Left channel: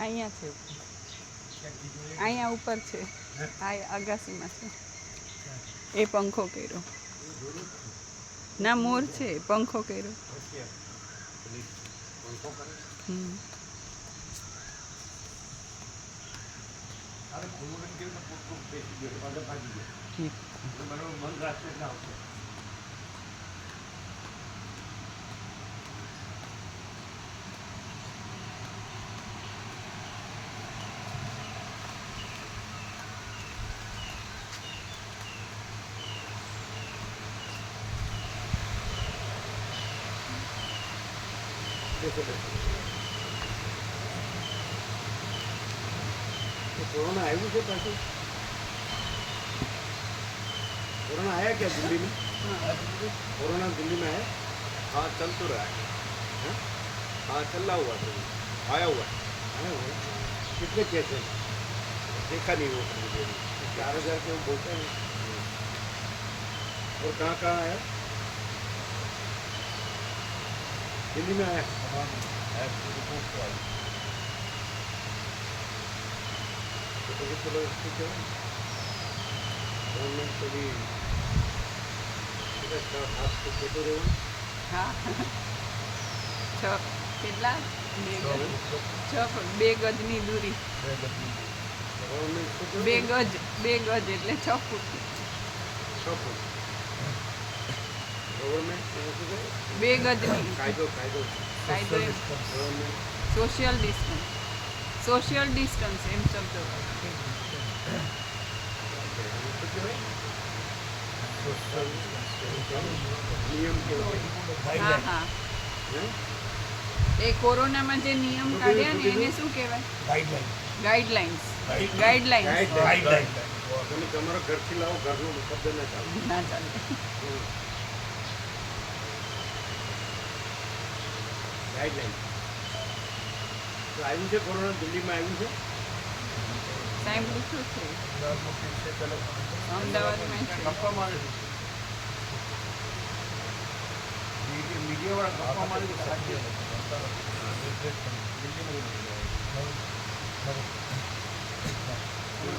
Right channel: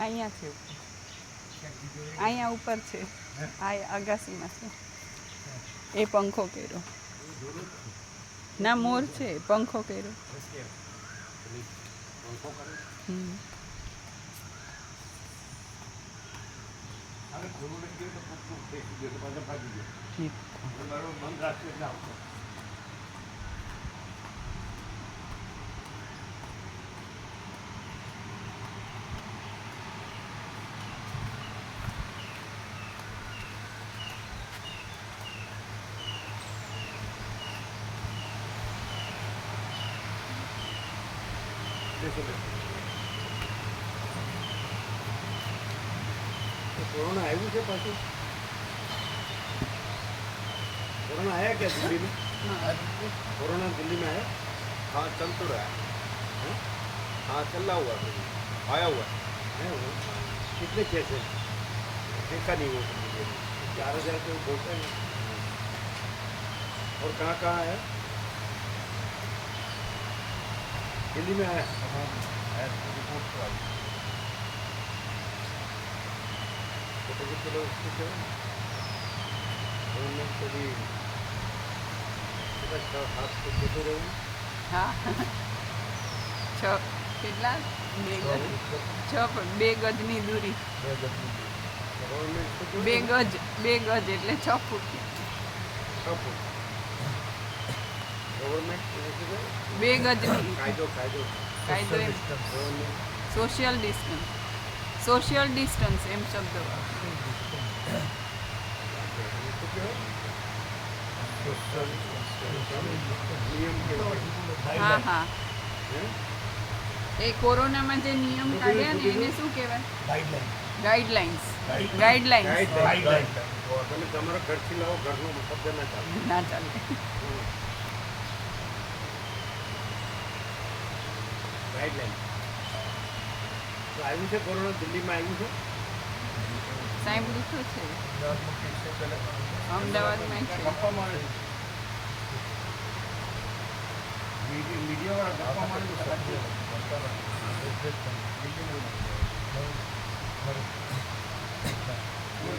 અહીંયા છે ઉપર, અહીંયા ઉપર છે, આ અગાસીમાં છે. એ પંખો કર્યો ના, મોર છે, પંખો કર્યો. कोरोना आया मुझे पास कोरोना आया क्या दिल्ली में? कोरोना दिल्ली में आया? हाँ चल तो रहा है. हाँ चल रहा हुआ है, आया हुआ कितने केस हैं? देखा नहीं वो 4,000 के वो बोलते हैं. और कहाँ कहाँ आया? दिल्ली में आया. रिपोर्ट तो आई तो चलो ठीक है. गवर्नमेंट से भी 7 को કેતો રહેવું. હા, 6 કેટલા? 2 ગજની દૂરી. 2 ગજ એટલે 6 ફૂટ. 6 ફૂટ ગવર્મેન્ટ 2 ગજની કાયદો સોશિયલ ડિસ્ટન્સ એમ શબ્દ. નિયમ હા હા, એ કોરોનામાં જે નિયમ કાઢ્યા ને એને શું કહેવાય? ગાઈડલાઇન્સ. તમે તમારા ઘરથી લાવો, ઘરનો શબ્દ ના ચાલે. ગાઈડલાઇન તો આવ્યું છે કોરોના દિલ્હીમાં આવ્યું છે. સાંભળ્યું શું છે? અમદાવાદમાં છે. ગપ્પામાં મીડિયા વાળા ગપ્પામાં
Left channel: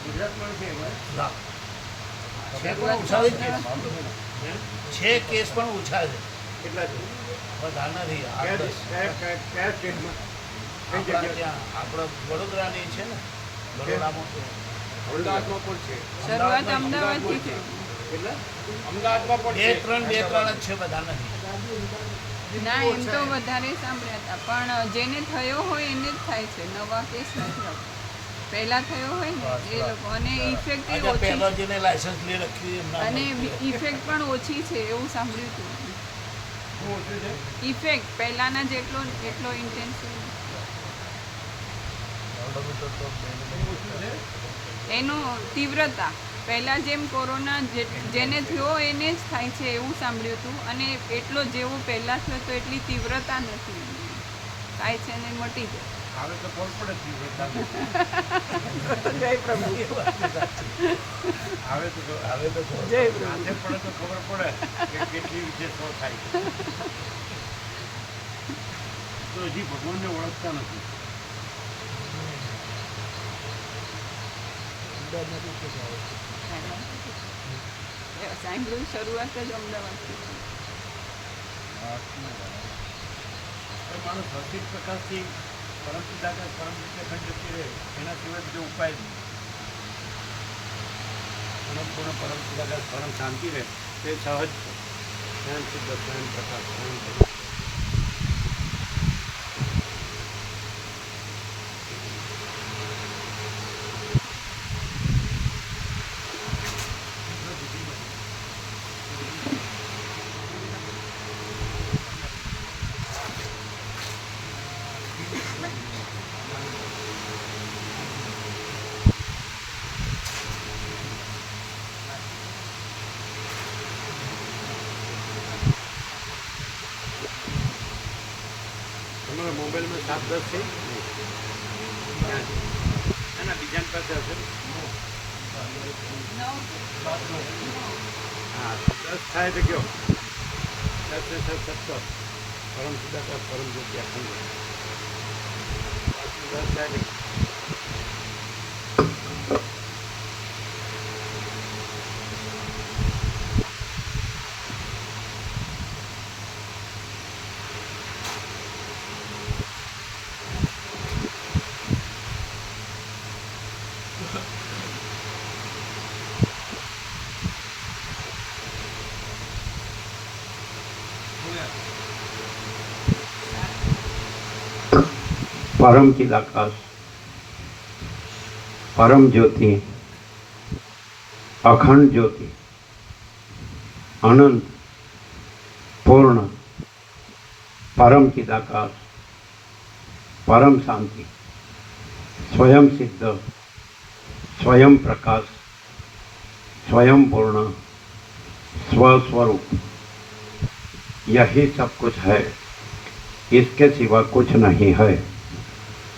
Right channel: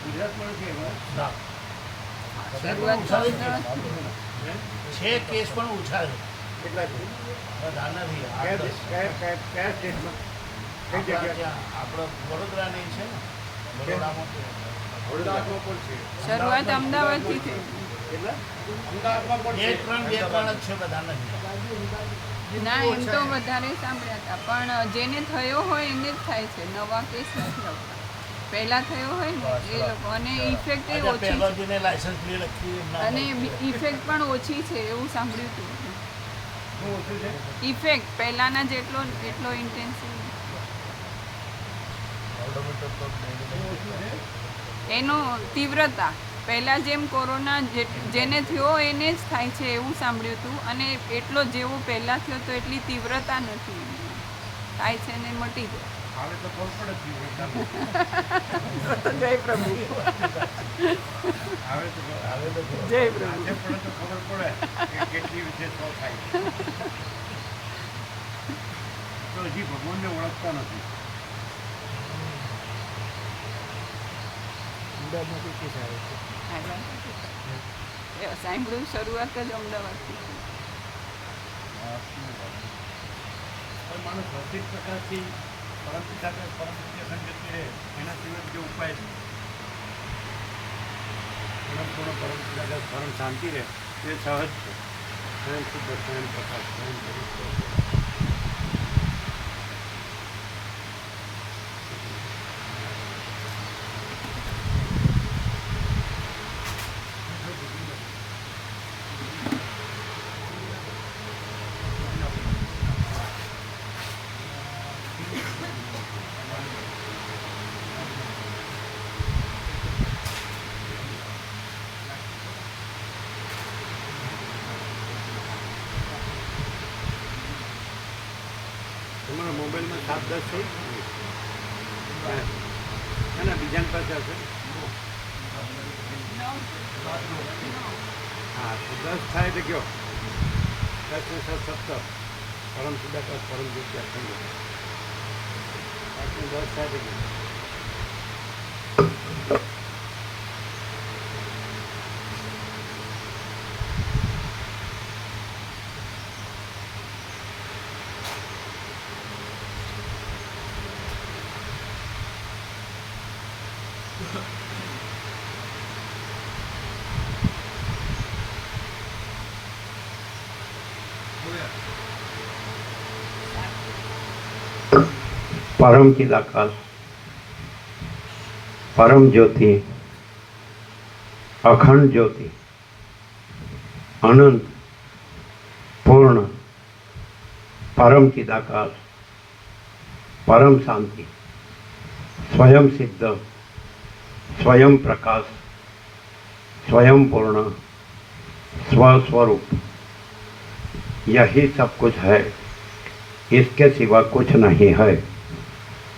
ગુજરાતમાં છે કેસ પણ ઓછા છે. કેટલા છે? વધારે નથી. કયા સ્ટેટમાં? કઈ જગ્યા? આપણે વડોદરાની છે ને, વડોદરામાં પણ છે. શરૂઆત અમદાવાદથી થઈ. કેટલા? અમદાવાદમાં પણ 2-3 જ છે, બધા નથી. ના, એમ તો વધારે સાંભળ્યા હતા, પણ જેને થયો હોય એને જ થાય છે, નવા કેસ નથી આવતા. પહેલા થયો હોય ને એ લોકો, અને ઇફેક્ટ એ ઓછી જેને લાયસન્સ લઈ રાખ્યું અને ઇફેક્ટ પણ ઓછી છે એવું સાંભળ્યું હતું. ઇફેક્ટ પહેલાના જેટલો ઇન્ટેન્સિવ એનો તીવ્રતા પહેલાં જેમ કોરોના જેને થયો એને જ થાય છે એવું સાંભળ્યું હતું, અને એટલો જેવો પહેલાં થયો તો એટલી તીવ્રતા નથી, થાય છે ને મટી જાય. હવે તો ખબર પડે તીવ્રતા. જય પ્રભુ. હવે તો જય પ્રભુ. આજે પડે તો ખબર પડે કે કેટલી રીતે શો થાય છે. તો હજી ભગવાનને ઓળખતા નથી. સાંભળ્યું શરૂઆત જ અમદાવાદથી. માણસ ભૌતિક પ્રકાશથી પરમ પિતા પરમ વિદ્યા જતી રહે, એના સિવાય બીજો ઉપાય નહીં. અનંતપૂર્ણ પરમ પિતા પરમ શાંતિ રહે તે સહજ છે. સ્વયં શુદ્ધ, સ્વયં પ્રકાશ, સ્વયં પવિત્ર. તમારા મોબાઈલમાં 7-10 થઈ ક્યાં છે? એના બીજા પાસે હશે. હા, તો 10 થાય તો કયો? 10 ને 7 17 પરમ સુદાકાશ પરમ જ્યોતિ આપણ બસ સાહેબ परम चिदाकाश, परम ज्योति, अखंड ज्योति, अनंत, पूर्ण, परम चिदाकाश, परम शांति, स्वयं सिद्ध, स्वयं प्रकाश, स्वयं पूर्ण, स्वस्वरूप, यही सब कुछ है, इसके सिवा कुछ नहीं है।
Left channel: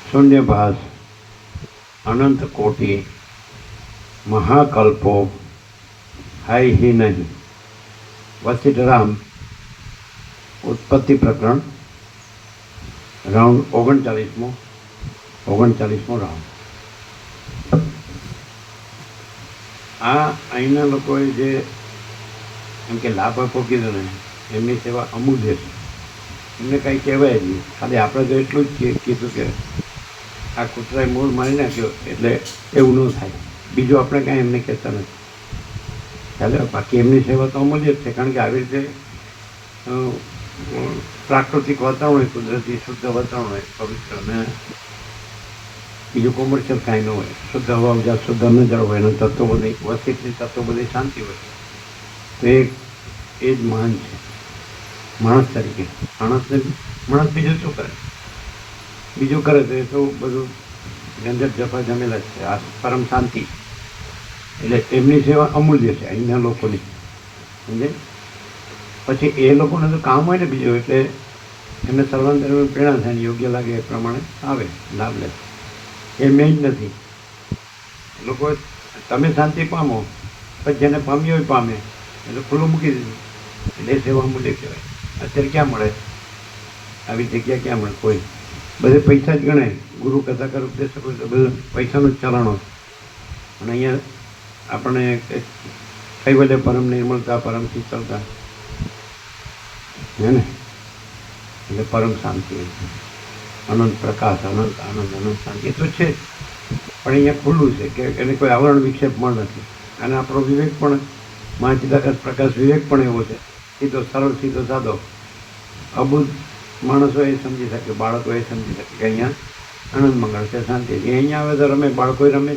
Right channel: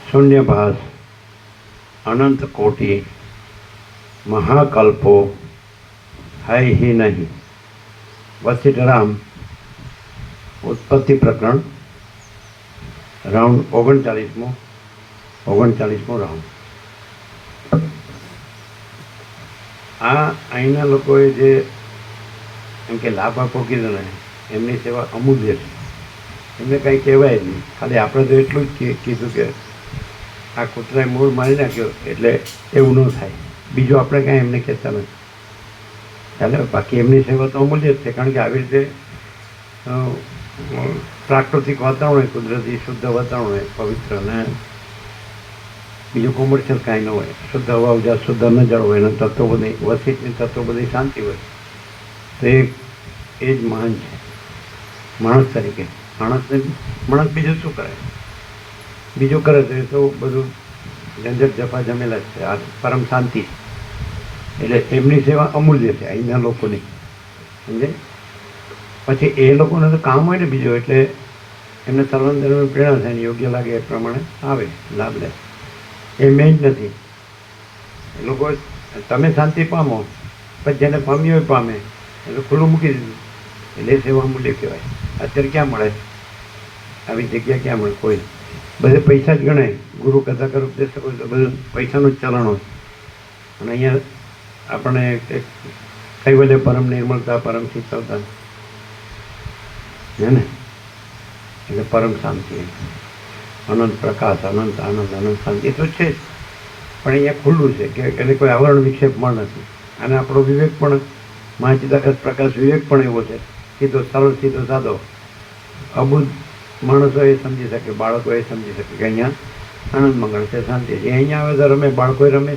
शून्यभास, अनंत कोटि, महाकल्पो है ही नहीं। वशिष्ठराम उत्पत्ति प्रकरण राउंड 39મો રાઉન્ડ। આ અહીંના લોકોએ જે એમ કે લાભ આપો કીધું ને એમની સેવા અમૂલ્ય છે, એમને કાંઈ કહેવાય નહીં, ખાલી આપણે તો એટલું જ કીધું કે આ કૂતરાએ મૂળ મારી નાખ્યો એટલે એવું ન થાય, બીજું આપણે કાંઈ એમને કહેતા નથી ચાલે। બાકી એમની સેવા તો અમૂલ્ય જ છે, કારણ કે આવી રીતે પ્રાકૃતિક વાતાવરણ હોય, કુદરતી શુદ્ધ વાતાવરણ હોય, પવિત્ર, અને બીજું કોમર્શિયલ કાંઈ ન હોય, શુદ્ધ હવા જ્યાં શુદ્ધ ન જળ હોય, એના તત્વો બધી વસિતની તત્વો બધી શાંતિ હોય, તો એ જ મહાન છે માણસ તરીકે। માણસ બીજું શું કરે, બીજું કરે તો એ તો બધું ઝંઝટ જફા જમેલા જ છે। આ પરમ શાંતિ એટલે એમની સેવા અમૂલ્ય છે અહીંના લોકોની, સમજે। પછી એ લોકોને તો કામ હોય ને બીજું, એટલે એમને સર્વાંતરની પ્રેરણા થાય ને યોગ્ય લાગે એ પ્રમાણે આવે, લાભ લે, એ મેં જ નથી। એ લોકો તમે શાંતિ પામો, પછી જેને પામી હોય પામે, એટલે ખુલ્લું મૂકી દીધું, એટલે એ સેવા અમૂલ્ય કહેવાય। અત્યારે ક્યાં મળે આવી જગ્યા, ક્યાં મળે? કોઈ બધે પૈસા જ ગણાય, ગુરુ કથા કરો ઉપદેશ કરો તો બધું પૈસાનું જ ચલણો, અને અહીંયા આપણે કઈ બધે પરમ નિર્મળતા, પરમ શીતળતા હે ને, એટલે પરમ શાંતિ, અનંત પ્રકાશ, અનંત આનંદ, અનંત શાંતિ એ તો છે જ, પણ અહીંયા ખુલ્લું છે કે એને કોઈ આવરણ વિક્ષેપ પણ નથી, અને આપણો વિવેક પણ મહાચિદાકાશ પ્રકાશ વિવેક પણ એવો છે, સીધો સરળ, સીધો સાદો, અબુદ્ધ માણસો એ સમજી શકે, બાળકો એ સમજી શકે કે અહીંયા આનંદ મંગળ છે, શાંતિ છે। એ અહીંયા આવે તો રમે, બાળકો રમે,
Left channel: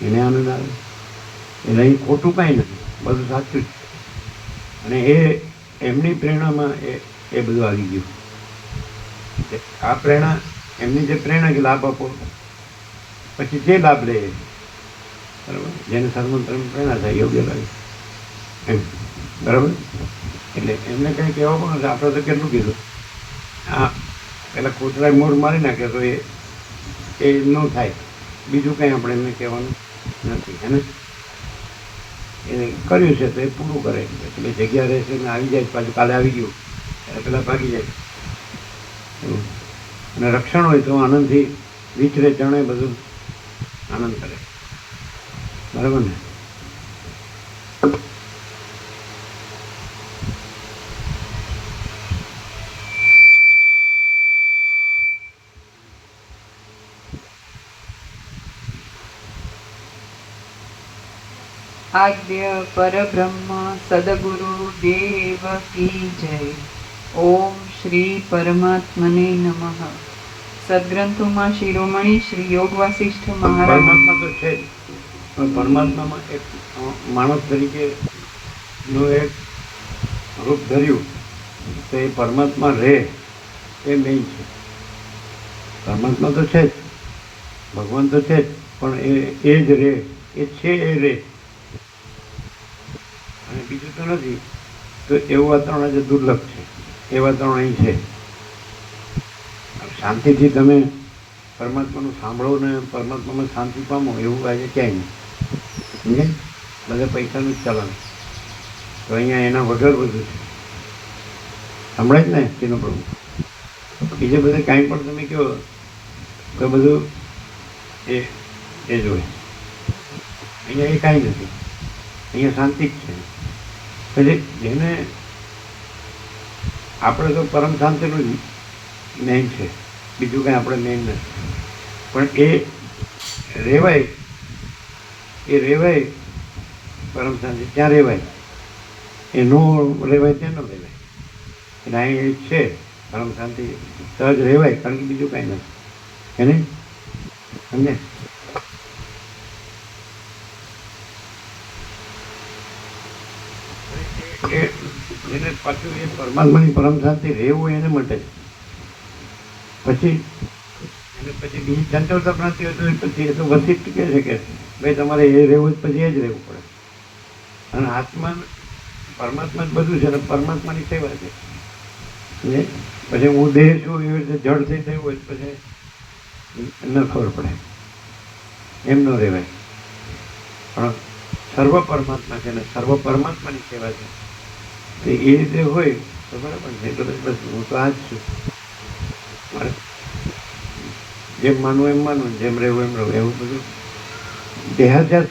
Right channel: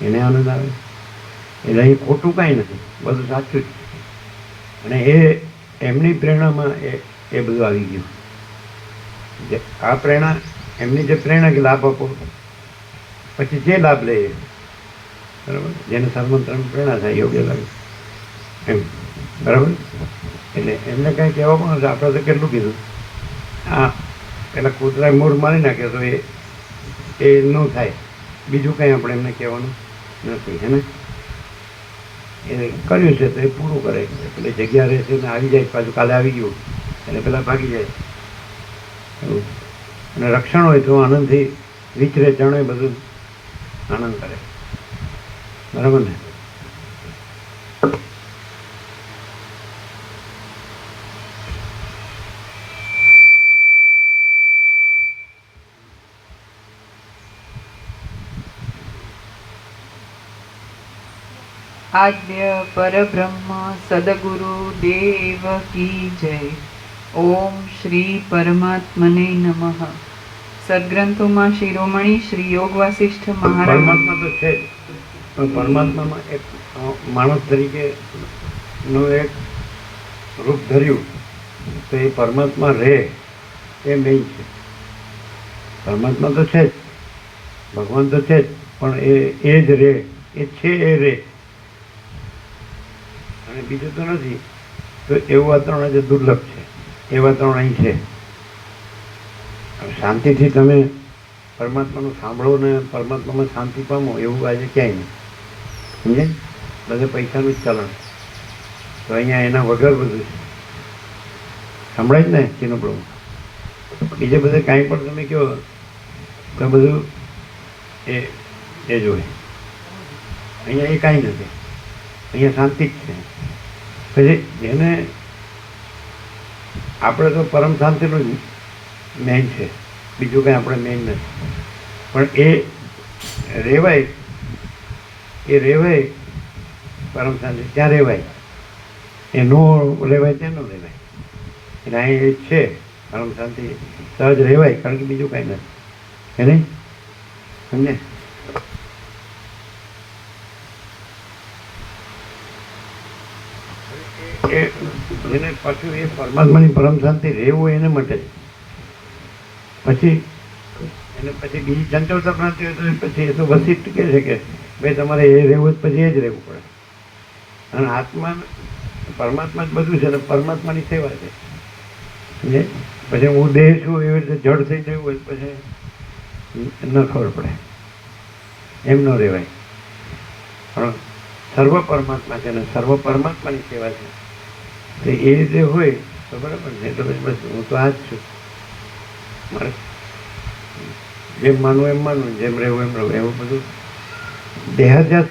એને આનંદ આવે, એટલે અહીં ખોટું કાંઈ નથી, બધું સાચું જ છે। અને એ એમની પ્રેરણામાં એ બધું આવી ગયું, આ પ્રેરણા એમની જે પ્રેરણા કે લાભ આપો, પછી જે લાભ લે બરાબર, જેને સર્વમંત્રની પ્રેરણા થાય, યોગ્ય લાગે એમ, બરાબર। એટલે એમને કાંઈ કહેવા પણ નથી, આપણે તો કેટલું કીધું, આ પેલા કૂતરાએ મૂળ મારી નાખ્યો તો એ ન થાય, બીજું કાંઈ આપણે એમને કહેવાનું નથી, હે ને। એ કર્યું છે તો એ પૂરું કરે, પેલી જગ્યા રહેશે ને આવી જાય, પાછું કાલે આવી ગયું એટલે પેલા ભાગી જાય, અને રક્ષણ હોય તો આનંદથી વિચરે, જણે, બધું આનંદ કરે, બરાબર ને। आद्य परब्रह्म सदगुरु देव की जय। ओम श्री परमात्मने नमः। સદગ્રંથોમાં શિરોમણી શ્રી યોગ વાસિષ્ઠ મહારાજ પરમાત્મા તો છે, પણ પરમાત્મામાં એક માણસ તરીકેનું એક રૂપ ધર્યું તો એ પરમાત્મા રહે એ મેઇન છે। પરમાત્મા તો છે જ, ભગવાન તો છે જ, પણ એ જ રહે, એ છે એ રહે, અને બીજું તો નથી। તો એવું વાતાવરણ આજે દુર્લભ છે, એ વાતાવરણ અહીં છે। શાંતિથી તમે પરમાત્માનું સાંભળો ને પરમાત્મામાં શાંતિ પામો એવું આજે ક્યાંય નહીં, સમજે। બધે પૈસાનું જ ચલણ, તો અહીંયા એના વગર બધું છે, સંભળાય જ ને તેનું પ્રભુ। બીજે બધે કાંઈ પણ તમે કહો તો બધું એ એ જ હોય. અહીંયા એ કાંઈ નથી, અહીંયા શાંતિ જ છે. પછી જેને આપણે તો પરમ શાંતિનું મેન છે, બીજું કાંઈ આપણે મેન નથી. પણ એ રહેવાય પરમ શાંતિ ત્યાં રહેવાય, એ નો રહેવાય ત્યાં ન રહેવાય. એટલે અહીં એ છે પરમ શાંતિ સહજ રહેવાય, કારણ કે બીજું કાંઈ નથી. કે નહીં સમજે? એ એને પાછું એ પરમાત્માની પરમ શાંતિ રહેવું એને માટે છે. પછી એને પછી બીજી ચંચળતા પ્રાપ્તિ હોય તો પછી એ તો વસિષ્ઠ કહે છે કે ભાઈ તમારે એ રહેવું જ પછી એ જ રહેવું પડે. અને આત્મા પરમાત્મા જ બધું છે ને પરમાત્માની સેવા છે. સમજે? પછી હું દેહ છું એવી રીતે જડ થઈ થયું હોય પછી ન ખબર પડે, એમ ન રહેવાય. પણ સર્વ પરમાત્મા છે ને સર્વ પરમાત્માની સેવા છે, તો એ રીતે હોય તો બરાબર છે. તો પછી બસ હું તો આ જ છું, મારે જેમ માનવું એમ માનવું, જેમ રહેવું એમ રહેવું. એવું બધું દેહાધ્યાસ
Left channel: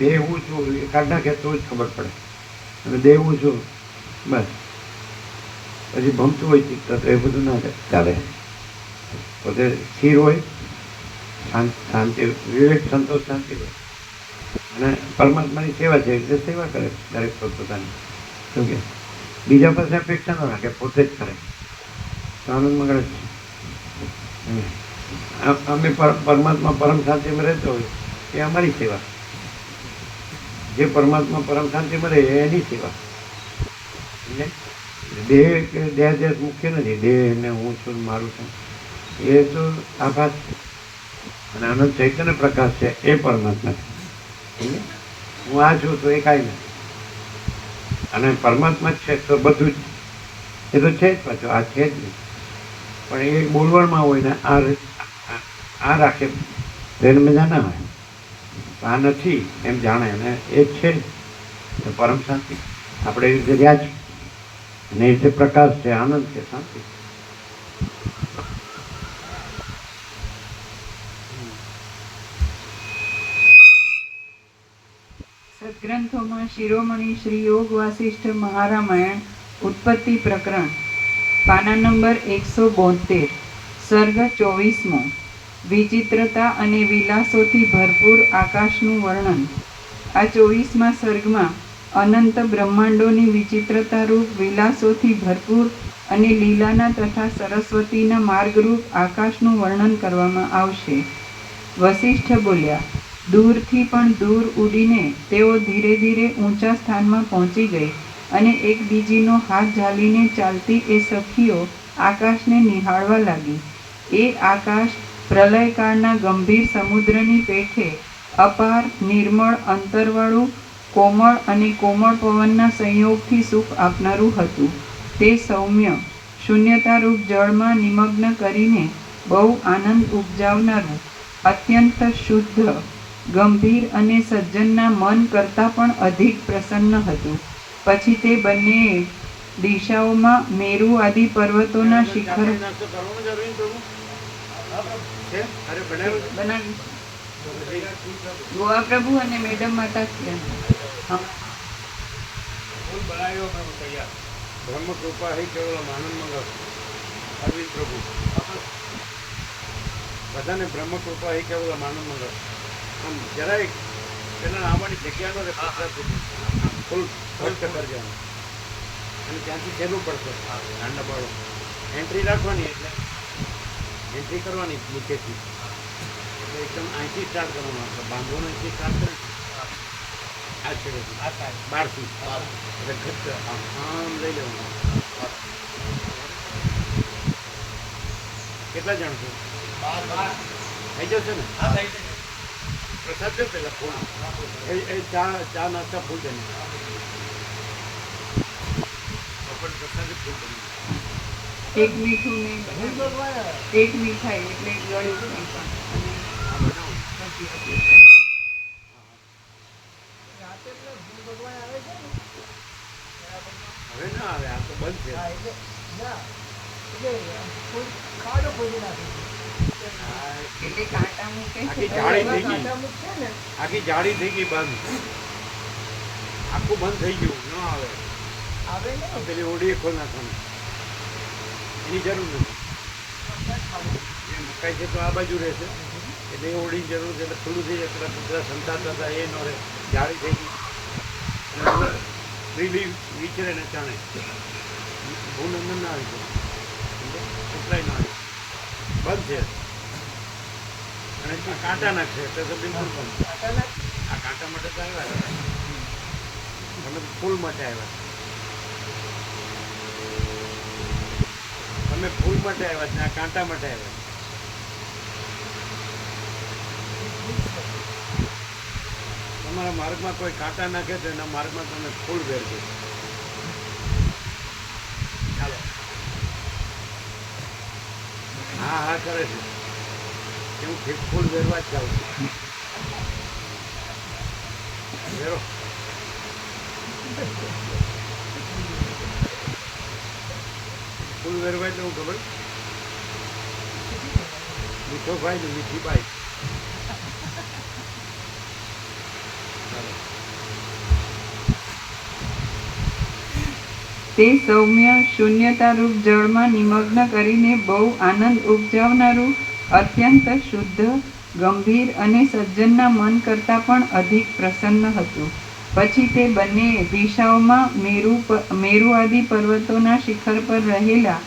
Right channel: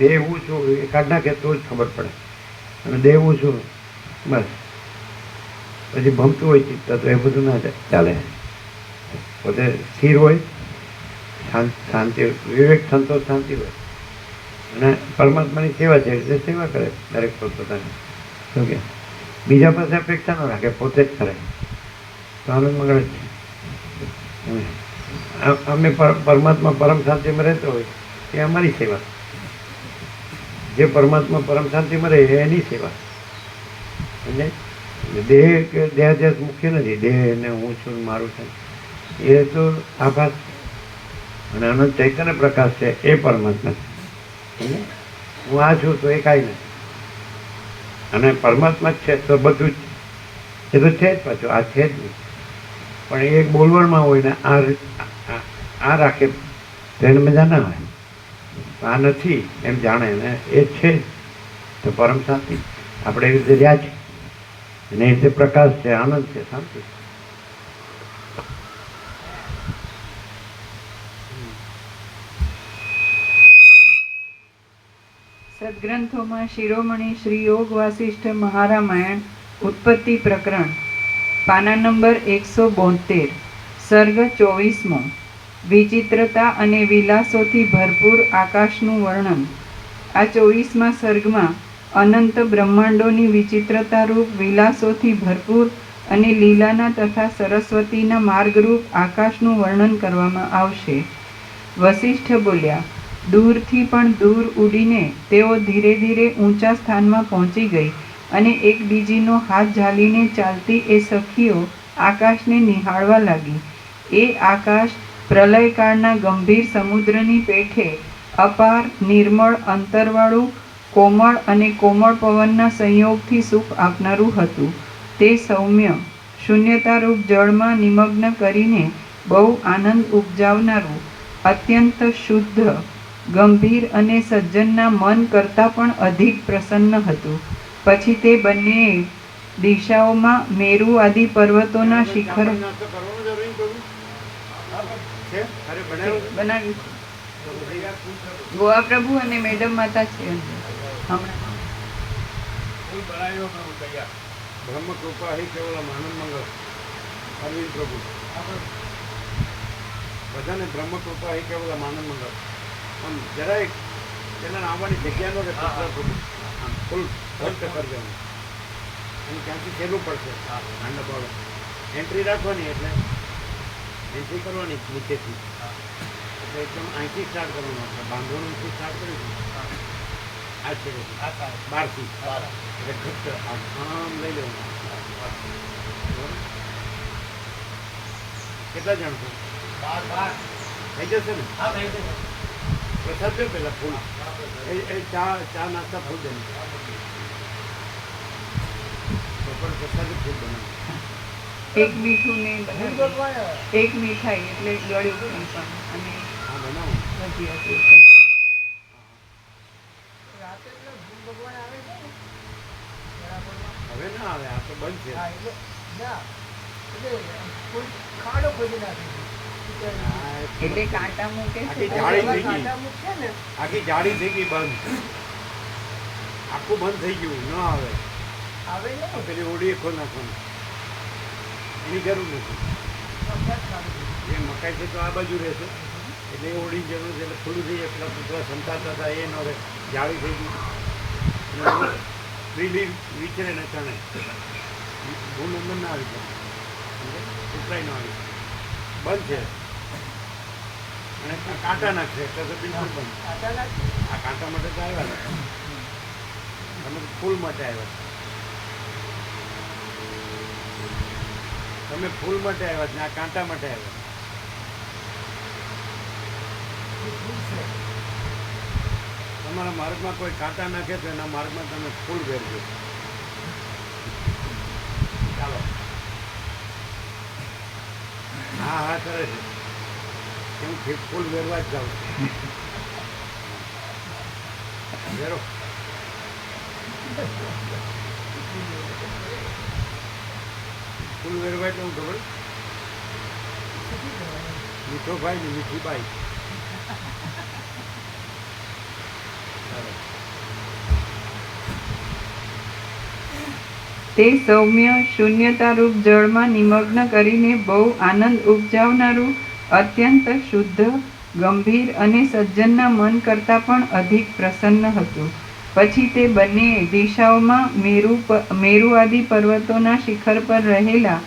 દેહ હું છું એ કાઢ નાખે તો જ ખબર પડે. અને દેહ હું છું બસ પછી ભમતું હોય ચિત્ત તો એ બધું ના ચાલે. પોતે સ્થિર હોય, શાંતિ, વિવેક, સંતોષ, શાંતિ હોય અને પરમાત્માની સેવા છે એટલે સેવા કરે દરેક પોતાની. શું કે બીજા પાસે અપેક્ષા ન રાખે, પોતે જ કરે તો આનંદ મંગળ જ છે. અમે પરમાત્મા પરમ શાંતિમાં રહેતો હોય એ અમારી સેવા, જે પરમાત્મા પરમ શાંતિમાં રહે એની સેવા. સમજાય? દેહ કે દેહાધ્યાસ મુખ્ય નથી. દેહ ને હું છું મારું છું એ તો આભાસ છે, અને અનંત ચૈતન્ય પ્રકાશ છે એ પરમાત્મા છે. સમજે? હું આ છું તો એ કાંઈ નથી, અને પરમાત્મા જ છે તો બધું જ એ તો છે જ. પાછું આ છે જ નહીં, પણ એ એક બોલવામાં હોય ને આ રાખે તો એને મજા ના હોય. આ નથી એમ જાણે ને એ છે જ તો પરમ શાંતિ. આપણે એ રીતે રહ્યા છીએ અને એ રીતે પ્રકાશ છે, આનંદ છે, શાંતિ. સદગ્રંથોમાં શિરોમણી શ્રી યોગ વાસિષ્ઠ મહારામાયણ ઉત્પત્તિ પ્રકરણ પાના નંબર 172 સર્ગ 24મો વિચિત્રતા અને વિલાસોથી ભરપૂર આકાશનું વર્ણન. આ 24મા સર્ગમાં અનંત બ્રહ્માંડોની વિચિત્રતારૂપ વિલાસોથી ભરપૂર અને લીલાના તથા સરસ્વતીના માર્ગરૂપ આકાશનું વર્ણન કરવામાં આવશે. વસિષ્ઠ બોલ્યા, દૂરથી પણ દૂર ઉડીને તેઓ ધીરે ધીરે ઊંચા સ્થાનમાં પહોંચી ગઈ અને એકબીજીનો હાથ ઝાલીને ચાલતી એ સખીઓ આકાશને નિહાળવા લાગી. એ આકાશ પ્રલયકાળના ગંભીર સમુદ્રની પેઠે અપાર નિર્મળ અંતરવાળું કોમળ અને કોમળ પવનના સંયોગથી સુખ આપનારું હતું. તે સૌમ્ય શૂન્યતારૂપ જળમાં નિમગ્ન કરીને બહુ આનંદ ઉપજાવનારું, અત્યંત શુદ્ધ, ગંભીર અને સજ્જનના મન કરતાં પણ અધિક પ્રસન્ન હતું. પછી તે બંનેએ દિશાઓમાં મેરુ આદિ પર્વતોના શિખર નાસ્તો કરવાનો જરૂરી પ્રભુ છે? અરે બનાવ્યો છે? બનાવ્યું છે. તો પછી ગોવા પ્રભુ અને મેડમ માતા છે. બ્રહ્મ કૃપા હે કેવલ આનંદ મંગળ અરવિંદ પ્રભુ બધાને બ્રહ્મ કૃપા હે કેવલ આનંદ મંગળ. આમ જરાય પેલા આવવાની જગ્યાનો રે પ્રભુ આમ ફૂલ ભક્ત કરજો અને ત્યાંથી સહેલું પડશે દાંડા પડો એન્ટ્રી રાખવાની એટલે એન્ટ્રી કરવાની નીચેથી એટલે એકદમ અહીંથી સ્ટાર્ટ કરવાનું. આપણે બાંધવાનું અહીંથી સ્ટાર્ટ કરીશું આ છે બારથી એટલે ઘટ્ટ આમ લઈ લેવાનું. કેટલા જણ છો? થઈ જશે ને? પ્રસાદ દો પેલા ફૂલ એ ચા નાસ્તા ફૂલ દે બપોર પ્રસાદ ફૂલ બનાવ. એક મીઠું ને એક મીઠાઈ એટલે ગળ્યું અને આ બનાવો. હવે ના આવે, આ તો બંધ છે. એટલે કાંટા મૂકે આખી છે. જાળી થઈ ગઈ, આખી જાળી થઈ ગઈ બંધ, આખું બંધ થઈ ગયું, ન આવે. આ પેલી ઓડી ખોલ નાખવાનું, એની જરૂર નથી. એ મકાઈ છે તો આ બાજુ રહેશે, એટલે એ ઓડીની જરૂર છે, એટલે ખુલ્લું થઈ જાય. પેલા કૂતરા સંતાતા હતા એ ન રહે, જાળી થઈ ગઈ. એટલે ફ્રીલી વિચરે ને ચણે, ભૂલ અંદર ના આવી જાય, કૂતરાય ન આવી, બંધ છે. અને કાંટા નાખશે એટલે તો બિલકુલ બંધ. આ કાંટા માટે તો આવ્યા છે, તમે તો ફૂલ માટે આવ્યા છો. તમે ફૂલ માટે આવ્યા છે, આ કાંટા માટે આવ્યા છે. તમારા માર્ગમાં કોઈ કાંટા નાખે તો એના માર્ગમાં તમે ફૂલ ભેરજો. ચાલો, હા હા કરે છે કે હું ફૂલ વેરવા જ જાઉં છું. વેરો ફૂલ વેરવા એટલે હું ખબર, મીઠો ભાઈ ને મીઠી બાઈ. ચાલો, તે સૌમ્ય શૂન્યતારૂપ જળમાં નિમગ્ન કરીને બહુ આનંદ ઉપજાવનારું, અત્યંત શુદ્ધ, ગંભીર અને સજ્જનના મન કરતાં પણ અધિક પ્રસન્ન હતું. પછી તે બંનેએ દિશાઓમાં મેરુ આદિ પર્વતોના શિખર પર રહેલા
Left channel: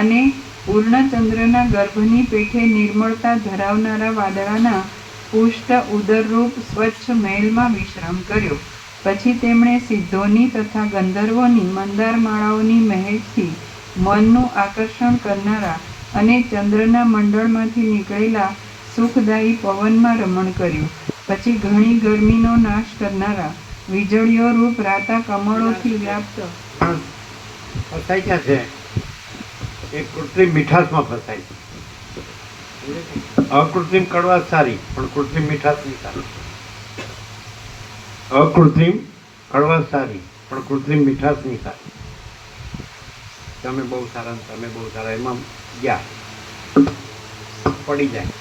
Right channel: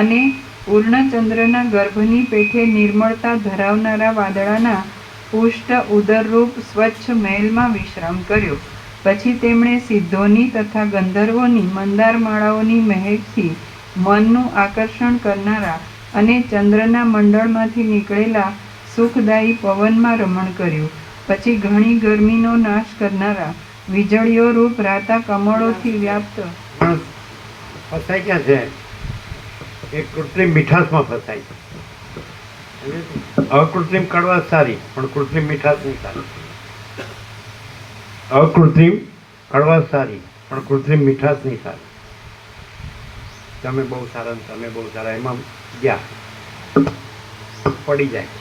અને પૂર્ણચંદ્રના ગર્ભની પેઠે નિર્મળતા ધરાવનારા વાદળાના પુષ્ટ ઉદરરૂપ સ્વચ્છ મહેલમાં વિશ્રામ કર્યો. પછી તેમણે સિદ્ધોની તથા ગંધર્વોની મંદાર માળાઓની મહેકથી મનનું આકર્ષણ કરનારા અને ચંદ્રના મંડળમાંથી નીકળેલા સુખદાયી પવનમાં રમણ કર્યું. પછી ઘણી ગરમીનો નાશ કરનારા વીજળીઓ રૂપ રાતા કમળોથી વ્યાપ્ત માણસ ફસાય ક્યાં છે? એક કૃત્રિમ મીઠાશમાં ફસાય છે. અકૃત્રિમ કડવાશ સારી, પણ કૃત્રિમ મીઠાશ નહીં સારી. અકૃત્રિમ કડવાશ સારી, પણ કૃત્રિમ મીઠાશ નહીં સારી. તમે બહુ સારા ને તમે બહુ સારા, એમાં ગયા પડી જાય.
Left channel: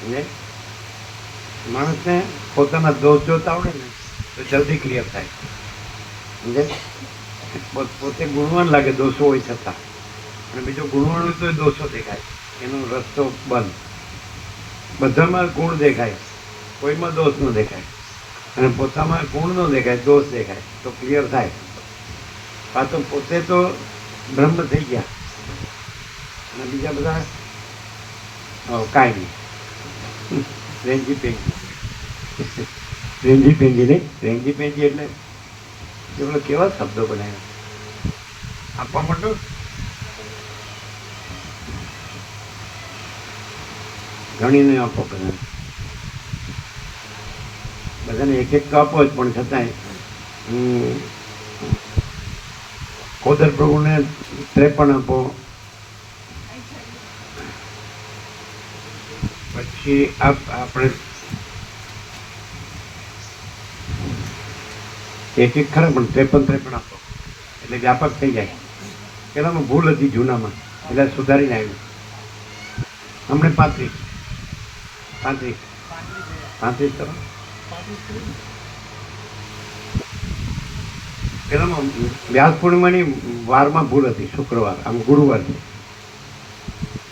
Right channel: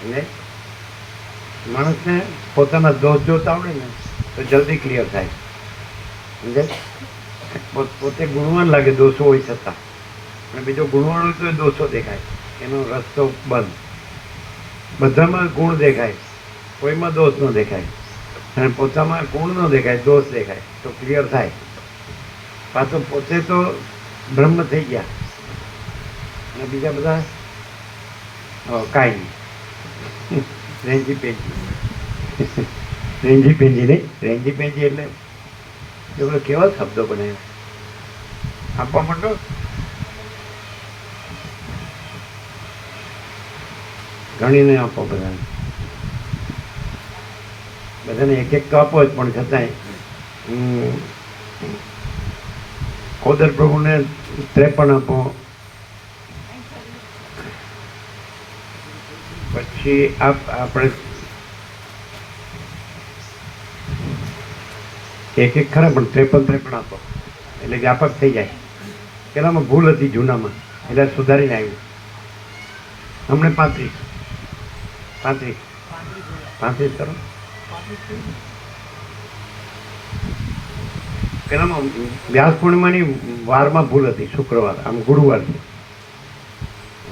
એટલે માણસને પોતાના દોષ જોતા આવડે ને તો જલ્દી ક્લિયર થાય. સમજે? પોતે ગુણવાન લાગે દોષો હોય છતાં, અને બીજો ગુણવાન હોય તો એ દોષો દેખાય, એનો રસ્તો બંધ. બધામાં ગુણ દેખાય, કોઈમાં દોષ ન દેખાય, અને પોતામાં ગુણ ન દેખાય, દોષ દેખાય તો ક્લિયર થાય. પાછો પોતે તો બ્રહ્મ થઈ ગયા, અને બીજા બધા કાંઈ નહીં. રેંજી પેંજી, રેંજી પેંજી નહીં, રેંજી પેંજી એટલે એ બધા કેવા શબ્દો બનાવ્યા આપવા માંડો. ઘણીને આપો બધાને, બધાને એક એક તો આપો જ, પણ છતાંય ખોદર પ્રભુને 53 આપો. પછી આપણે એક એક ખરા, પણ 53 આપો એટલે વ્યાપક થઈ જાય. પેલામાં ભૂલ હતી જૂનામાં, એટલે સુધારીને આવ્યું. હમણાં 35 કરો. પેલામાં વ્યાસ પૂર્ણિમાની વારમાં ભૂલ હતી, શુક્રવાર, આમ ગુરુવાર છે.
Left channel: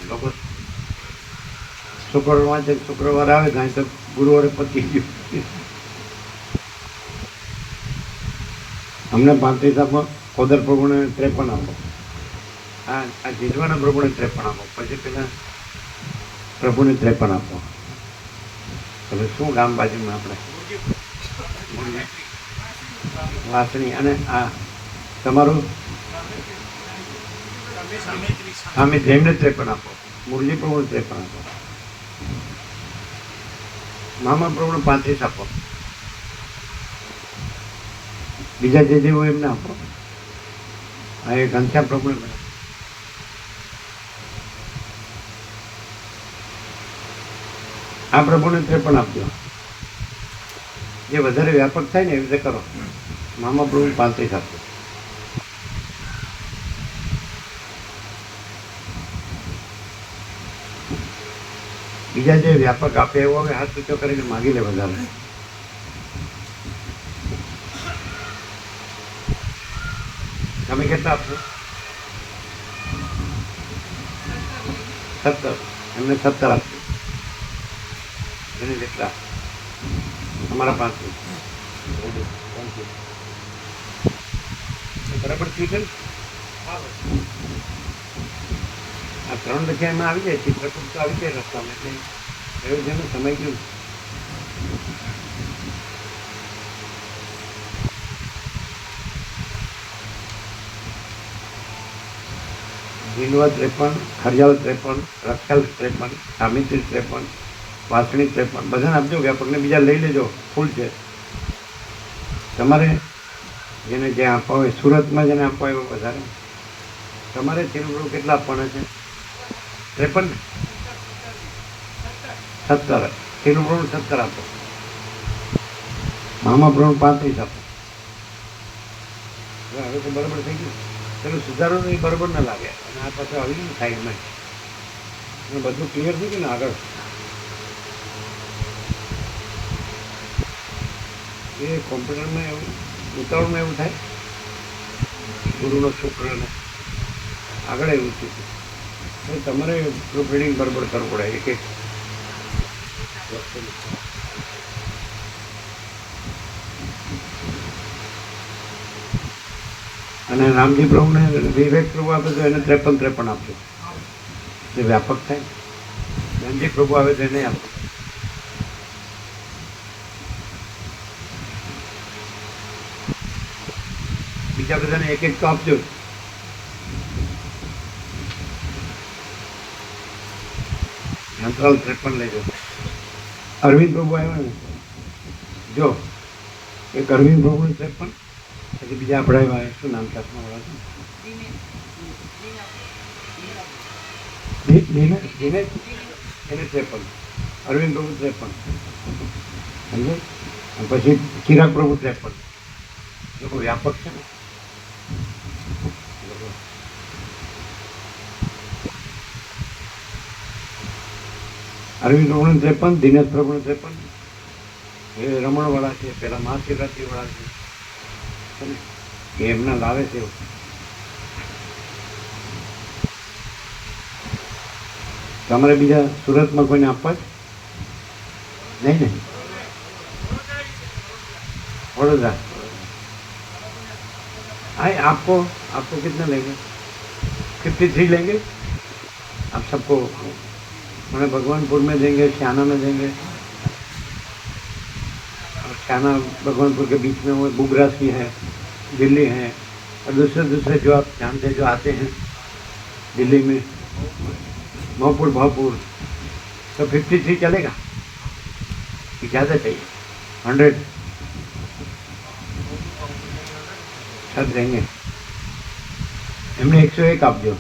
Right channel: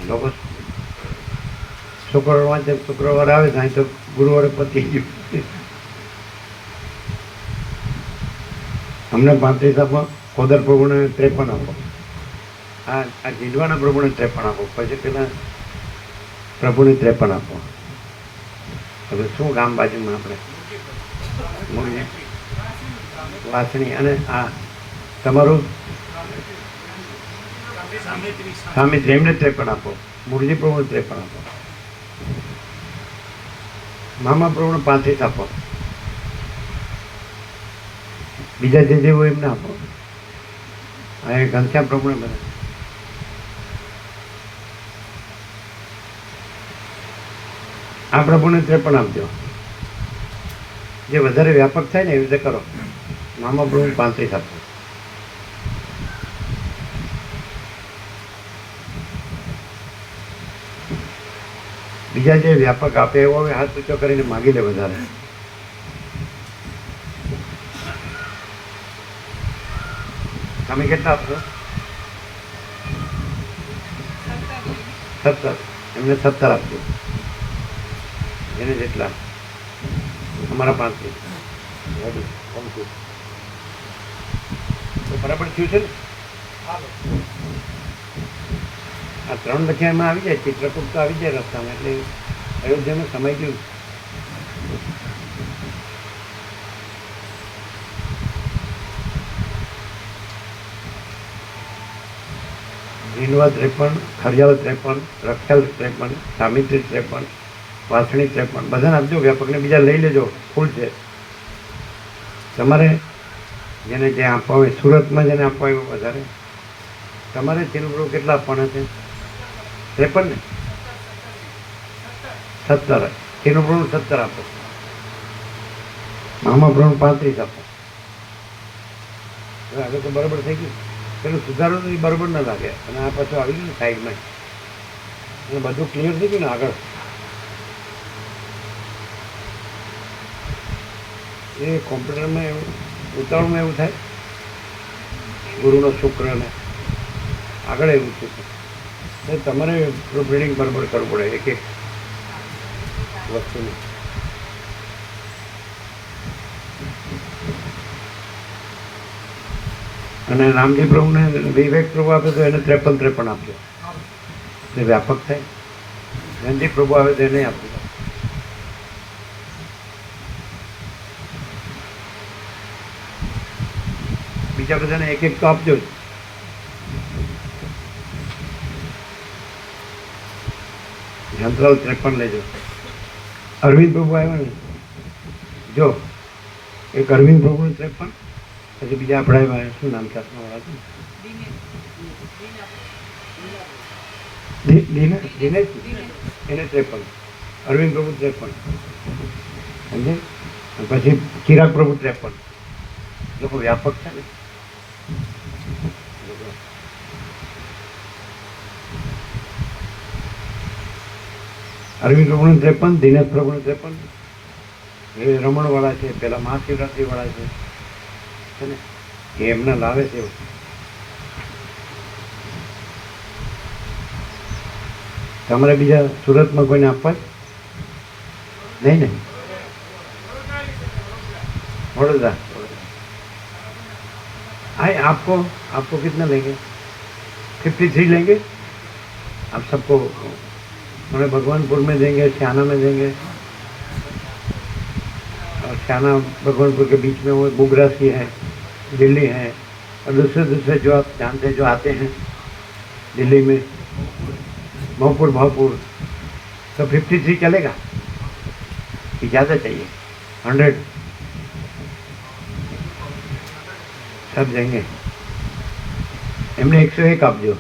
લોકો શુક્રવાર વાંચે, શુક્રવાર આવે તો અહીં તો ગુરુવારે પતી ગયું. અમને 35 આપો, ખોદર પ્રભુને 53 આપો, આ જીંડવાના પ્રભુને 53 આપો, પછી પેલા પ્રભુને 53 આપો. હવે શું ગામ બાજુમાં આપણે વાસણી, અને આ તમારું સ્વામી એમને 53 આપો, મુરજી પ્રભુને 53 આપો, મામા પ્રભુને 35 આપો, બીજા જે જેવું એમને આપો. એ ઘનશ્યામ પ્રભુને કરે. આ પ્રભુને 53 આપજો. જે વધારે વ્યાપક થાય ને એવી રીતે કરો. મામા પ્રભુને 35 આપો. બીજા જે વ્યાપક આપે એવો હવે હાથ ઊંચો કરીને માગી લે વધારે. તમે કેટલા આપશો? 17. એમને 17 આપજો. એને જેટલા અમારા 35. વધુ. Thank you. તો બરાબર થયું છે ને? આ 3 લખ્યા એમાં આવી જાય, ચિત્રકૂટ તો આવી જાય રસ્તામાં, એટલે અયોધ્યામાં સમય ગયું. જીનવા 53, ખડિયાલ 53, રખેલ 53, સામિત્રી 53, વાસણી 53, બધાને આપજો વ્યાપકને, બીજા લઈ લેજો, ફૂલ છે. તમારે જેને જે આપવા હોય, સુરતમાં જેને આપવા હોય વધારે, તમારે ચિરમૃગ કેટલા આપવાના છે? 53 ને? 17. ચિરમૃગ 17 આપો. મામા પ્રમાણ 35 આપો. હવે તો બરાબર થઈ ગયું. પેલું સુધારવું એ બરાબર ના લાગે, અને આ પાછું આવી ગયું ને સાઈડમાં, અને બધું ક્લિયર થઈ ગયું ને આગળ. એ કોમ્પ્યુટરમાં એવું ઉતાવળમાં એવું થાય, ગુરુનો શુક્રને આગળ એવું થયું. તો તમારે પ્રોફિટિંગ બરાબર કરવું પડે એક એક વસ્તુનું. અને રામજી પ્રભુને વિવેક પ્રભુ આપે તો એને 53 આપજો, એ વ્યાપક થાય. રણજી પ્રભુ આવે તો એને આપજો. બીજા બધાને એક એક તો આપજો. જંત્રાલ 53 લેજો. અરવિંદ પ્રભુ આવ્યા ને, જો એક અરવિંદ પ્રભુ 53, પછી બીજા આપણા આવ્યા, શું નામ છે આપણા આવ્યા છે દિનેશ, એને 53, અરવિંદ પ્રભુ 53, સમજે. પછી ચિરાગ પ્રભુ 53. લોકો વ્યાપક છે ને. અરવિંદ પ્રભુનું 53, દિનેશ પ્રભુનું 53, એ રમણવાળા છે, પેલા મહાશિવરાત્રિવાળા છે ને, એ એમને લાવે છે એવું. તમારે બીજા સુરતમાં કોઈને આપવા જ નહીં ને? वडोदरा। आए आपको आपको कितना लेंगे? 53 लेंगे आप सबको। मैंने भगवानपुर में देंगे, श्याना में देंगे, और श्याना भगवानपुर के बीच में वो गुगरास की है, दिल्ली है, और दूसरे दूसरे जो आप जानते हैं जो आते हैं दिल्ली में, भावपुर भावपुर, तो 53 चलेगा कि ज़्यादा चाहिए? 100 सब देंगे। एमने 101 आप जो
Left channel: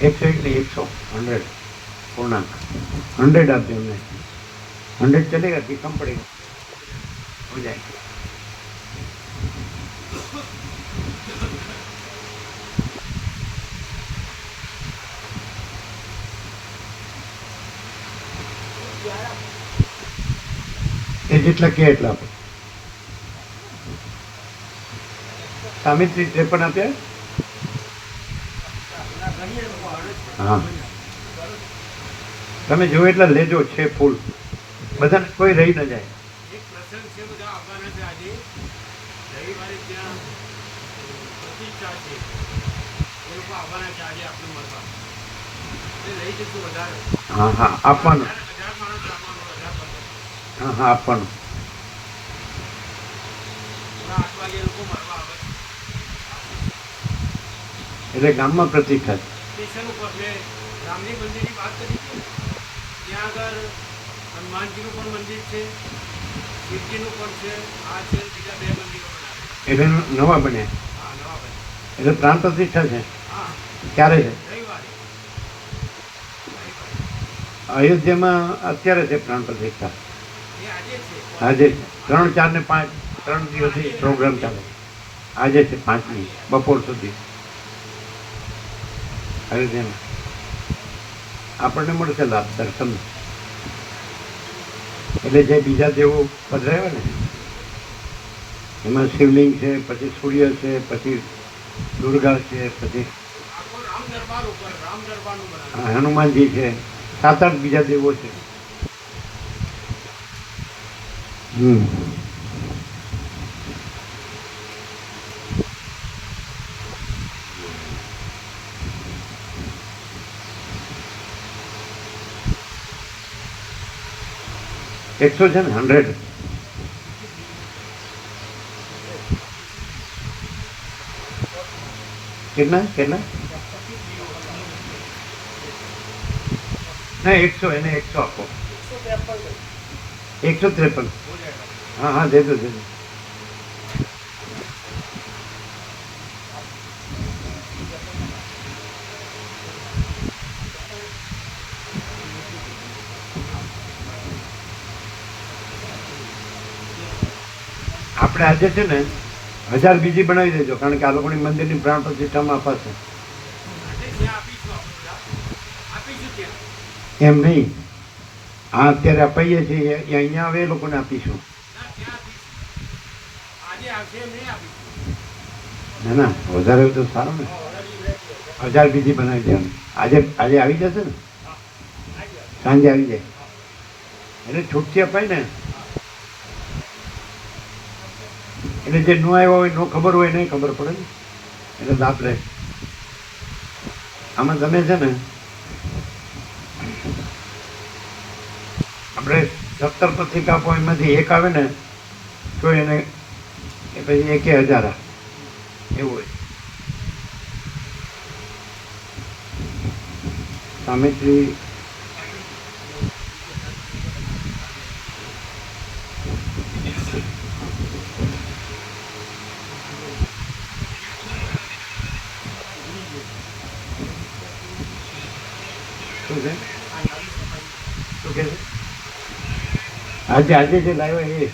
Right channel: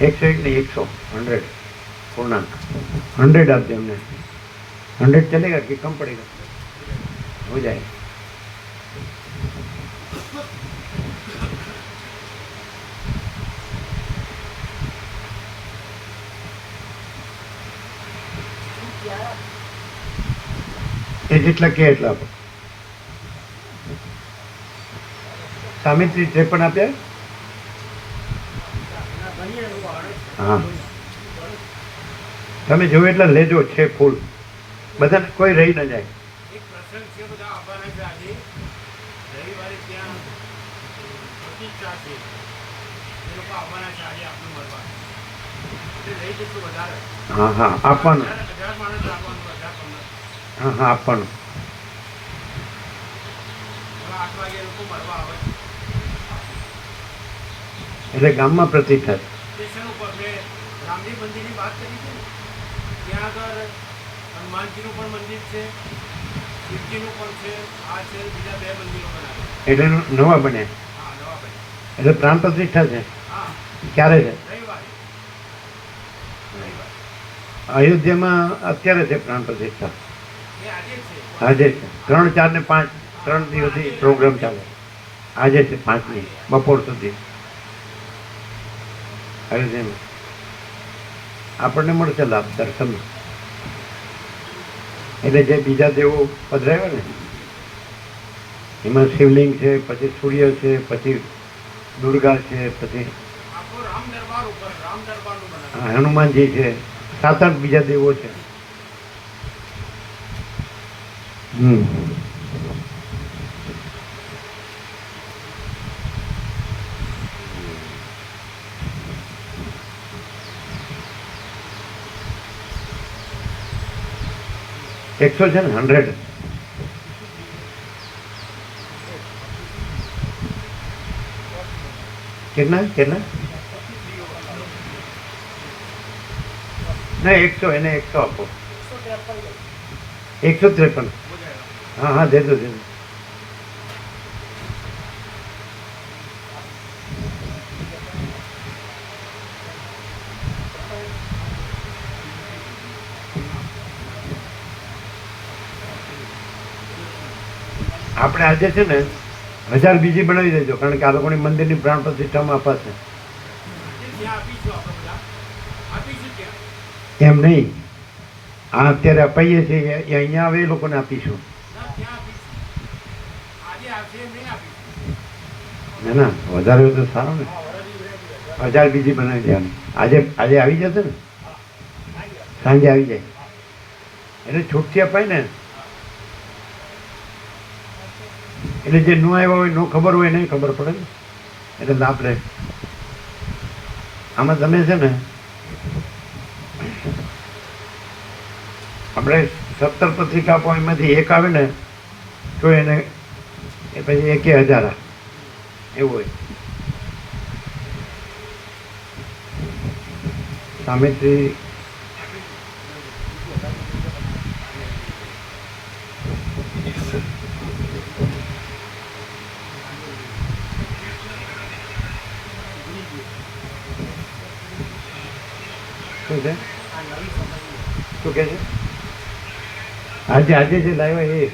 101 नहीं 100 100 पूर्णांक 100 आप जो हमने 100 चलेगा कि कम पड़ेगा? हो जाएगा। જેટલા કે એટલા આપે। સામિત્રી 53 આપ્યા। હા તમે જો એટલા લેજો છે ફૂલ બધાને, કોઈ રહી ન જાય। એક પ્રસંગ છે, બધા આવવાના છે આજે રવિવારે, ત્યાં પ્રતિષ્ઠા છે, એ લોકો આવવાના છે આજે આપણને મળવા, એટલે લઈ જશું વધારે। હા હા આપવાનું, 1000 માણસ આપવાનું, 1000-15। હા હા આપવાનું। 8 વાગે એ લોકો મળવા આવે એટલે ગામમાં પ્રતિષ્ઠા છે। સ્ટેશન ઉપર મેં રામજી મંદિરની વાત કરી હતી ને, ત્યાં આગળ હનુમાનજીનું પણ મંદિર છે, શિવજીનું પણ છે, આ છે, બીજા 2 મંદિરો બનાવ્યા। એટલે નવા બને, હા, નવા બન્યા। એટલે પ્રાણ પ્રતિષ્ઠા છે। હા, ક્યારે છે? રવિવારે। અયોધ્યામાં અત્યારે છે પ્રાણ પ્રતિષ્ઠા, એ આજે છે। આજે છે 3, 4 ને 5 3 દિવસથી પ્રોગ્રામ ચાલે। આજે છે 5મી બપોર સુધી। આવી રીતે આપણને મળશે લાભ દર્શન. એટલે જે બીજા દેવો પધરાવ્યા ને એમાં શિવલિંગ છે, પછી સૂર્ય છે, પછી દુર્ગા છે, પછી આખો રામ દરબાર ઉપર રામ દરબારનું બનાવ્યું. હનુમાનજી છે, 7-8 બીજા દેવો છે. હમ. એકસો છે ને 100. કેટલા કેટલા ના 100, એને 100 આપો. 153. हाँ हाँ दे दो दे दो. આપણે આજે છે ને 1000 બીજી બનાવી દેજો, કારણ કે આ લોકોની મંદિરની પ્રાણ પ્રતિષ્ઠામાં અપાશે. આજે ત્યાં આપીશું આપણે બધા. આપીશું ત્યાં. એમ નહીં, આ અત્યારે અપાઈએ છીએ એ અહીંયા આવે એ લોકોને આપીશું. ના, ત્યાં આપીશું. આજે આવશે એમ નહીં આપીશું. ના ના, વધારે હોય તો સારું ને. 1000 બીજી બનાવી દેવાની. આજે આજે આવી જશે ને, સાંજે આવી જાય એટલે છૂટથી અપાય ને. એટલે જે ન આવ્યો હોય, ન ખબર હોય, નહીં ખબર પડે ને, એટલે લાભ લે. આમાં તમે છે ને આપણે 17 પત્રિકા આપો, એમાંથી એક આવે ને તો એને એ પછી 1000 એવું હોય. સામેથી શું છે, શું કહે છે? આજે આજે જે લાવ્યા એ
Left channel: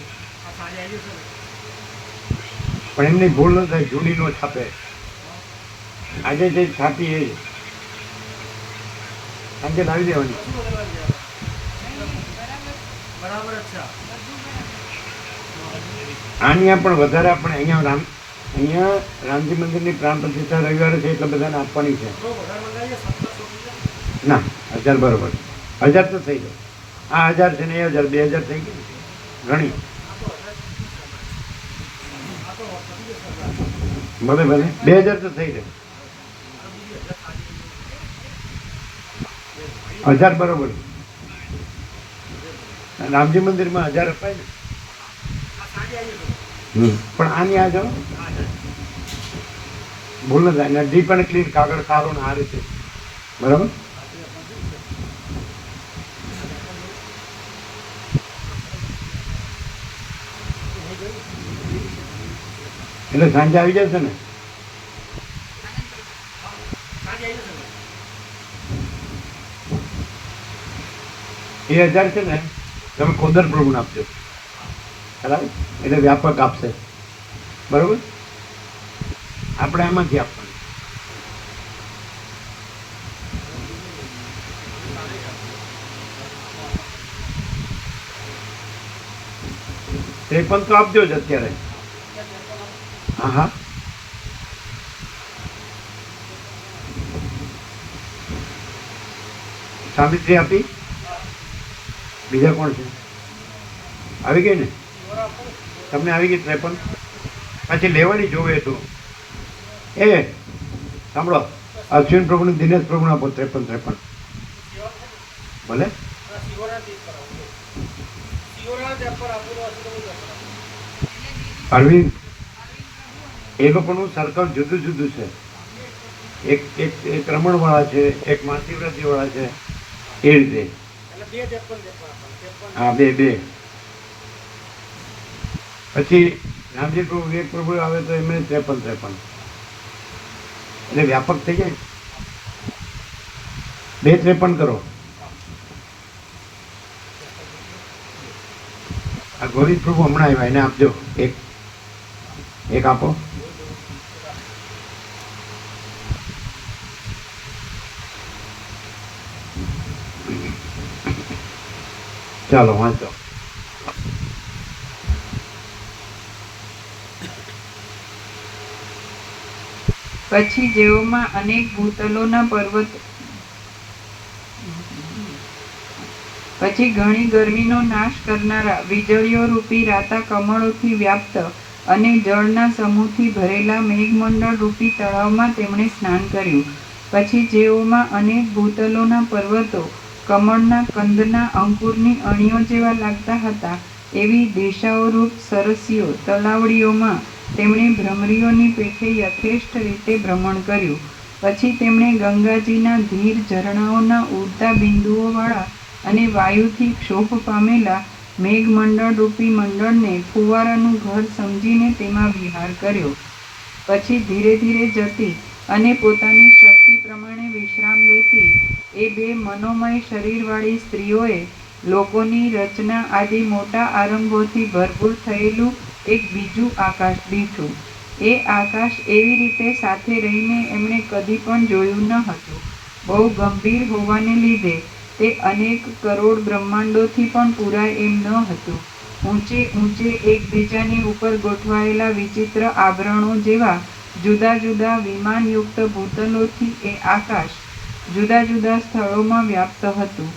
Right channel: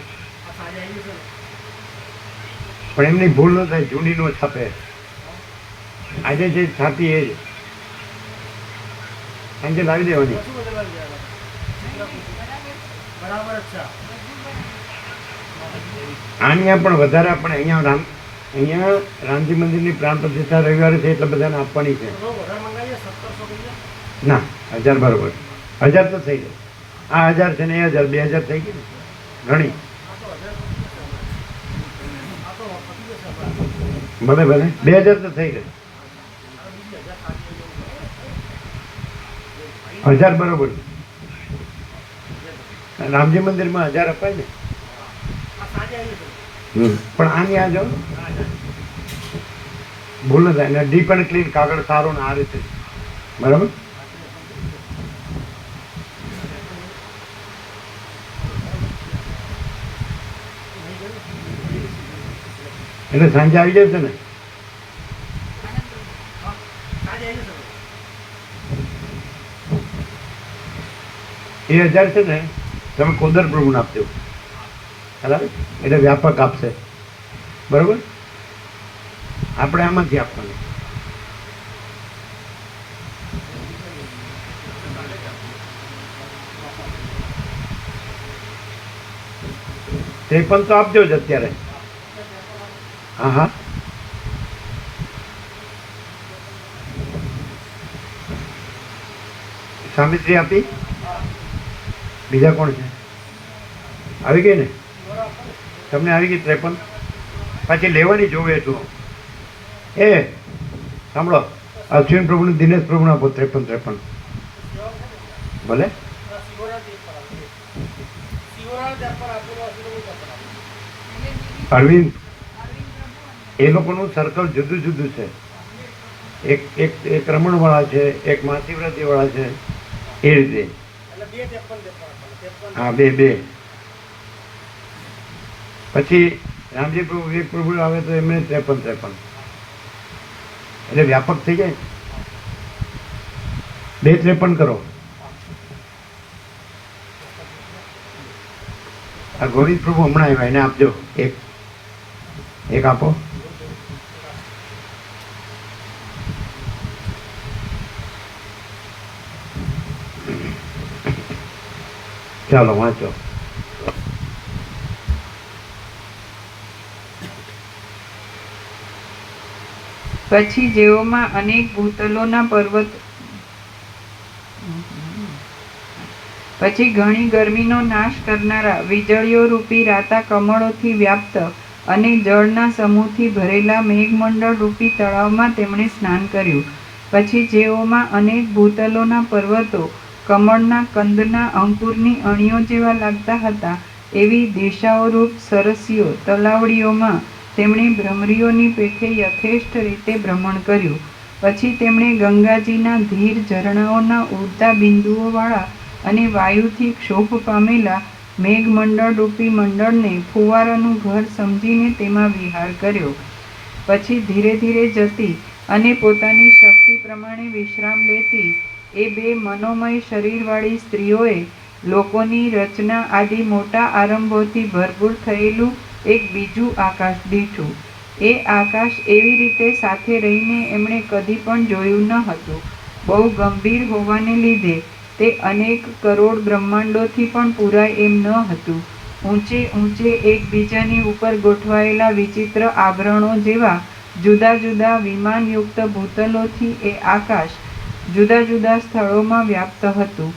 પણ એમની ભૂલ ન થાય, જૂની નો છાપે. આજે જે છાપી એ આજે લાવી દેવાની. અહીંયા પણ વધારે આપણે અહીંયા રામજી મંદિરની પ્રાણ પ્રતિષ્ઠા રવિવારે છે એટલે બધાને આપવાની છે. ના 1000 બરોબર, 1000 તો થઈ જાય. આ 1000 છે ને એ 1000, 2000 થઈ ગયું ઘણી. ભલે ભલે 2000 તો થઈ જાય. 1000 બરોબર. રામજી મંદિરમાં 1000 અપાય ને. પણ આની આ જો ભૂલ ન થાય ને, ડીપ અને ક્લીન કાગળ સારો ને આ રીતે બરાબર. એટલે સાંજે આવી જશે ને. એ 1000 છે ને તમે કોદર પ્રભુને આપજો, બરાબર. એટલે વ્યાપક આપશે, બરોબર. આપણે આમાંથી આપવાનું. ત્રેપન તો આપજો જ અત્યારે. હા હા સાવિત્રી આપી. બીજા કોણ છે? આવી ગઈ ને તમને? આવી ગઈ 53. પાછી લેવાની જોવે એટલું. એ સાંભળો, અશ્વિન પ્રભુને દિનેશ પ્રભુને આપો 53. ભલે. અરવિંદ એ લોકોનું સર્કલ જુદું જુદું છે. એક રમણવાળા છે, એક મહાશિવરાત્રિવાળા છે, એ રીતે. હા, બે. પછી રામજી પ્રભુ વિવેક પ્રભુ આવે તો એમને 53. એટલે વ્યાપક થઈ જાય. 2 53 કરો. આ ગોવિંદ પ્રભુ હમણાં આવ્યા, એને આપજો. એક આપો. ચાલો વાંચો. પછી જેઓમાં અનેક ભૂતલોના પર્વત પછી ઘણી ગરમીનો નાશ કરનારા વીજળીઓ રૂપી રાતા કમળોથી વ્યાપ્ત અને જળના સમૂહથી ભરેલા મેઘમંડળ રૂપી તળાવમાં તેમણે સ્નાન કર્યું. પછી જેઓમાં અનેક ભૂતલોના પર્વતો કમળના કંદના અંકુરની અણીઓ જેવા લાગતા હતા એવી દિશાઓરૂપ સરસીઓ તલાવડીઓમાં તેમણે ભ્રમરીઓની પેઠે યથેષ્ટ રીતે ભ્રમણ કર્યું. પછી તેમણે ગંગાજીના ધીર ઝરણાઓના ઉડતા બિંદુઓવાળા અને વાયુથી ક્ષોભ પામેલા મેઘમંડળ રૂપી મંડળને ફુવારાનું ઘર સમજીને તેમાં વિહાર કર્યો. પછી ધીરે ધીરે જતી અને પોતાની શક્તિ પ્રમાણે વિશ્રામ લેતી એ બે મનોમય શરીરવાળી સ્ત્રીઓએ લોકોની રચના આદિ મોટા આરંભોથી ભરપૂર થયેલું એક બીજું આકાશ દીઠું. એ આકાશ એવી રીતે સાથે રહીને એમણે કદી પણ જોયું ન હતું. બહુ ગંભીર હોવાને લીધે તે અનેક કરોડ બ્રહ્માંડોથી પણ પૂરાય એમ ન હતું. ઊંચે ઊંચે એકબીજાની ઉપર ગોઠવાયેલા વિચિત્ર આભરણો જેવા જુદા જુદા વિમાનયુક્ત ભૂતલોથી એ આકાશ જુદા જુદા સ્થળોમાં વ્યાપ્ત હતું.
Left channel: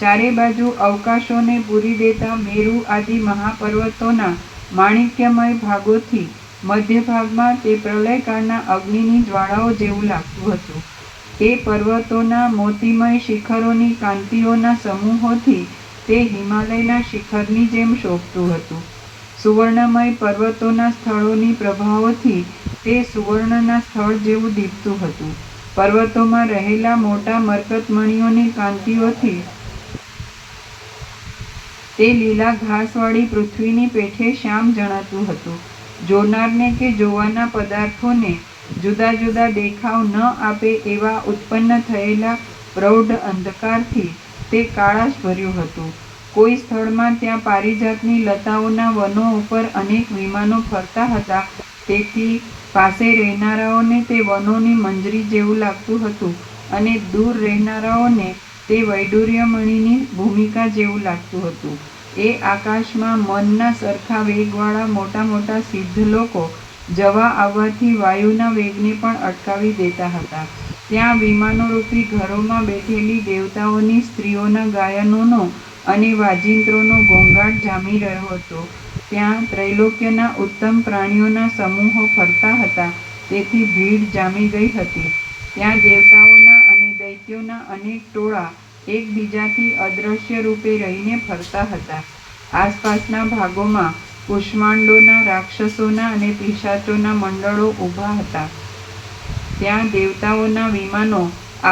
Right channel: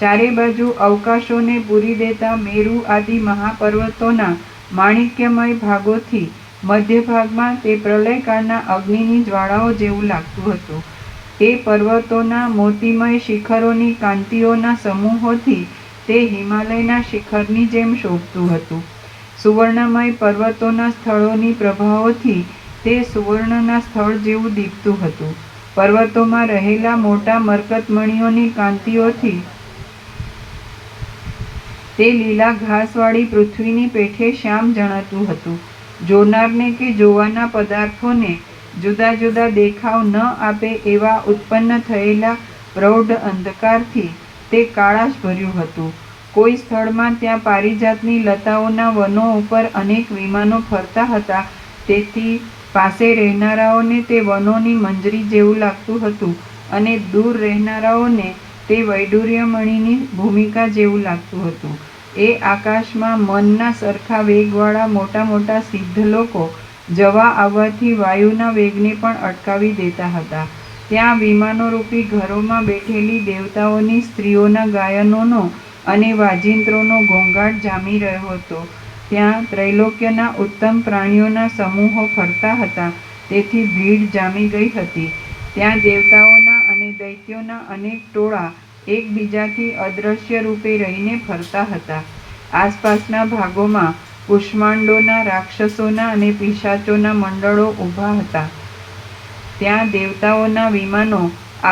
ચારે બાજુ અવકાશોને પૂરી દેતા મેરુ આદિ મહાપર્વતોના માણિક્યમય ભાગોથી મધ્ય ભાગમાં તે પ્રલયકાળના અગ્નિની જ્વાળાઓ જેવું લાગતું હતું. તે પર્વતોના મોતીમય શિખરોની કાંતિઓના સમૂહોથી તે હિમાલયના શિખરની જેમ શોભતું હતું. સુવર્ણમય પર્વતોના સ્થળોની પ્રભાઓથી તે સુવર્ણના સ્થળ જેવું દીપતું હતું. પર્વતોમાં રહેલા મોટા મરકતમણીઓની કાંતિઓથી તે લીલા ઘાસવાળી પૃથ્વીની પેઠે શ્યામ જણાતું હતું. જોનારને કે જોવાના પદાર્થોને જુદા જુદા દેખાવ ન આપે એવા ઉત્પન્ન થયેલા પ્રૌઢ અંધકારથી તે કાળાશ ભર્યું હતું. કોઈ સ્થળમાં ત્યાં પારિજાતની લતાઓના વનો ઉપર અનેક વિમાનો ફરતા હતા, તેથી પાસે રહેનારાઓને તે વનોની મંજરી જેવું લાગતું હતું અને દૂર રહેનારાઓને તે વૈડૂર્યમણીની ભૂમિકા જેવું લાગતું હતું. એ આકાશમાં મનના સરખા વેગવાળા મોટા મોટા સિદ્ધ લોકો જવા આવવાથી વાયુના વેગને પણ અટકાવી દેતા હતા. ત્યાં વિમાનોરૂપી ઘરોમાં બેઠેલી દેવતાઓની સ્ત્રીઓના ગાયનોનો અને વાજિંત્રોનો ઘોંઘાટ જામી રહ્યો હતો. ત્યાં ત્રૈલોક્યના ઉત્તમ પ્રાણીઓના સમૂહો ફરતા હતા, તેથી ભીડ જામી ગઈ હતી. ત્યાં દેવતાઓના અને દૈત્યોના અનેક ટોળા એકબીજાથી અદૃશ્ય રૂપે રહીને ફરતા હતા. આસપાસના ભાગોમાં કુષ્માંડોના રાક્ષસોના અને પિશાચોના મંડળો ઊભા હતા. ત્યાં દેવતાઓના વિમાનો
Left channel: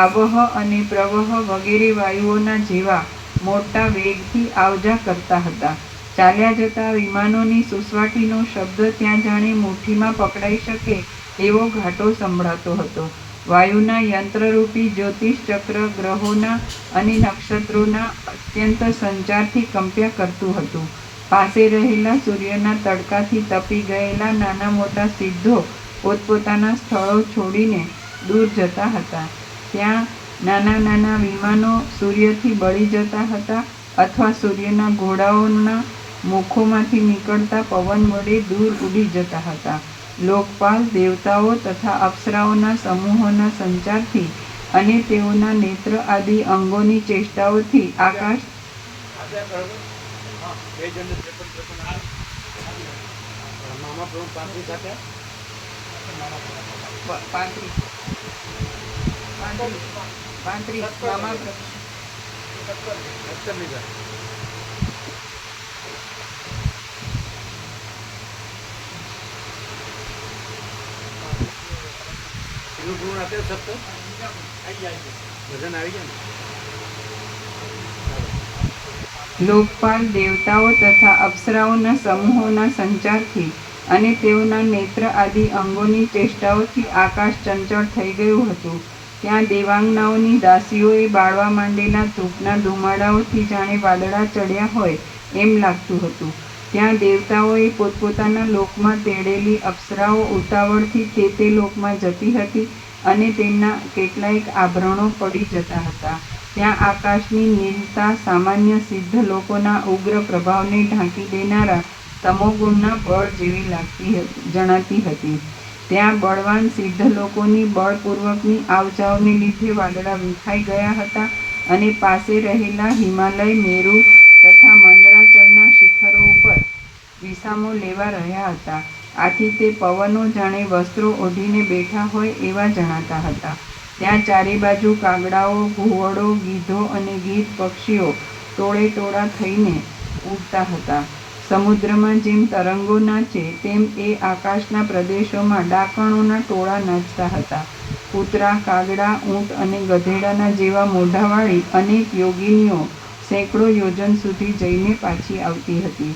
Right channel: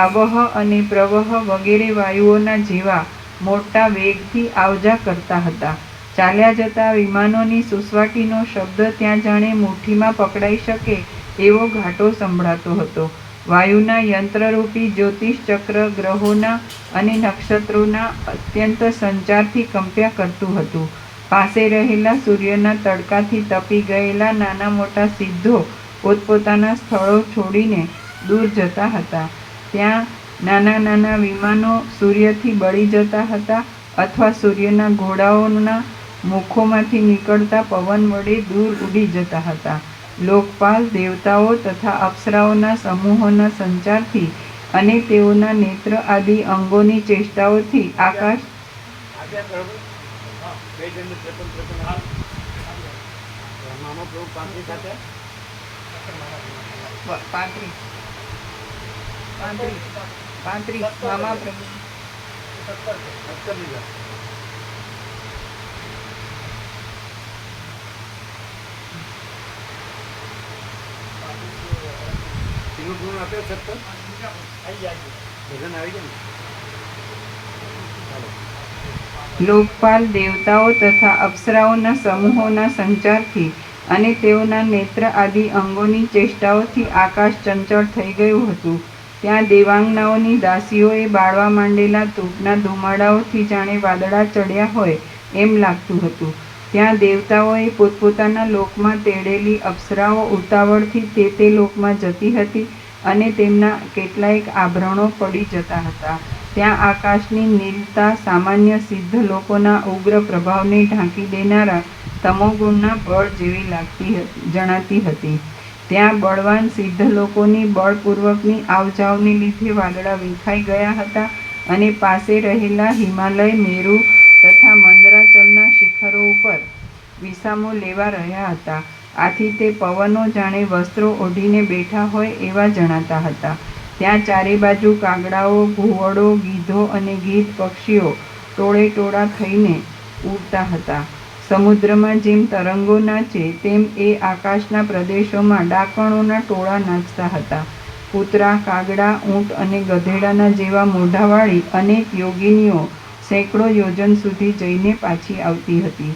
આવહ અને પ્રવહ વગેરે વાયુઓના જેવા મોટા વેગથી આવજા કરતા હતા. ચાલ્યા જતા વિમાનોની સુસવાટીનો શબ્દ ત્યાં જાણે મુઠ્ઠીમાં પકડાઈ શકે એવો ઘાટો સંભળાતો હતો. વાયુના યંત્રરૂપી જ્યોતિષ ચક્ર ગ્રહોના અને નક્ષત્રોના અત્યંત સંચારથી કંપ્યા કરતું હતું. પાસે રહેલા સૂર્યના તડકાથી તપી ગયેલા નાના મોટા સિદ્ધો પોતપોતાના સ્થળો છોડીને દૂર જતા હતા. ત્યાં નાના નાના વિમાનો સૂર્યથી બળી જતા હતા અથવા સૂર્યના ઘોડાઓના મુખોમાંથી નીકળતા પવન વડે દૂર ઉડી જતા હતા. લોકપાલ દેવતાઓ તથા અપ્સરાઓના સમૂહોના સંચારથી અને તેઓના નેત્ર આદિ અંગોની ચેષ્ટાઓથી આકાશ મામા પ્રભુ 35 સાથે 35 મામા પૂર્ણ આપે 70 ભજન આવી ગયા ને. લોકપાલ દેવતાઓ તથા અપ્સરાઓના સમૂહોના સંચારથી અને તેઓના નેત્ર આદિ અંગોની ચેષ્ટાઓથી આકાશ ચંચળ થઈ ગયું હતું. ત્યાં દેવાંગનાઓની દાસીઓએ બાળવા માંડેલા ધૂપના ધુમાડાઓથી જાણે વાદળા ચડ્યા હોય એમ લાગતું હતું. ત્યાં દેવતાઓએ પોતપોતાના લોકમાં તેડેલી અપ્સરાઓ ઉતાવળથી તે લોકમાં જતી હતી અને તેમના કેટલાયક આભરણો પડી જતા હતા. ત્યાં આકાશની નીલતા સામાન્ય સિદ્ધ લોકોના ઉગ્ર પ્રભાવને ઢાંકી દેનારા તમોગુણના બળ જેવી જણાતી હતી. ત્યાં બળવાન સિદ્ધ લોકોની બળપૂર્વકની આવજાવને લીધે વાદળા વિખાઈ ગયા હતા અને પાસે રહેલા હિમાલય, મેરુ તથા મંદરાચલના શિખરો ઉપર વિસામો લેવા રહ્યા હતા. આથી તે પવનો જાણે વસ્ત્રો ઓઢીને બેઠા હોય એવા જણાતા હતા. ત્યાં ચારે બાજુ કાગડાઓ, ઘુવડો, ગીધો અને ગીધ પક્ષીઓ ટોળે ટોળા થઈને ઉડતા હતા. સમુદ્રમાં જેમ તરંગો નાચે તેમ એ આકાશના પ્રદેશોમાં ડાકણોના ટોળા નાચતા હતા. કૂતરા, કાગડા, ઊંટ અને ગધેડાના જેવા મોઢાવાળી અનેક યોગિનીઓ સેંકડો યોજન સુધી જઈને પાછી આવતી હતી.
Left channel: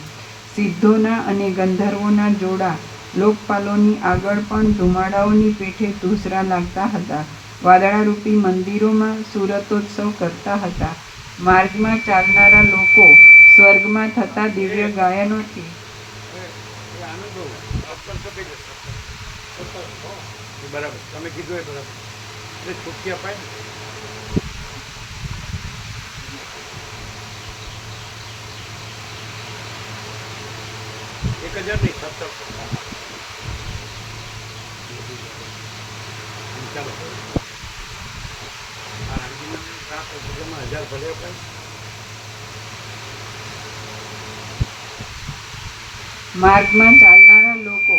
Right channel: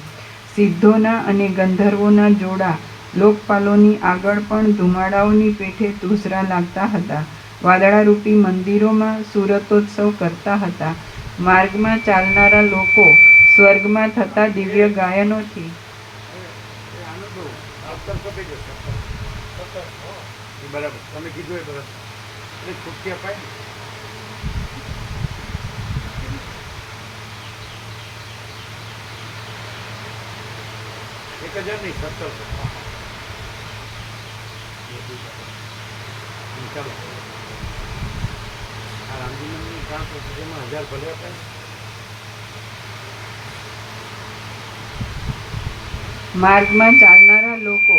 સિદ્ધોના અને ગંધર્વોના જોડા લોકપાલોની આગળ પણ ધુમાડાઓની પેઠે ધૂસરા લાગતા હતા. વાદળારૂપી મંદિરોમાં સુરતોત્સવ કરતા હતા. માર્ગમાં ચાલનારા લોકો સ્વર્ગમાં થતા દિવ્ય ગાયનોથી આનંદ બહુ અવતર તો કહી જશે બરાબર, તમે કીધું એ બરાબર. એટલે છૂટકી અપાય ને. એક 1000 નહીં, 1700. ચાલો આ રામજીનું કામ તો જેમાં 1000 ભલે અપાય. માર્ગમાં ચાલનારા લોકો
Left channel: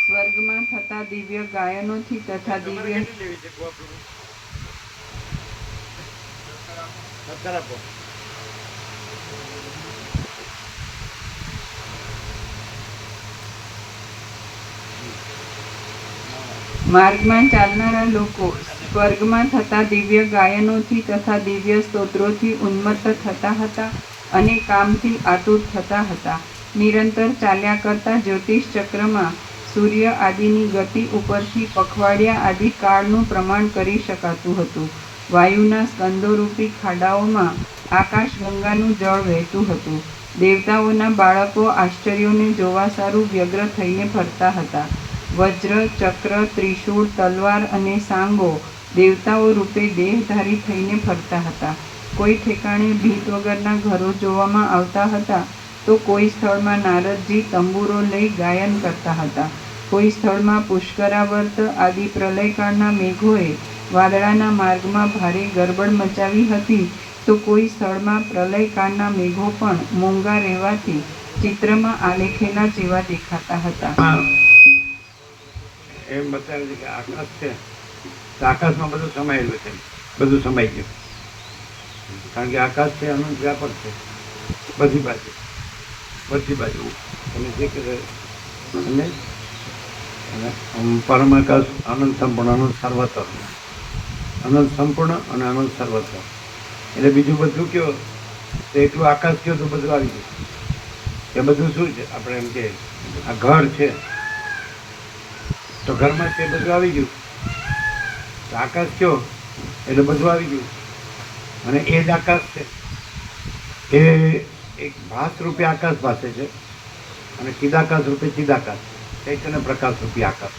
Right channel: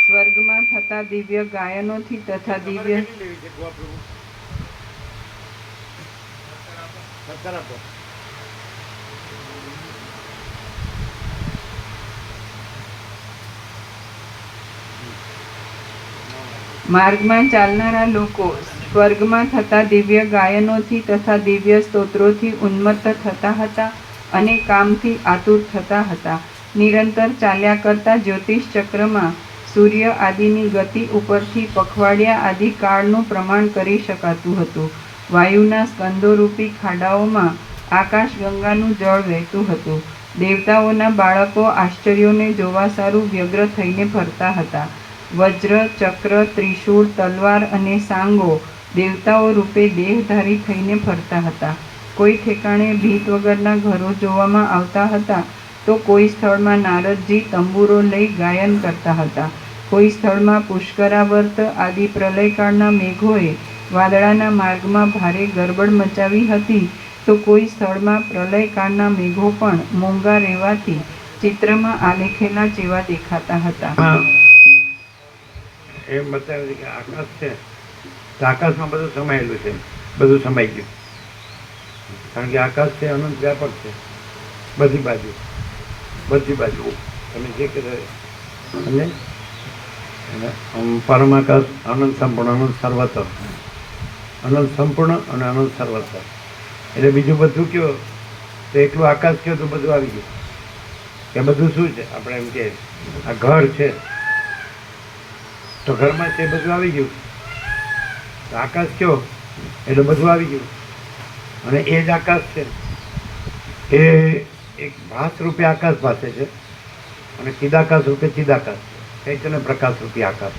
સ્વર્ગમાં થતા દિવ્ય ગાયનોથી તથા તમારે દિવ્ય કેટલી લેવી છે ગોવા પ્રભુ? 17 આપો. માર્ગમાં ચાલનારા લોકો સ્વર્ગમાં થતા દિવ્ય ગાયનોથી તથા દિવ્ય સ્તોત્રોથી ઉન્મત્ત થતા હતા અને કામથી આતુર થતા હતા. નિરંતર ચાલ્યા કરતા જ્યોતિષ ચક્રમાં સૂર્ય આદિની ગતિ ઉપરથી પખવાડિયા આદિ કાળનું પ્રમાણ કરી શકાતું હતું. વાયુના સ્કંદોરૂપી ખાડાઓમાં આકાશ ગંગાનું જળ વહેતું હતું. દેવતાઓના બાળકો આશ્ચર્યોને જોવા સારું વ્યગ્ર થઈને ફરતા હતા. વજ્ર, ચક્ર, ત્રિશૂળ, તલવાર અને સાંગો દેવતાઓ રૂપે દેહધારી થઈને ફરતા હતા. કોઈ ઠેકાણે ભીત વગરના ઘરો જોવામાં આવતા હતા તો કોઈ સ્થળમાં નારદજી તંબુરો લઈ ગાયન કરતા હતા. કોઈ સ્થળમાં પુષ્કરાવર્ત આદિ પ્રલયકાળના મેઘોએ વાદળાના માર્ગમાં ભારે ગરબડ મચાવી હતી તો કોઈ સ્થળમાં પ્રલયકાળના મેઘો પણ મોંઘા રહેવાથી ચિત્રમાં આલેખેલા જેવા દેખાતા હતા. એમ બતાવે છે કે આકાશ છે તો આકાશમાં બધું સમાયેલું છે, બધું સમાઈ ગયું. કારણ કે આકાશ છે અનંત વ્યાપક છે, બધી બાજુ તમે જે કહે અને પરમાકાશ અનંત સંપૂર્ણ, અનંત સર્વત્ર, અનંત સંપૂર્ણ અને અનંત સર્વત્ર. એટલે બીજું બધું કયો તો એકલું આકાશ કયો તો બધું આવી ગયું. કે બધું શું છે? આપણે એમ કે આ ઘર છે તો ઘરમાં તે બધું આવી ગયું. આકાશ કયો એટલે બધું આવી ગયું. અને એ જ આકાશ છે એ એક ભાસ રૂપે આકાશ ભાસે છે અને ચિદાકાશ રૂપે ચિદાકાશ છે. ચૈતન્ય પ્રકાશ રૂપી આકાશ.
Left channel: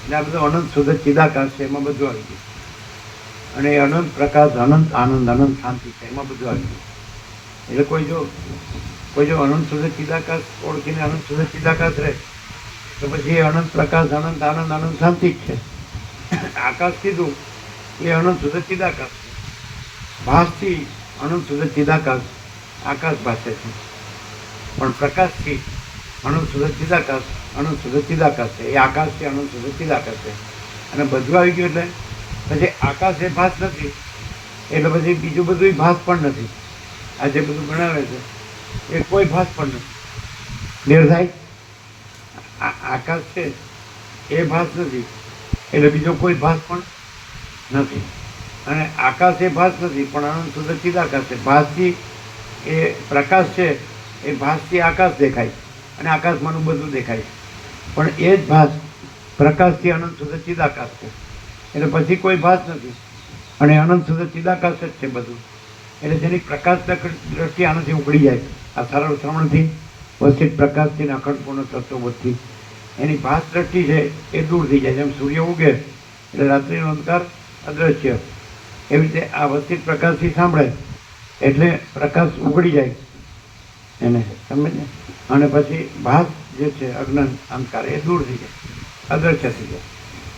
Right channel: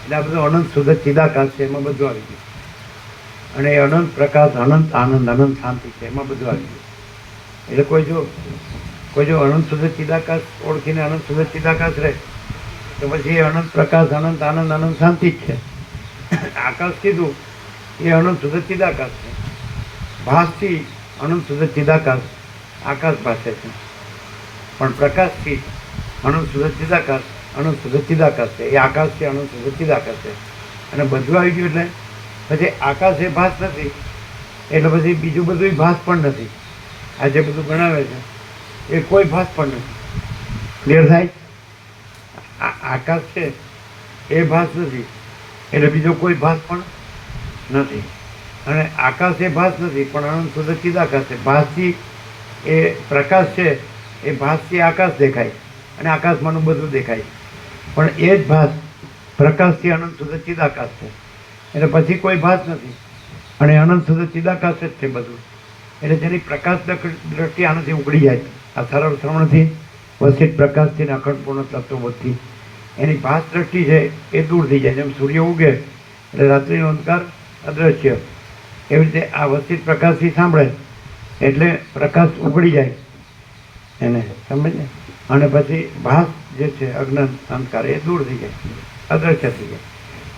એટલે આ બધું અનંત શુદ્ધ ચિદાકાશ છે, એમાં બધું આવી ગયું. અને એ અનંત પ્રકાશ, અનંત આનંદ, અનંત શાંતિ છે, એમાં બધું આવી ગયું. એટલે કોઈ જો અનંત શુદ્ધ ચિદાકાશ ઓળખીને અનંત શુદ્ધ ચિદાકાશ રહે તો પછી એ અનંત પ્રકાશ, અનંત આનંદ, અનંત શાંતિ જ છે. આકાશ કીધું એ અનંત શુદ્ધ ચિદાકાશ છે. ભાસથી અનંત શુદ્ધ ચિદાકાશ આકાશ ભાસે છે, પણ પ્રકાશથી અનંત શુદ્ધ ચિદાકાશ, અનંત શુદ્ધ ચિદાકાશ છે. એ આકાશથી અનંત શુદ્ધ ચિદાકાશ છે. અને બધું આવી ગયું એટલે પછી આકાશ એ ભાસ નથી એટલે પછી બીજું બધું ભાસ પણ નથી. આ જે બધું ગણાવે છે એ કોઈ ભાસ પણ નથી. ક્લિયર થાય? આકાશ છે એ ભાસ નથી એટલે બીજો કોઈ ભાસ પણ નથી. અને આકાશ એ ભાસ નથી પણ અનંત શુદ્ધ ચિદાકાશ છે. ભાસથી એ પ્રકાશ છે, એ ભાસથી આકાશ દેખાય અને આકાશમાંનું બધું દેખાય. પણ એ જ ભાસ પ્રકાશથી અનંત શુદ્ધ ચિદાકાશ છે એટલે પછી કોઈ ભાસ નથી અને અનંત શુદ્ધ ચિદાકાશ જ છે બધું. એટલે જેની પ્રકાશ દ્રષ્ટિ આનાથી ઉગડી જાય, આ સરળ શ્રવણથી, વસિત પ્રકાશથી, અખંડપૂર્ણ તત્વબોધથી એની ભાસ દ્રષ્ટિ છે એ દૂર થઈ જાય. જેમ સૂર્ય ઉગે એટલે રાત્રિનો અંધકાર અદ્રશ્ય એવી રીતે આ વસ્તી પ્રકાશથી સાંભળે એટલે પ્રકાશ ઉગડી જાય એને, સમજ ને? અને પછી ભાસ જે છે અજ્ઞાન અંધકાર એ દૂર થઈ જાય, અદ્રશ્ય થઈ જાય.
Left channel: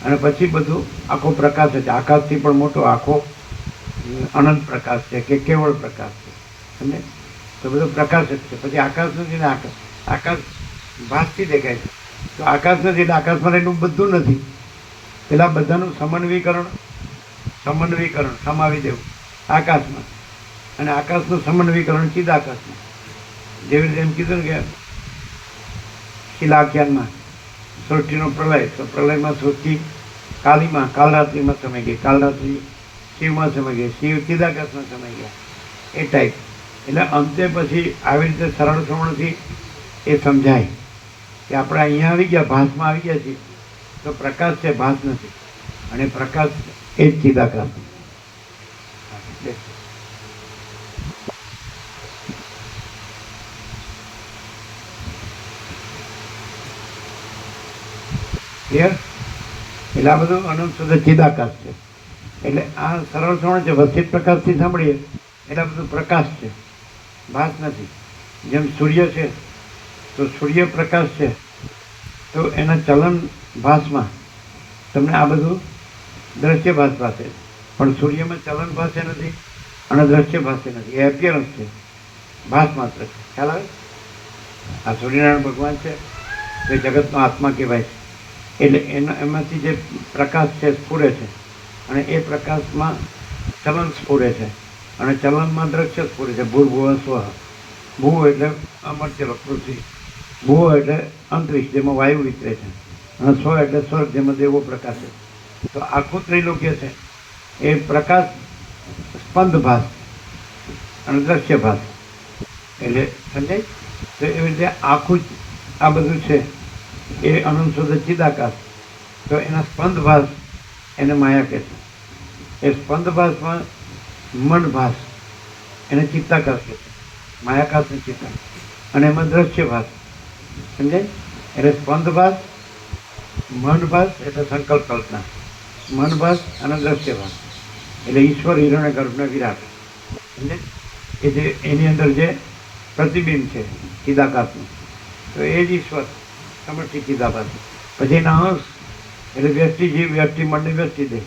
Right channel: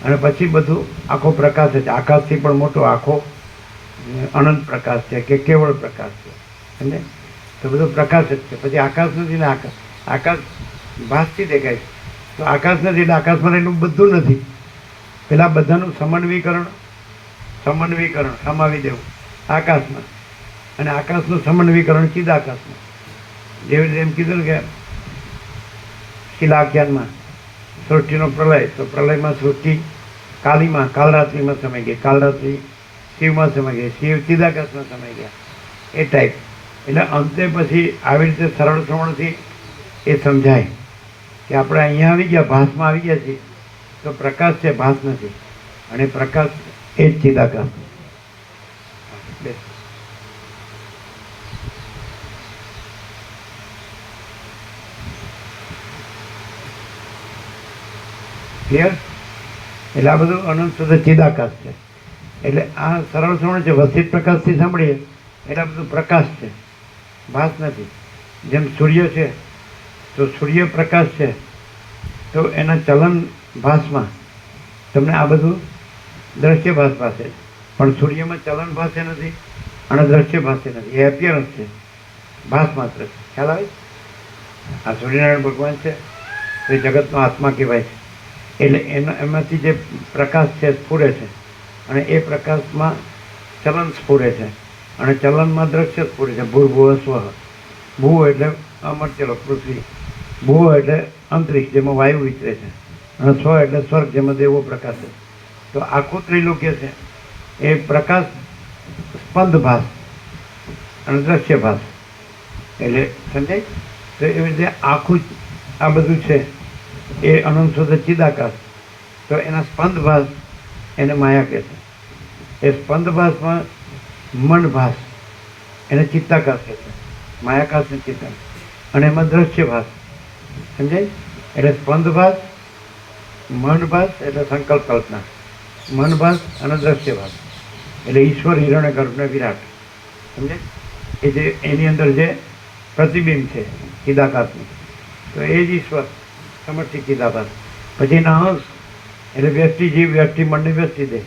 અને પછી બધું આખો પ્રકાશ છે. આકાશથી પણ મોટો આખો અનંત પ્રકાશ છે કે કેવળ પ્રકાશ છે, સમજે? તો બધો પ્રકાશ જ છે. પછી આકાશ નથી ને આકાશ ભાસથી દેખાય છે. તો આકાશ નથી એટલે આકાશમાં રહેલું બધું નથી. પેલા બધાનું સમન્વીકરણ સમાવી દેવું આકાશમાં, અને આકાશનું સમન્વીકરણ ચિદાકાશમાં. જેવી રીતે એમ કીધું ને કે શિલાખ્યાનમાં સૃષ્ટિનો પ્રલય, તો પ્રલયમાં સૃષ્ટિ કાલરાત્રિમાં સમય ગઈ, કાલરાત્રિ શિવમાં સમય ગઈ, શિવ ચિદાકાશમાં સમય ગયા, એ ટાઈપ. એટલે અંતે પછી આવી રીતે સરળ શ્રવણથી એ સમજાય કે આપણે અહીંયા આવી ગયા, ભાસમાં આવી ગયા છીએ, તો પ્રકાશ છે, ભાસ નથી. અને પ્રકાશ એ જ ચિદાકાશ. ક્લિયર? એટલે આ બધું અનંત શુદ્ધ ચિદાકાશ છે. એટલે આ સરળ શ્રવણ છે, વસિત પ્રકાશથી સાંભળીએ એટલે આ બધું પ્રકાશ છે, ભાસ નથી. જેમ સૂર્ય છે તો સૂર્ય પ્રકાશ છે, તો એના ચલન ભાસમાં તમને આ બધું દ્રશ્ય ભાસ પાસે, પણ સૂર્યમાં ચલન ભાષે નથી અને દ્રશ્ય ભાષે નથી. એ એપિયરન્સ છે, ભાસ માત્ર છે. ખ્યાલ આવે? આ સૂર્યનારાયણ ભગવાન છે તો એ જગતનો આત્મા કહેવાય છે. એટલે એમાંથી જે પ્રકાશ છે સ્ફુરે છે, અને એ પ્રકાશમાં ચલન સ્ફુરે છે, અને ચલનમાં દ્રશ્ય સ્ફુરે છે. ભૂર્ભુવ સ્વ. ભૂ એટલે અમર્ત્યલો પૃથ્વી, ભૂ એટલે અંતરિક્ષ જેમાં વાયુ વિચરે છે, અને સ્વ એટલે સ્વર્ગ જેમાં દેવો પ્રકાશ છે. તો આખું ત્રિલોક્ય છે એ પ્રકાશ સ્પંદ ભાસ અને દ્રશ્ય ભાસ. એટલે સમજાય? તો એવી રીતે આખું આ બધું છે એ અનંત શુદ્ધ ચિદાકાશ. તો એના સ્પંદ ભાસ એને માયા કહે છે. એ સ્પંદ ભાસમાં મન ભાસ એને ચિત્તાકાશ કહે છે, માયાકાશ ને ચિત્તાકાશ. અને એમાં દ્રશ્ય ભાસ, સમજાય? એટલે સ્પંદ ભાસ, મન ભાસ એટલે સંકલ્પ કલ્પના, મન ભાસ અને દ્રશ્ય ભાસ. એટલે ઈશ્વર હિરણ્ય ગર્ભ ને વિરાટ, સમજે? એ જે એની અંદર જે પ્રતિબિંબ છે ચિદાકાશનું, તો એ જ ઈશ્વર સમષ્ટિ ચિદાકાશ. પછી એના અંશ એટલે વ્યષ્ટિ જીવ, વ્યષ્ટિ મનને વ્યષ્ટિ દે,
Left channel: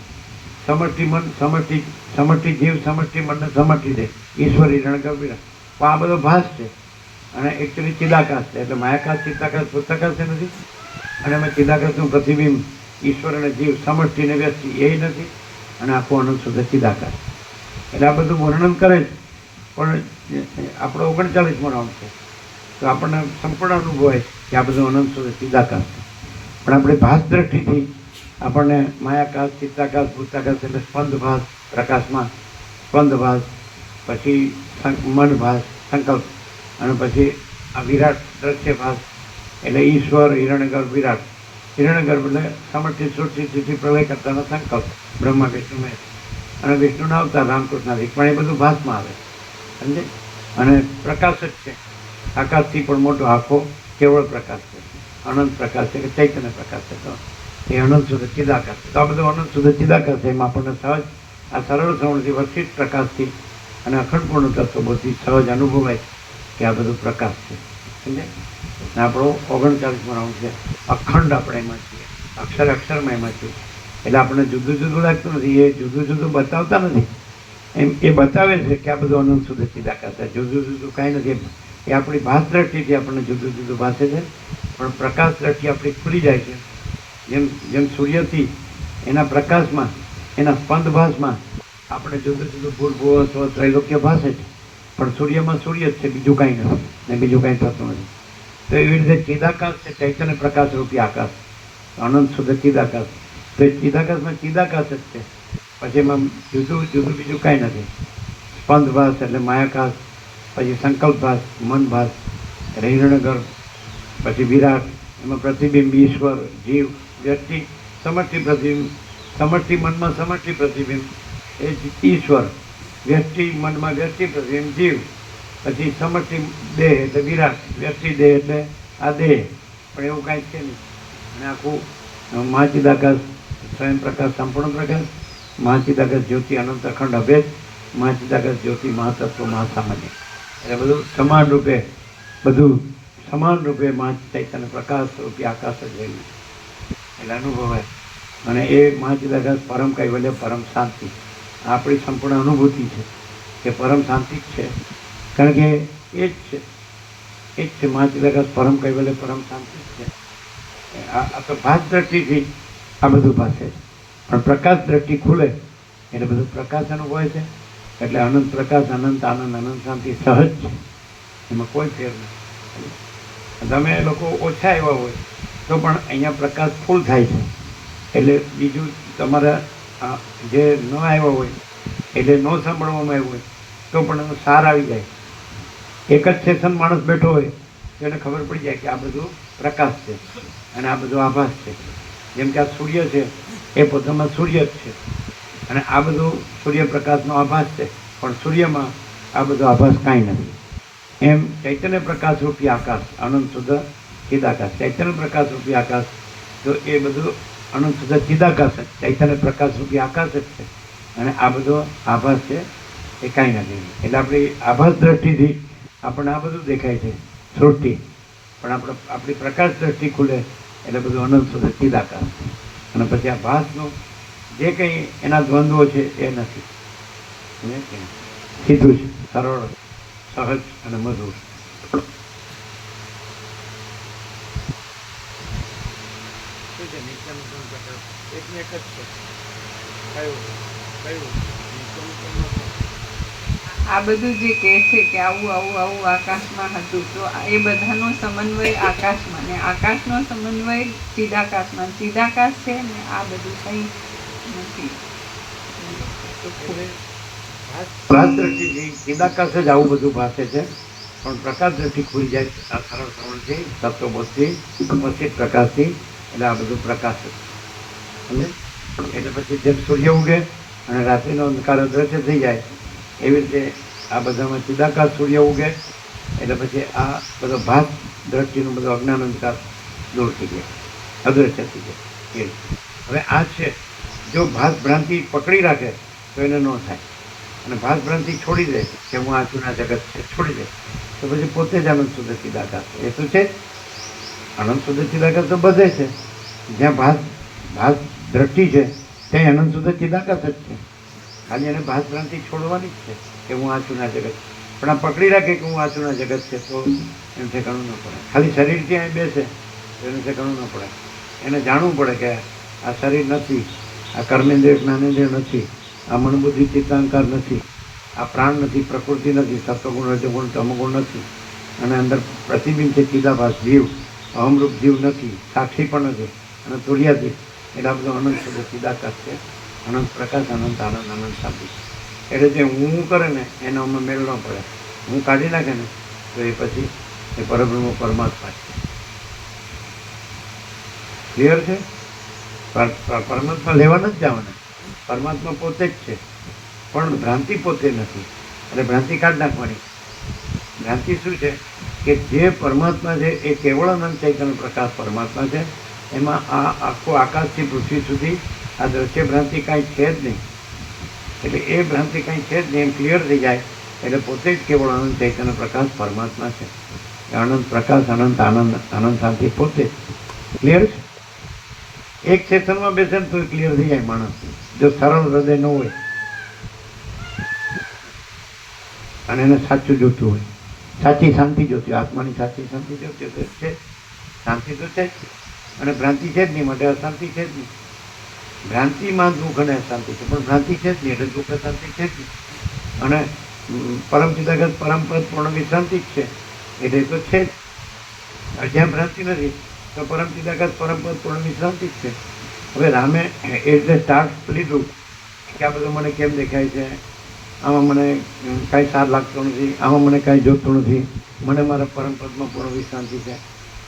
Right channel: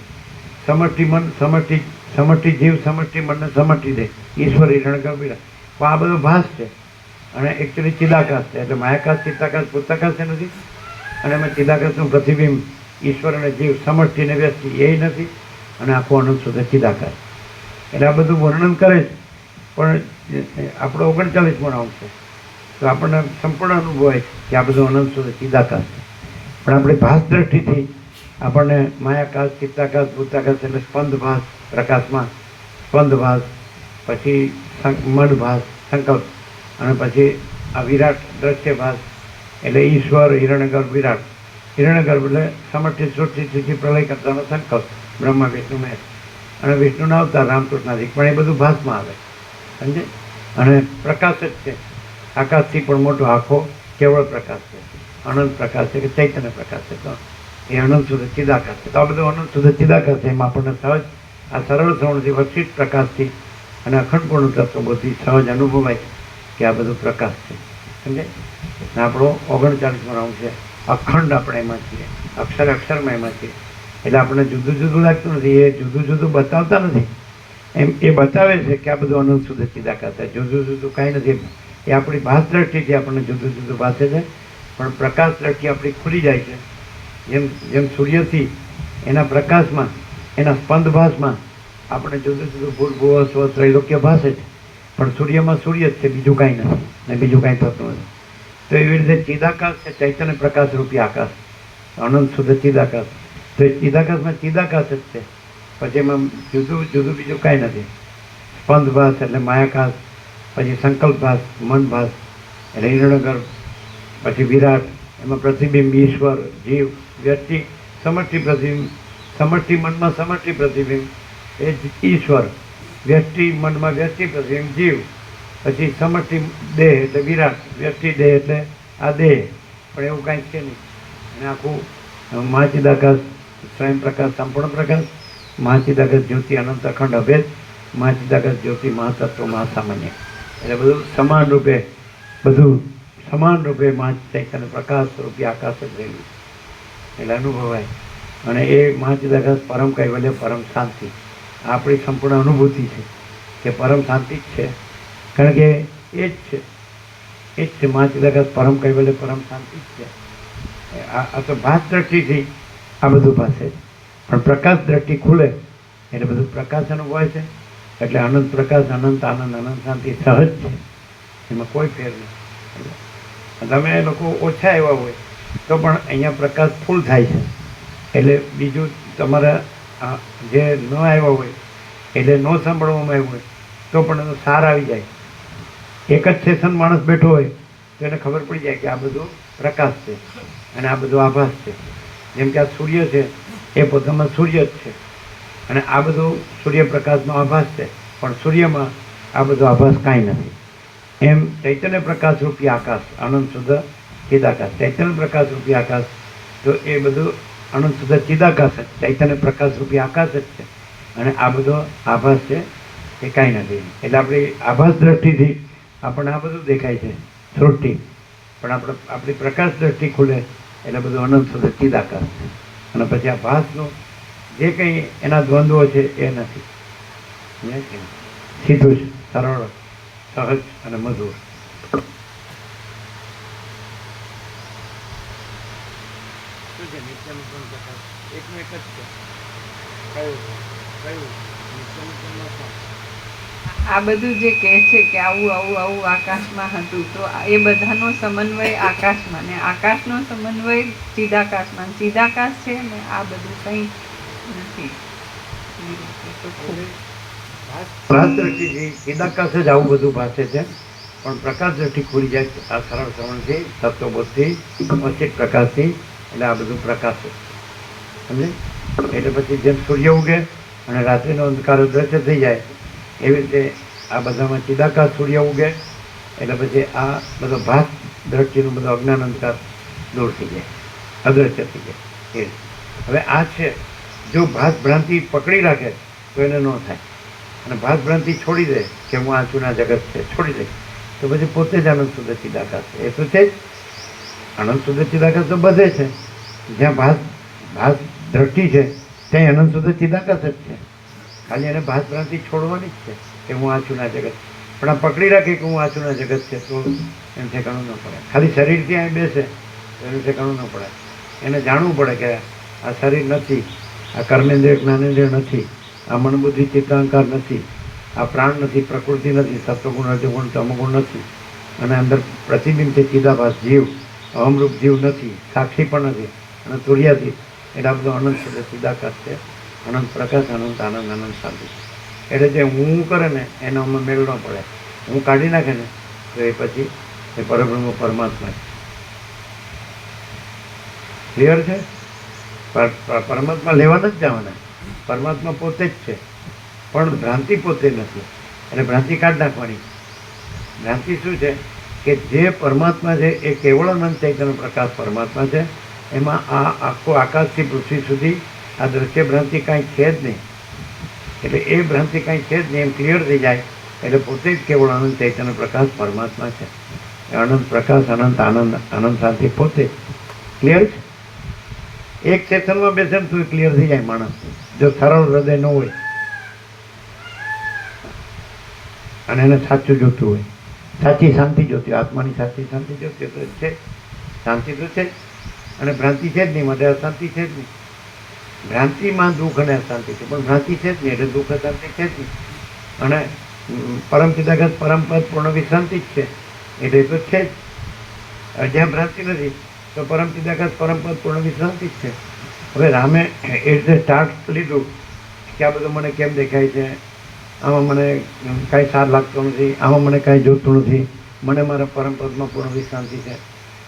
સમષ્ટિ મન સમષ્ટિ જીવ, સમષ્ટિ મનને સમષ્ટિ દે, ઈશ્વર હિરણ્ય ગર્ભ વિરાટ. તો આ બધો ભાસ છે અને એકચ્યુઅલી ચિદાકાશ છે. એટલે માયાકાશ, ચિત્તાકાશ, પુસ્તકાશ એ નથી. અને એમાં ચિદાકાશનું પ્રતિબિંબ ઈશ્વર અને જીવ, સમષ્ટિ ને વ્યષ્ટિ એ નથી. અને આખું અનંત શુદ્ધ ચિદાકાશ. એટલે આ બધું વર્ણન કરે છે, પણ આપણો 39મો રાઉન્ડ છે, તો આપણને સંપૂર્ણ અનુભવ હોય કે આ બધું અનંત શુદ્ધ ચિદાકાશ છે. પણ આપણે ભાસ દ્રષ્ટિથી આપણને માયાકાશ, ચિત્તાકાશ, ભૂતાકાશ એટલે સ્પંદ ભાસ પ્રકાશમાં, સ્પંદ ભાસ, પછી મન ભાસ સંકલ્પ, અને પછી આ વિરાટ દ્રશ્ય ભાસ એટલે ઈશ્વર હિરણ્યગર્ભ વિરાટ. હિરણ્યગર્ભ એટલે સમષ્ટિ સૃષ્ટિ પ્રલય કરતાનો સંકલ્પ, બ્રહ્મા વિષ્ણુ મહેશ, અને વિષ્ણુના અવતાર રામકૃષ્ણાદિક. પણ એ બધું ભાસમાં આવે, સમજે? અને પ્રકાશ જ છે, આકાશથી પણ મોટો આખો કેવળ પ્રકાશ છે, અનંત પ્રકાશ છે કે ચૈતન્ય પ્રકાશ છે. તો એ અનંત શુદ્ધ ચિદાકાશ છે. તો આ બધું અનંત શુદ્ધ ચિદાકાશ છે. એમાં આપણને સહજ આ સરળ શ્રવણથી વક્ષિત પ્રકાશથી અને અખંડપૂર્ણ તત્વોથી સહજ અનુભવાય કે આ બધું પ્રકાશ છે, સમજે? અને આપણો 39મો રાઉન્ડ છે, અખંડ આપણે એમાં છીએ, અક્ષરમાં એમાં છીએ. એટલે આપણને જુદું જુદું લાગતું નથી, એ જુદું જુદું બતાવતા નથી. એમ એ બતાવે છે કે આ બધું અનંત શુદ્ધ ચિદાકાશ છે, જુદું જુદું કાંઈ નથી. એ આપણી ભાસ દ્રષ્ટિથી આપણને જુદું જુદું ભાસે છે, પણ પ્રકાશ દ્રષ્ટિ આપણી ખુલી જાય છે. જેમ સૂર્યથી એના પ્રકાશમાં, એના સ્પંદ ભાસમાં આપણે જુદું જુદું ભૂર્ભુવ સ્વ ત્રૈલોક્ય ભાસે છે, પણ સૂર્યમાં સૂર્ય જ છે, બીજું કાંઈ નથી ને બીજું કાંઈ થતું નથી. તો એવી રીતે ચિદાકાશ છે, ચૈતન્ય પ્રકાશ રૂપી આકાશ, અનંત શુદ્ધ ચિદાકાશ. તો એ ચિદાકાશમાં ચિદાકાશ જ છે, પછી એમાં જુદું જુદું બીજું કાંઈ નથી. સ્પંદ ભાસ એટલે માયાકાશ, પછી સંકલ્પ ભાસ, મન ભાસ એટલે હિરણ્યગર્ભ, પછી વિરાટ, એમાં પ્રતિબિંબ ઈશ્વર, જીવ, વ્યક્તિ, સમષ્ટિ પ્રતિબિંબ, સમષ્ટિ મનમાં સમષ્ટિ પ્રતિબિંબ એ જ ઈશ્વર, વ્યક્તિ મનમાં વ્યક્તિ પ્રતિબિંબ જીવ, પછી સમષ્ટિ દેહ એટલે વિરાટ, વ્યક્તિ દેહ એટલે આ દેહ, પણ એવું કાંઈ છે નહીં. અને આખું મહાચિદાકાશ, સ્વયં પ્રકાશ, સંપૂર્ણ પ્રકાશ, મહાચિદાગત જ્યોતિ અનંત અખંડ અભેદ, મહાચિદાગત જ્યોતિ મહાતત્વ મહાસામાન્ય. એટલે બધું સમાન રૂપે ચૈતન્ય પ્રકાશ સ્વરૂપી આકાશ જ રહેલું છે એટલે અનુભવાય. અને એ મહાચિદાગત પરમ કૈવલ્ય, પરમ શાંતિ આપણી સંપૂર્ણ અનુભૂતિ છે કે પરમ શાંતિ જ છે, કારણ કે એ જ છે મહાચિદાગત પરમ કૈવલ્ય, પરમ શાંતિ જ છે. આ તો ભાસ દ્રષ્ટિથી આ બધું ભાષે, પણ પ્રકાશ દ્રષ્ટિ ખુલે એટલે બધું પ્રકાશ અનુભવાય છે. એટલે અનંત પ્રકાશ, અનંત આનંદ, અનંત શાંતિ સહજ છે, એમાં કોઈ ફેર નથી. તમે લોકો ઓછા એવા હોય તો પણ અહીંયા પ્રકાશ ફૂલ થાય છે. એટલે બીજું તમારા જે ન આવ્યા હોય એટલે ન સાંભળવામાં આવ્યું હોય તો પણ એનો સાર આવી જાય. એક જ સેશન માણસ બેઠો હોય તો એને ખબર પડી જાય કે આ બધું પ્રકાશ છે અને આ બધું આભાસ છે. જેમ કે આ સૂર્ય છે એ પોતામાં સૂર્ય જ છે અને આ બધું સૂર્યપ્રકાશનો આભાસ છે, પણ સૂર્યમાં આ બધો આભાસ કાંઈ નથી. એમ ચૈતન્ય પ્રકાશ રૂપી આકાશ, અનંત શુદ્ધ ચિદાકાશ, ચૈતન્ય પ્રકાશ રૂપી આકાશ, તો એ બધું અનંત શુદ્ધ ચિદાકાશ જ, ચૈતન્ય પ્રકાશ રૂપી આકાશ જ છે. અને આ બધો આભાસ છે એ કાંઈ નથી. એટલે આપણી આભાસ દ્રષ્ટિથી આપણને આ બધું દેખાય છે સૃષ્ટિ, પણ આપણી પ્રકાશ દ્રષ્ટિ ખુલે એટલે બધું અનંત શુદ્ધ ચિદાકાશ છે. અને પછી આ ભાસનું જે કંઈ એના દ્વંદ્વો છે એ નથી, સીધું જ, સરળ, સહજ અને મધુર. શું છે નિત્યાનુપમ પ્રકાશ? એકને એક જ છે. કયું નિત્યાનુપમનો શું? આ બધું જે કહે છે કે આવું આવું આવું આકાશમાં હતું, તો એ બધાનો સમન્વય આકાશમાં, ને આકાશનો સમન્વય ચિદાકાશમાં, ચિદાકાશ છે ને આ બધું કંઈ નથી. પ્રકાશ દ્રષ્ટિથી ચિદાકાશ જ આવું બધું ભાષે છે, પણ પ્રકાશ દ્રષ્ટિ ખુલી જાય આ સરળ શ્રવણથી, તત્વબોધથી, અચિત પ્રકાશથી, એટલે આ બધું પ્રકાશ જ સમજે. એટલે પછી જેમ સૂર્ય ઉગે અને રાત્રિનો અંધકાર અદ્રશ્ય થઈ જાય એવી રીતે આ બધામાં ચિદાકાશ સૂર્ય ઉગે એટલે પછી આ બધો ભાસ દ્રષ્ટિનું બધો અજ્ઞાન અંધકાર દૂર થઈ જાય, અદ્રશ્ય થઈ જાય. એ હવે આ છે, જો ભાસ ભ્રાંતિ પકડી રાખે તો એને ન થાય, અને ભાસ ભ્રાંતિ છોડી દે કે હું આ જૂના જગત છે છોડી દે તો પછી પોતે જ અનંત શુદ્ધ ચિદાકાશ છે. એ તો છે જ, અનંત શુદ્ધ ચિદાકાશ તો બધે છે. જ્યાં ભાસ દ્રષ્ટિ છે ત્યાં અનંત શુદ્ધ ચિદાકાશ જ છે. ખાલી એને ભાસ ભ્રાંતિ છોડવાની જ છે કે હું આ જૂના જગત, પણ આ પકડી રાખે કે હું આ જૂના જગત છે તો એને ઠેકાણું ન પડે. ખાલી શરીરથી અહીં બેસે તો એનું ઠેકાણું ન પડે. એને જાણવું પડે કે આ શરીર નથી, આ કર્મેન્દ્રિય જ્ઞાનેન્દ્રિય નથી, આ મનબુદ્ધિ ચિત્તાંકાર નથી, આ પ્રાણ નથી, પ્રકૃતિ નથી, સત્વગુણ રજોગુણ તમોગુણ નથી, અને અંદર પ્રતિબિંબ છે ચિદાભાસ જીવ, અહમરૂપ જીવ નથી, સાક્ષી પણ નથી, અને તુર્યાથી. એટલે આ બધું અનંત શુદ્ધ ચિદાકાશ છે, અનંત પ્રકાશ, અનંત આનંદ, અનંત શાંતિ. એટલે જે હું કરે ને એનો અમે મેળ ન પડે. હું કાઢી નાખે ને તો એ પછી એ પરબ્રહ્મ પરમાત્મા છે. ક્લિયર છે? પરમાત્મા લેવા નથી જવાના, પરમાત્મા પોતે જ છે, પણ ભ્રાંતિ પોતે નથી. એટલે ભ્રાંતિ કાઢી નાખવાની. ભ્રાંતિ શું છે કે જે પરમાત્મા છે એ કેવળ અનંત ચૈતન્ય પ્રકાશ પરમાત્મા છે. એમાં આ આખો આકાશથી પૃથ્વી સુધી આ દ્રશ્ય ભ્રાંતિ કાંઈ છે જ નહીં. એટલે એ ભ્રાંતિ કાંઈ છે જ નહીં એમ ક્લિયર થઈ જાય એટલે પોતે જ કેવળ અનંત ચૈતન્ય પ્રકાશ પરમાત્મા છે. અનંત પ્રકાશ, અનંત આનંદ, અનંત શાંતિ પોતે ક્લિયર છે. એક સેશનમાં બેસે ને તો ક્લિયર થઈ જાય માણસ, જો સરળ હૃદય ન હોય અને એને સાચું જોતું હોય, સાચી શાંતિ જોતી હોય, આત્માની સાચી શાંતિ જોતી હોય તો છે. શાંતિ તો છે અને ભ્રાંતિ છે જ નહીં, માટે અશાંતિ છે જ નહીં. ભ્રાંતિમાં દુઃખ અને અશાંતિ છે, પણ ભ્રાંતિ છે જ નહીં એટલે દુઃખ અશાંતિ છે જ નહીં. અને પરમ ચિદાકાશ પરમ પદ પૂર્ણ વિશ્રાંતિ જ છે એટલે તો છે જ. જ્યાં ભ્રાંતિ નથી તો પરમ ચિદાકાશ પરમ પદ પૂર્ણ વિશ્રાંતિ જ છે. હવે રામે એ રીતે સ્ટાર્ટ લીધું કે આ બધું મને કેમ દેખાય છે, આમાં મને કાંઈ સાર લાગતું નથી, આમાં મને કાંઈ જોતું નથી, મને મારા પરમ પદમાં પૂર્ણ વિશ્રાંતિ છે.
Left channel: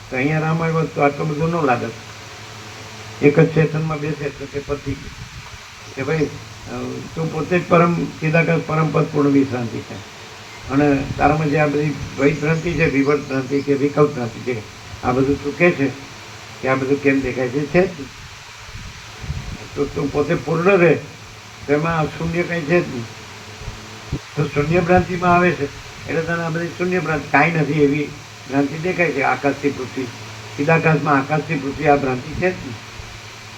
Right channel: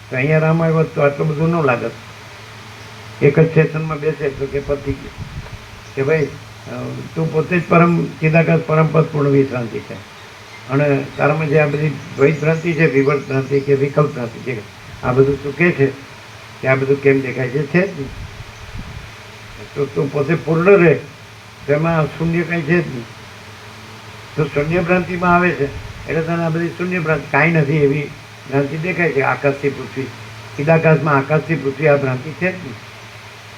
તો અહીંયા રામ આવ્યો તો આટલું બધું ન લાગત. એક જ સેશનમાં બેસે તો કે પતી ગયું કે ભાઈ તું પોતે જ પરમ ચિદાકાશ પરમ પદ પૂર્ણ વિશ્રાંતિ છે. અને તારામાં જે આ બધી દ્વૈત ભ્રાંતિ છે, વિવર્ત ભ્રાંતિ કે વિકલ્પ ભ્રાંતિ છે, આ બધું તું કહે છે કે આ બધું કેમ દેખાય છે જ. તો તું પોતે પૂર્ણ રહે તેમાં શૂન્ય કંઈ છે જ નહીં. તો શૂન્ય ભ્રાંતિમાં આવે છે એટલે તને આ બધી શૂન્ય ભ્રાંતિ કાંઈ નથી એવી ભ્રાંતિ દેખાય છે. આકાશથી પૃથ્વી, ચિદાકાશમાં આકાશથી પૃથ્વી આ ભ્રાંતિ છે જ નહીં.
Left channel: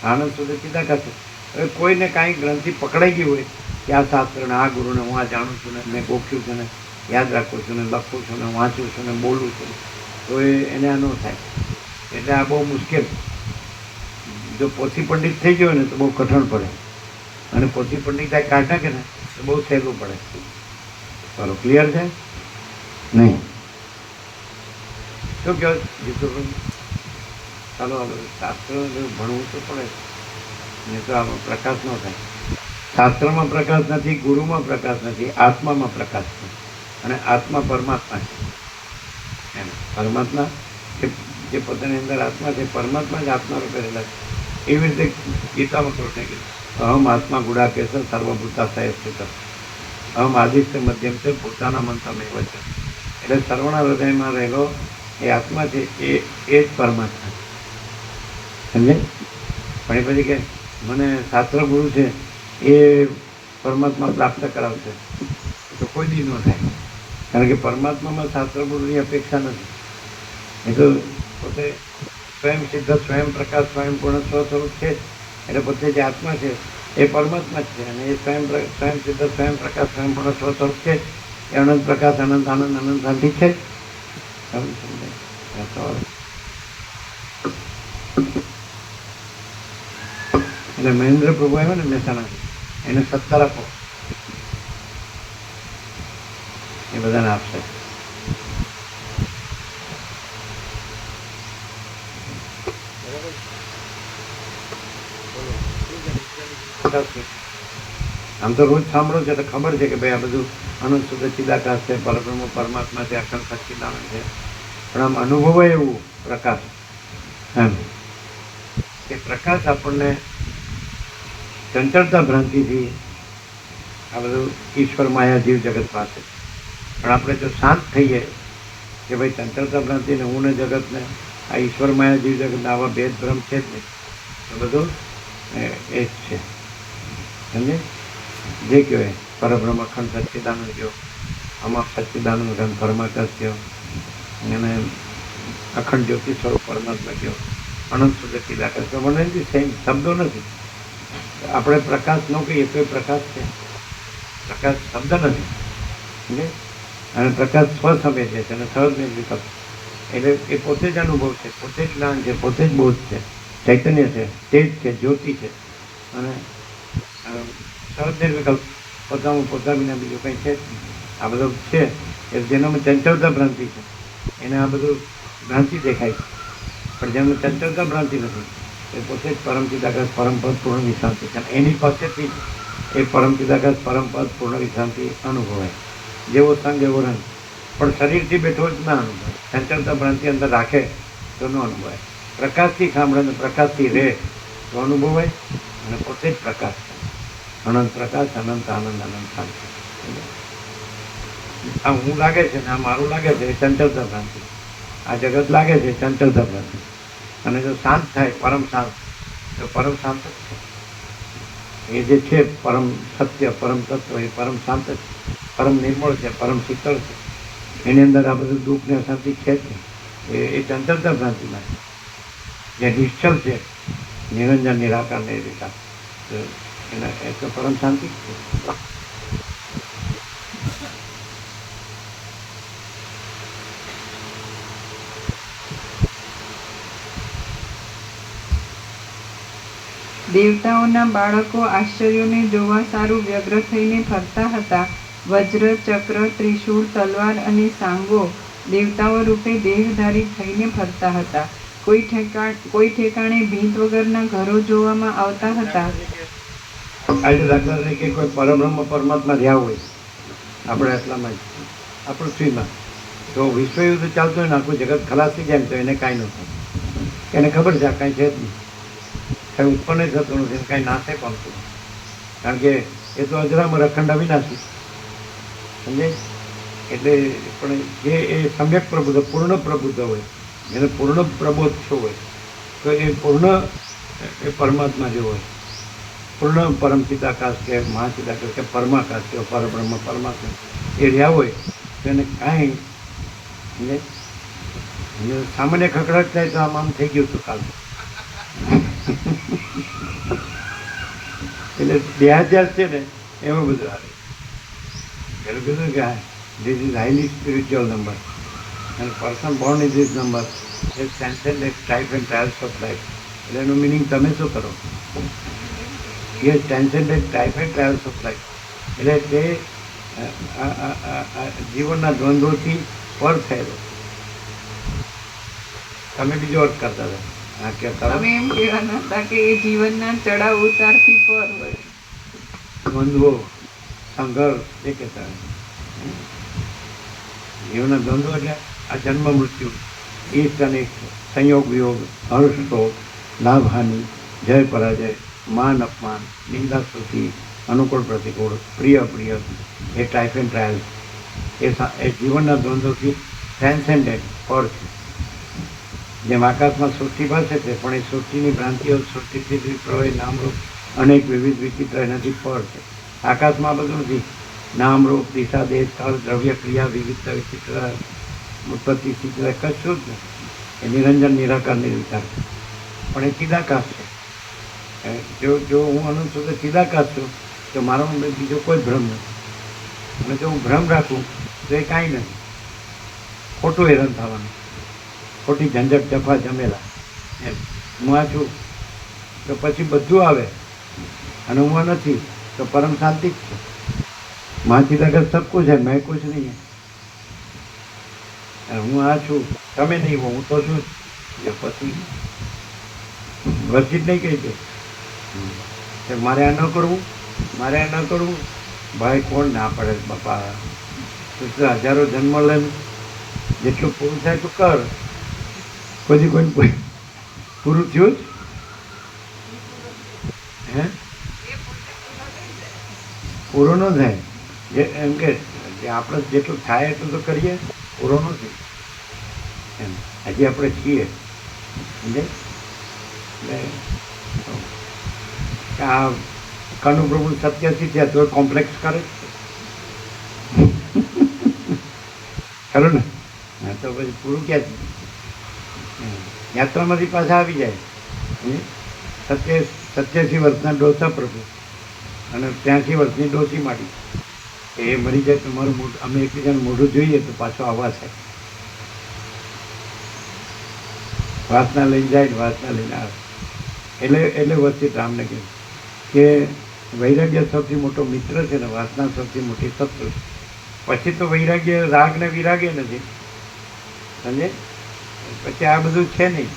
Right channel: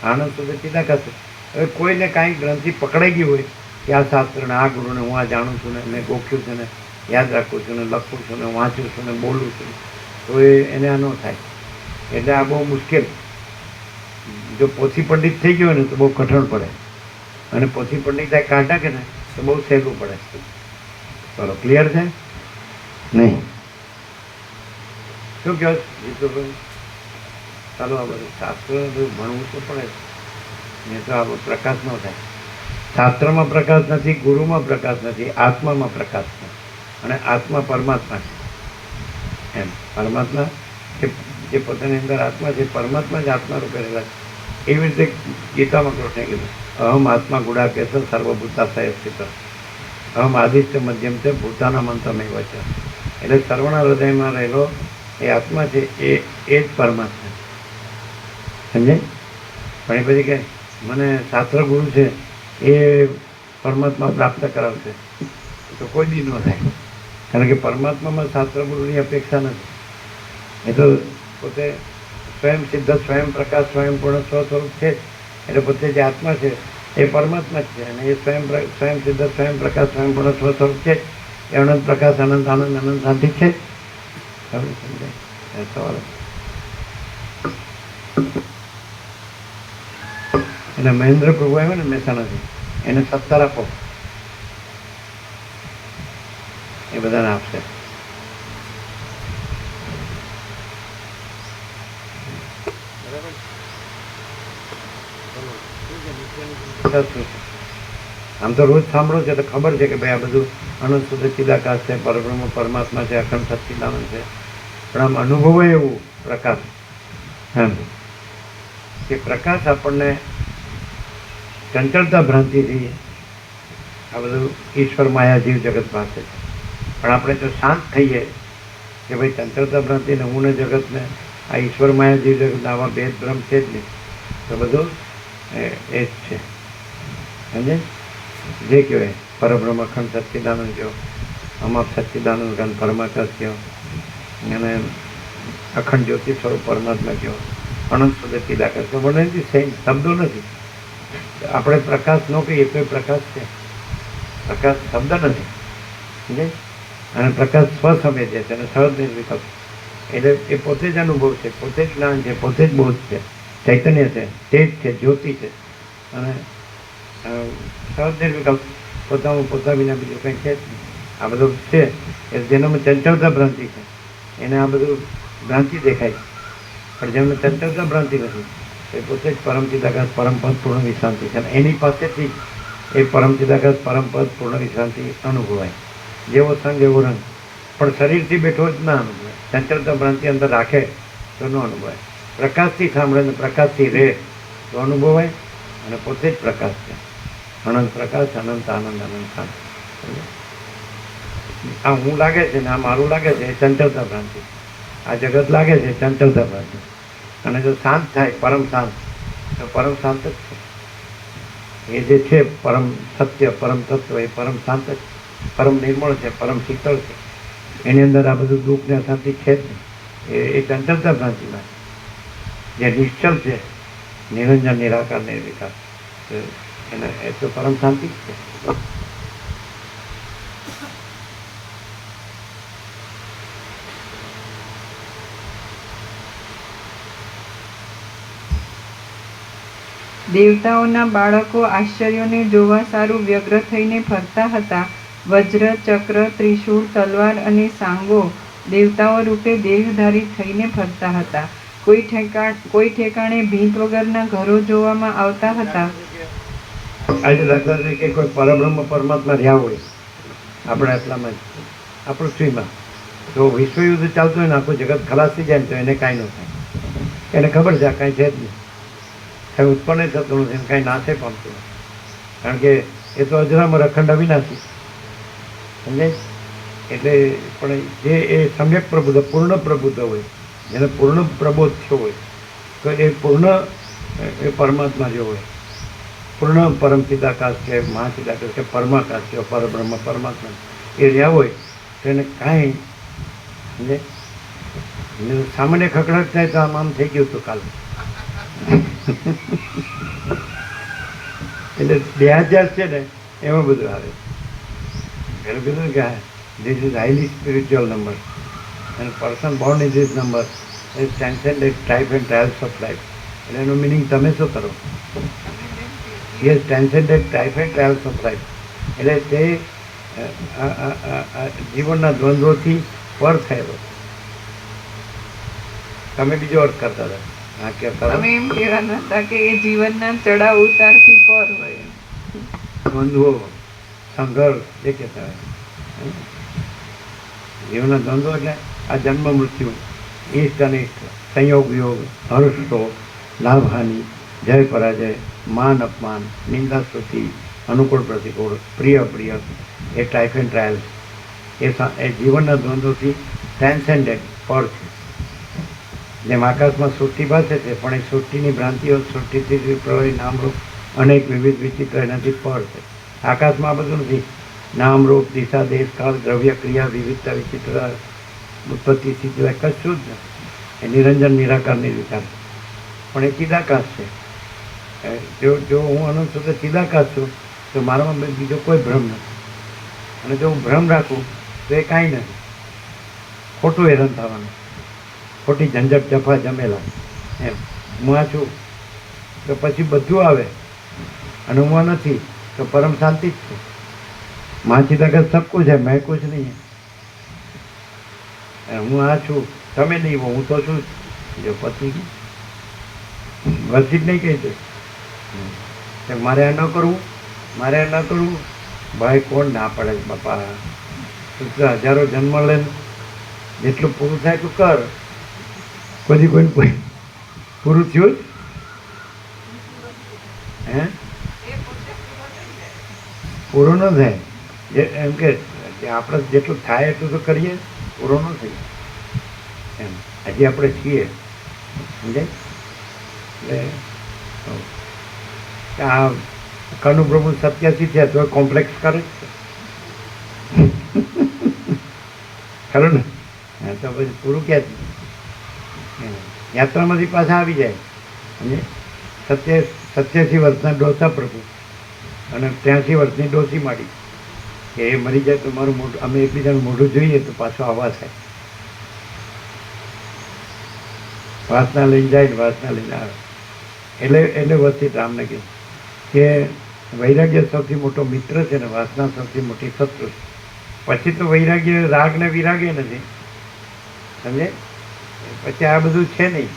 આનંદ સુધી ચિદાકાશ. હવે કોઈને કાંઈ ગ્રંથિ પકડાઈ ગઈ હોય કે આ શાસ્ત્રને, આ ગુરુને હું આ જાણું છું ને મેં ગોખ્યું છે ને યાદ રાખું છું ને લખું છું ને વાંચું છું ને બોલું છું, તો એને આ ન થાય. એટલે આ બહુ મુશ્કેલ. જો પોથી પંડિત થઈ ગયો ને તો બહુ કઠણ પડે, અને પોથી પંડિત કાઢ નાખે ને તો બહુ સહેલું પડે. બરો ક્લિયર છે? નહીં શું કહો જીતુભાઈ? ચાલો આ બધું શાસ્ત્રોનું બધું ભણવું તો પડે, નહીં તો આ પ્રકાશ ન થાય. શાસ્ત્રમાં પ્રકાશ નથી, ગુરુમાં પ્રકાશ નથી, આત્મામાં પ્રકાશ છે. અને આત્મા પરમાત્મા છે. એમ પરમાત્મા જે પોતાની અંદર આત્મા છે, પરમાત્મા જ આત્મા રૂપે રહેલા છે. એવી રીતે ગીતામાં કૃષ્ણે કીધું, અહમ આત્મા ગુડાકેશ સર્વભૂતાશય સ્થિત, અહમ આદિત્ય મધ્યમ છે ભૂતાના મંતમેવ છે. એટલે સર્વના હૃદયમાં રહેલો એ આત્મા છે, એ જ પરમાત્મા. સમજે? પણ એ પછી કે મને શાસ્ત્ર ગુરુ છે એ પરમાત્મા પ્રાપ્ત કરાવશે, તો કોઈ દી ન થાય. કારણ કે પરમાત્મામાં શાસ્ત્ર ગુરુની અપેક્ષા નથી. એ તો પોતે સ્વયં સિદ્ધ, સ્વયં પ્રકાશ, સ્વયં પૂર્ણ સ્વસ્વરૂપ છે. એટલે પોતે જે આત્મા છે એ પરમાત્મા જ છે, અને એ સ્વયં સિદ્ધ, સ્વયં પ્રકાશ, સ્વયં પૂર્ણ સ્વસ્વરૂપ છે. એ અનંત પ્રકાશ, અનંત આનંદ, અનંત શાંતિ છે. એટલે મહેન્દ્ર પ્રભુ આવ્યો ને મહેસાણાથી, એને 17 આપો, એ બધાને આપશે. આમ તો રોજ સાંભળો છે એટલે ખબર છે કે ભાઈ આ બધું અનંત શુદ્ધ ચિદાકાશ છે, પરબ્રહ્મ પરમાત્મા છે, અખંડ સચ્ચિદાનંદ છે. પણ આમ અનુભવાય એવું પ્રકાશ, એમ કે પ્રકાશ આપણને ચંચળતા ભ્રાંતિથી આ બધું ઈશ્વર માયા જીવ જગત પાસે છે. પણ આપણે જો શાંત થઈએ કે ભાઈ ચંચળતા ભ્રાંતિને હું ને જગતને આ ઈશ્વર માયા જીવ જગતને આવા ભેદ ભ્રમ છે જ નહીં, તો બધું એ જ છે. સમજે? જે કહેવાય પરબ્રહ્મ અખંડ સચ્ચિદાનંદ કહો, અમાપ સચ્ચિદાનંદ ઘન પરમાકાશ કહો, અને અખંડ જ્યોતિ સ્વરૂપ પરમાત્મા કહો, અનંત શુદ્ધ ચિદાકાશ. તો મને સેમ શબ્દો નથી. આપણે પ્રકાશ ન કહીએ તો એ પ્રકાશ છે. પ્રકાશ શબ્દ નથી. સમજે? અને પ્રકાશ સ્વસમય છે અને સહજ નિર્વિકલ્પ. એટલે એ પોતે જ અનુભવ છે, પોતે જ જ્ઞાન છે, પોતે જ બોધ છે, ચૈતન્ય છે, તેજ છે, જ્યોતિ છે. અને સહજ નિર્વિકલ્પ પોતાનું પોતા વિના બીજું કંઈ છે જ નહીં. આ બધું છે એ જેનામાં ચંચળતા ભ્રાંતિ છે એને આ બધું ભ્રાંતિ દેખાય છે. પણ જેમને ચંચળતા ભ્રાંતિ નથી એ પોતે જ પરમ ચિદાકાશ પરમપદ પૂર્ણ વિશ્રાંતિ છે. એની પાસેથી એ પરમ ચિદાકાશ પરમપદ પૂર્ણ વિશ્રાંતિ અનુભવાય. જેવો સંગ એવો રંગ. પણ શરીરથી બેઠો જ ના અનુભવાય. ચંચળતા ભ્રાંતિ અંદર રાખે તો ન અનુભવાય. પ્રકાશથી સાંભળે ને પ્રકાશથી રહે તો અનુભવાય. અને પોતે જ પ્રકાશ છે. અનંત પ્રકાશ, અનંત આનંદ, અનંત શાંતિ. આ હું લાગે છે ને આ મારું લાગે છે એ ચંચળતા ભ્રાંતિ. આ જગત લાગે છે ચંચળતા ભ્રાંતિ. અને જો શાંત થાય પરમ શાંત તો પરમ શાંત જ છે. એ જે છે પરમ સત્ય, પરમ તત્વ એ પરમ શાંત જ છે, પરમ નિર્મળ છે, પરમ શીતળ છે. એની અંદર આ બધું દુઃખ ને અશાંતિ છે જ નહીં. એ ચંચળતા ભ્રાંતિમાં જે નિશ્ચલ છે, નિરંજન નિરાકાર નિર્વિકાર, એને એ તો પરમ શાંતિ જ છે. દેવતાઓના બાળકો આશ્ચર્યોને જોવા સારું વ્યગ્ર થઈને ફરતા હતા. વજ્ર, ચક્ર, ત્રિશૂળ, તલવાર અને સાંગો દેવતાઓ રૂપે દેહધારી થઈને ફરતા હતા. કોઈ ઠેકાણે ભીંત વગરના ઘરો જોવામાં આવતા હતા. આજે દાખલા તરીકે કોઈ પરબ્રહ્મ પરમાત્મા રહ્યા હોય આપણે આટલામાં જ આ પૃથ્વીમાં, તો વિશ્વયુદ્ધ ચાલતું હોય ને આખું જગત ખલાસ થઈ જાય ને તો એને કાંઈ ન થાય. એને ખબર છે આ કાંઈ છે જ નહીં, કાંઈ ઉત્પન્ન થતું નથી, કાંઈ નાશે પામતું નથી. કારણ કે એ તો અજરામાં અખંડ અવિનાશી. સમજે? એટલે પણ જે એ સમ્યક પ્રબુદ્ધ, પૂર્ણ પ્રબુદ્ધ હોય, જેને પૂર્ણ પ્રબોધ થયો હોય, તો એ પૂર્ણ એ પરમાત્મા જેવો હોય. પૂર્ણ પરમ ચિદાકાશ કે મહાચિદાકાશ કે પરમાકાશ કે પરબ્રહ્મ પરમાત્મા એ રહ્યા હોય તો એને કાંઈ સમજે અને સામાન્ય ખકડાટ થાય તો આમ થઈ ગયું હતું કાલે. એટલે દેહાધ્યાસ છે ને એમાં બધું આવે. પેલું કીધું કે this is highly spiritual number and person born in this number is transcended type and trials of life. એટલે એનું મિનિંગ તમે શું કરો? He has transcended type and trials of life. એટલે તે જીવનના દ્વંદ્વોથી પર થયેલો. તમે બીજો અર્થ કરતા હતા. હા, કહેતા તમે એમ કહેવાના હતા કે એ જીવનના ચડાવ ઉતારથી પર હોય. દ્વંદ્વો, સંઘર્ષ એ કહેતા હતા. જીવનના દ્વંદ્વો એટલે આ જન્મ મૃત્યુ, ઈષ્ટ અનિષ્ટ, સંયોગ વિયોગ, હર્ષ શોક, લાભ હાનિ, જય પરાજય, માન અપમાન, નિંદા સ્તુતિ, અનુકૂળ પ્રતિકૂળ, પ્રિય અપ્રિય, એ ટાઈપ એન્ડ ટ્રાયલ્સ એ જીવનના દ્વંદ્વોથી ટ્રાન્સેન્ડેડ પર છે. જેમ આકાશમાં સૃષ્ટિ પાસે છે પણ એ સૃષ્ટિની ભ્રાંતિઓ સૃષ્ટિથી પ્રવાહી નામરૂપ અનેક વિવિધ વિચિત્ર એનાથી પર છે. આકાશમાં આ બધું નથી. નામરૂપ, દિશા, દેશ, કાળ, દ્રવ્ય, ક્રિયા, વિવિધતા, વિચિત્ર, ઉત્પત્તિ સ્થિતિ કશું જ નથી. એ નિરંજન નિરાકારની વિચાર છે પણ એ ચિદાકાશ છે. જો હું અનંત સુધી ચિદાકાશ છું તો મારામાં બીજો કોઈ ભ્રમ નથી. અને જો હું ભ્રમ રાખું તો એ કાંઈ નથી. ખોટું હેરાન થવાનું, ખોટી ઝંઝટ જફા જમેલા. એમ હું આ છું તો પછી બધું આવે અને હું આ નથી તો પરમ શાંતિ જ છે. મહાચિદાકાશ સબ કુછ है, मैं कुछ नहीं है. હું આ છું, તમે નહીં હો, હું તો છું જ. જો પછી વર્ષિત નહીં કહી દે મારે આ ન કરવું, મારે આ ન કરવું. ભાઈ કોણ ના પડે બાપા? તું હજારો જન્મ લે, જેટલું પૂરું થાય તું કર. પછી કોઈ પૂરું થયું જ હે? પૂરું ન થાય એમ કે આપણે જેટલું થાય એટલું તો કરીએ, પૂરો નથી એમ. હજી આપણે છીએ સમજે. એટલે આ કનુ પ્રભુ 87 થયા તો કોમ્પ્લેક્સ કરે ખરું ને? હા, તો પછી પૂરું ક્યાંથી? યાત્રામાંથી પાછા આવી જાય. 87 વર્ષના ડોસા પ્રભુ અને 83 વર્ષની ડોસી માડી કે એ મરી જાય તો મારું મોઢું, અમે એકબીજાનું મોઢું જોઈએ તો પાછો આવા થાય. વાસના લઈને જાય ને વાસના લઈને આવે. એટલે વસ્તી રામને કીધું કે વૈરાગ્ય સૌથી મોટો મિત્ર છે ને વાસના સૌથી મોટી શત્રુ છે. પછી તો વૈરાગ્ય રાગ ને વિરાગે નથી સમજે. પછી આ બધું છે નહીં,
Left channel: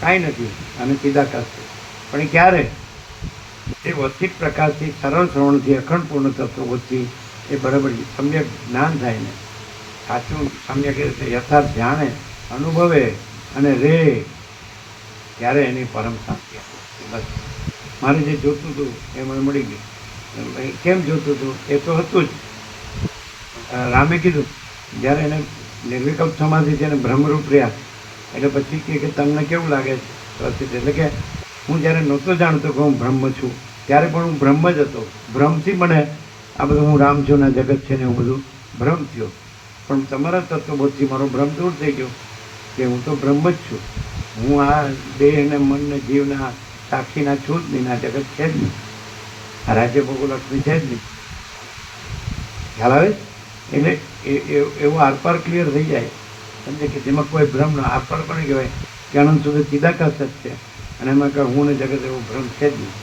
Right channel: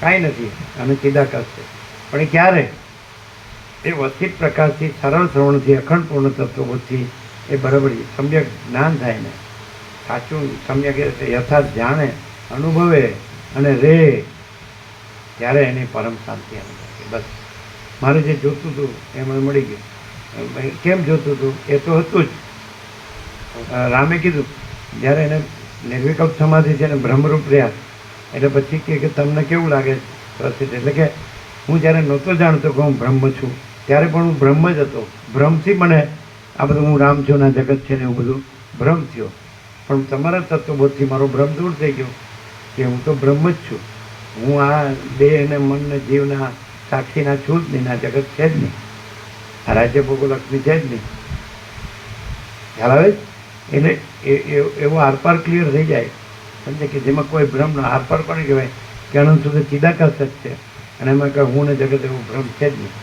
કાંઈ નથી. અને ચિદાકાશ છે પણ એ ક્યારે? એ વસ્તિક પ્રકાશથી, સરળ શ્રવણથી, અખંડ પૂર્ણ તત્વોથી એ બરાબર સમ્યક જ્ઞાન થાય ને, સાચું સમ્યક યથાર્થ જાણે, અનુભવે અને રે ત્યારે એની પરમ શાંતિ આવે. બસ મારે જે જોતું હતું એ મને મળી ગયું. કેમ જોતું હતું? એ તો હતું જ. રામે કીધું જ્યારે એને નિર્વિકલ્પ સમાધિ છે ને બ્રહ્મરૂપ રહ્યા એટલે પછી કે તમને કેવું લાગે છે પ્રસિદ્ધ? એટલે કે હું જ્યારે નહોતો જાણતો કે હું બ્રહ્મ છું ત્યારે પણ હું બ્રહ્મ જ હતો. ભ્રમથી મને આ બધું હું રામ છું ના જગત છે ને એવું બધું ભ્રમ થયો. પણ તમારા તત્વબોધથી મારો ભ્રમ દૂર થઈ ગયો કે હું તો બ્રહ્મ જ છું. હું આ દેહ ને મન ને જીવના સાક્ષીના છું જ નહીં, ના જગત છે જ નહીં, આ રાજ્ય ભોગોલક્ષ્મી છે જ નહીં. ખ્યાલ આવે? એટલે એવો આરપાર ક્લિયર થઈ જાય સમજે કે જેમાં કોઈ ભ્રમ ના. આરપાર કોને કહેવાય? કે અનંત સુધી ચિદાકાશ જ છે અને એમાં કે હું ને જગત એવો ભ્રમ છે જ નહીં.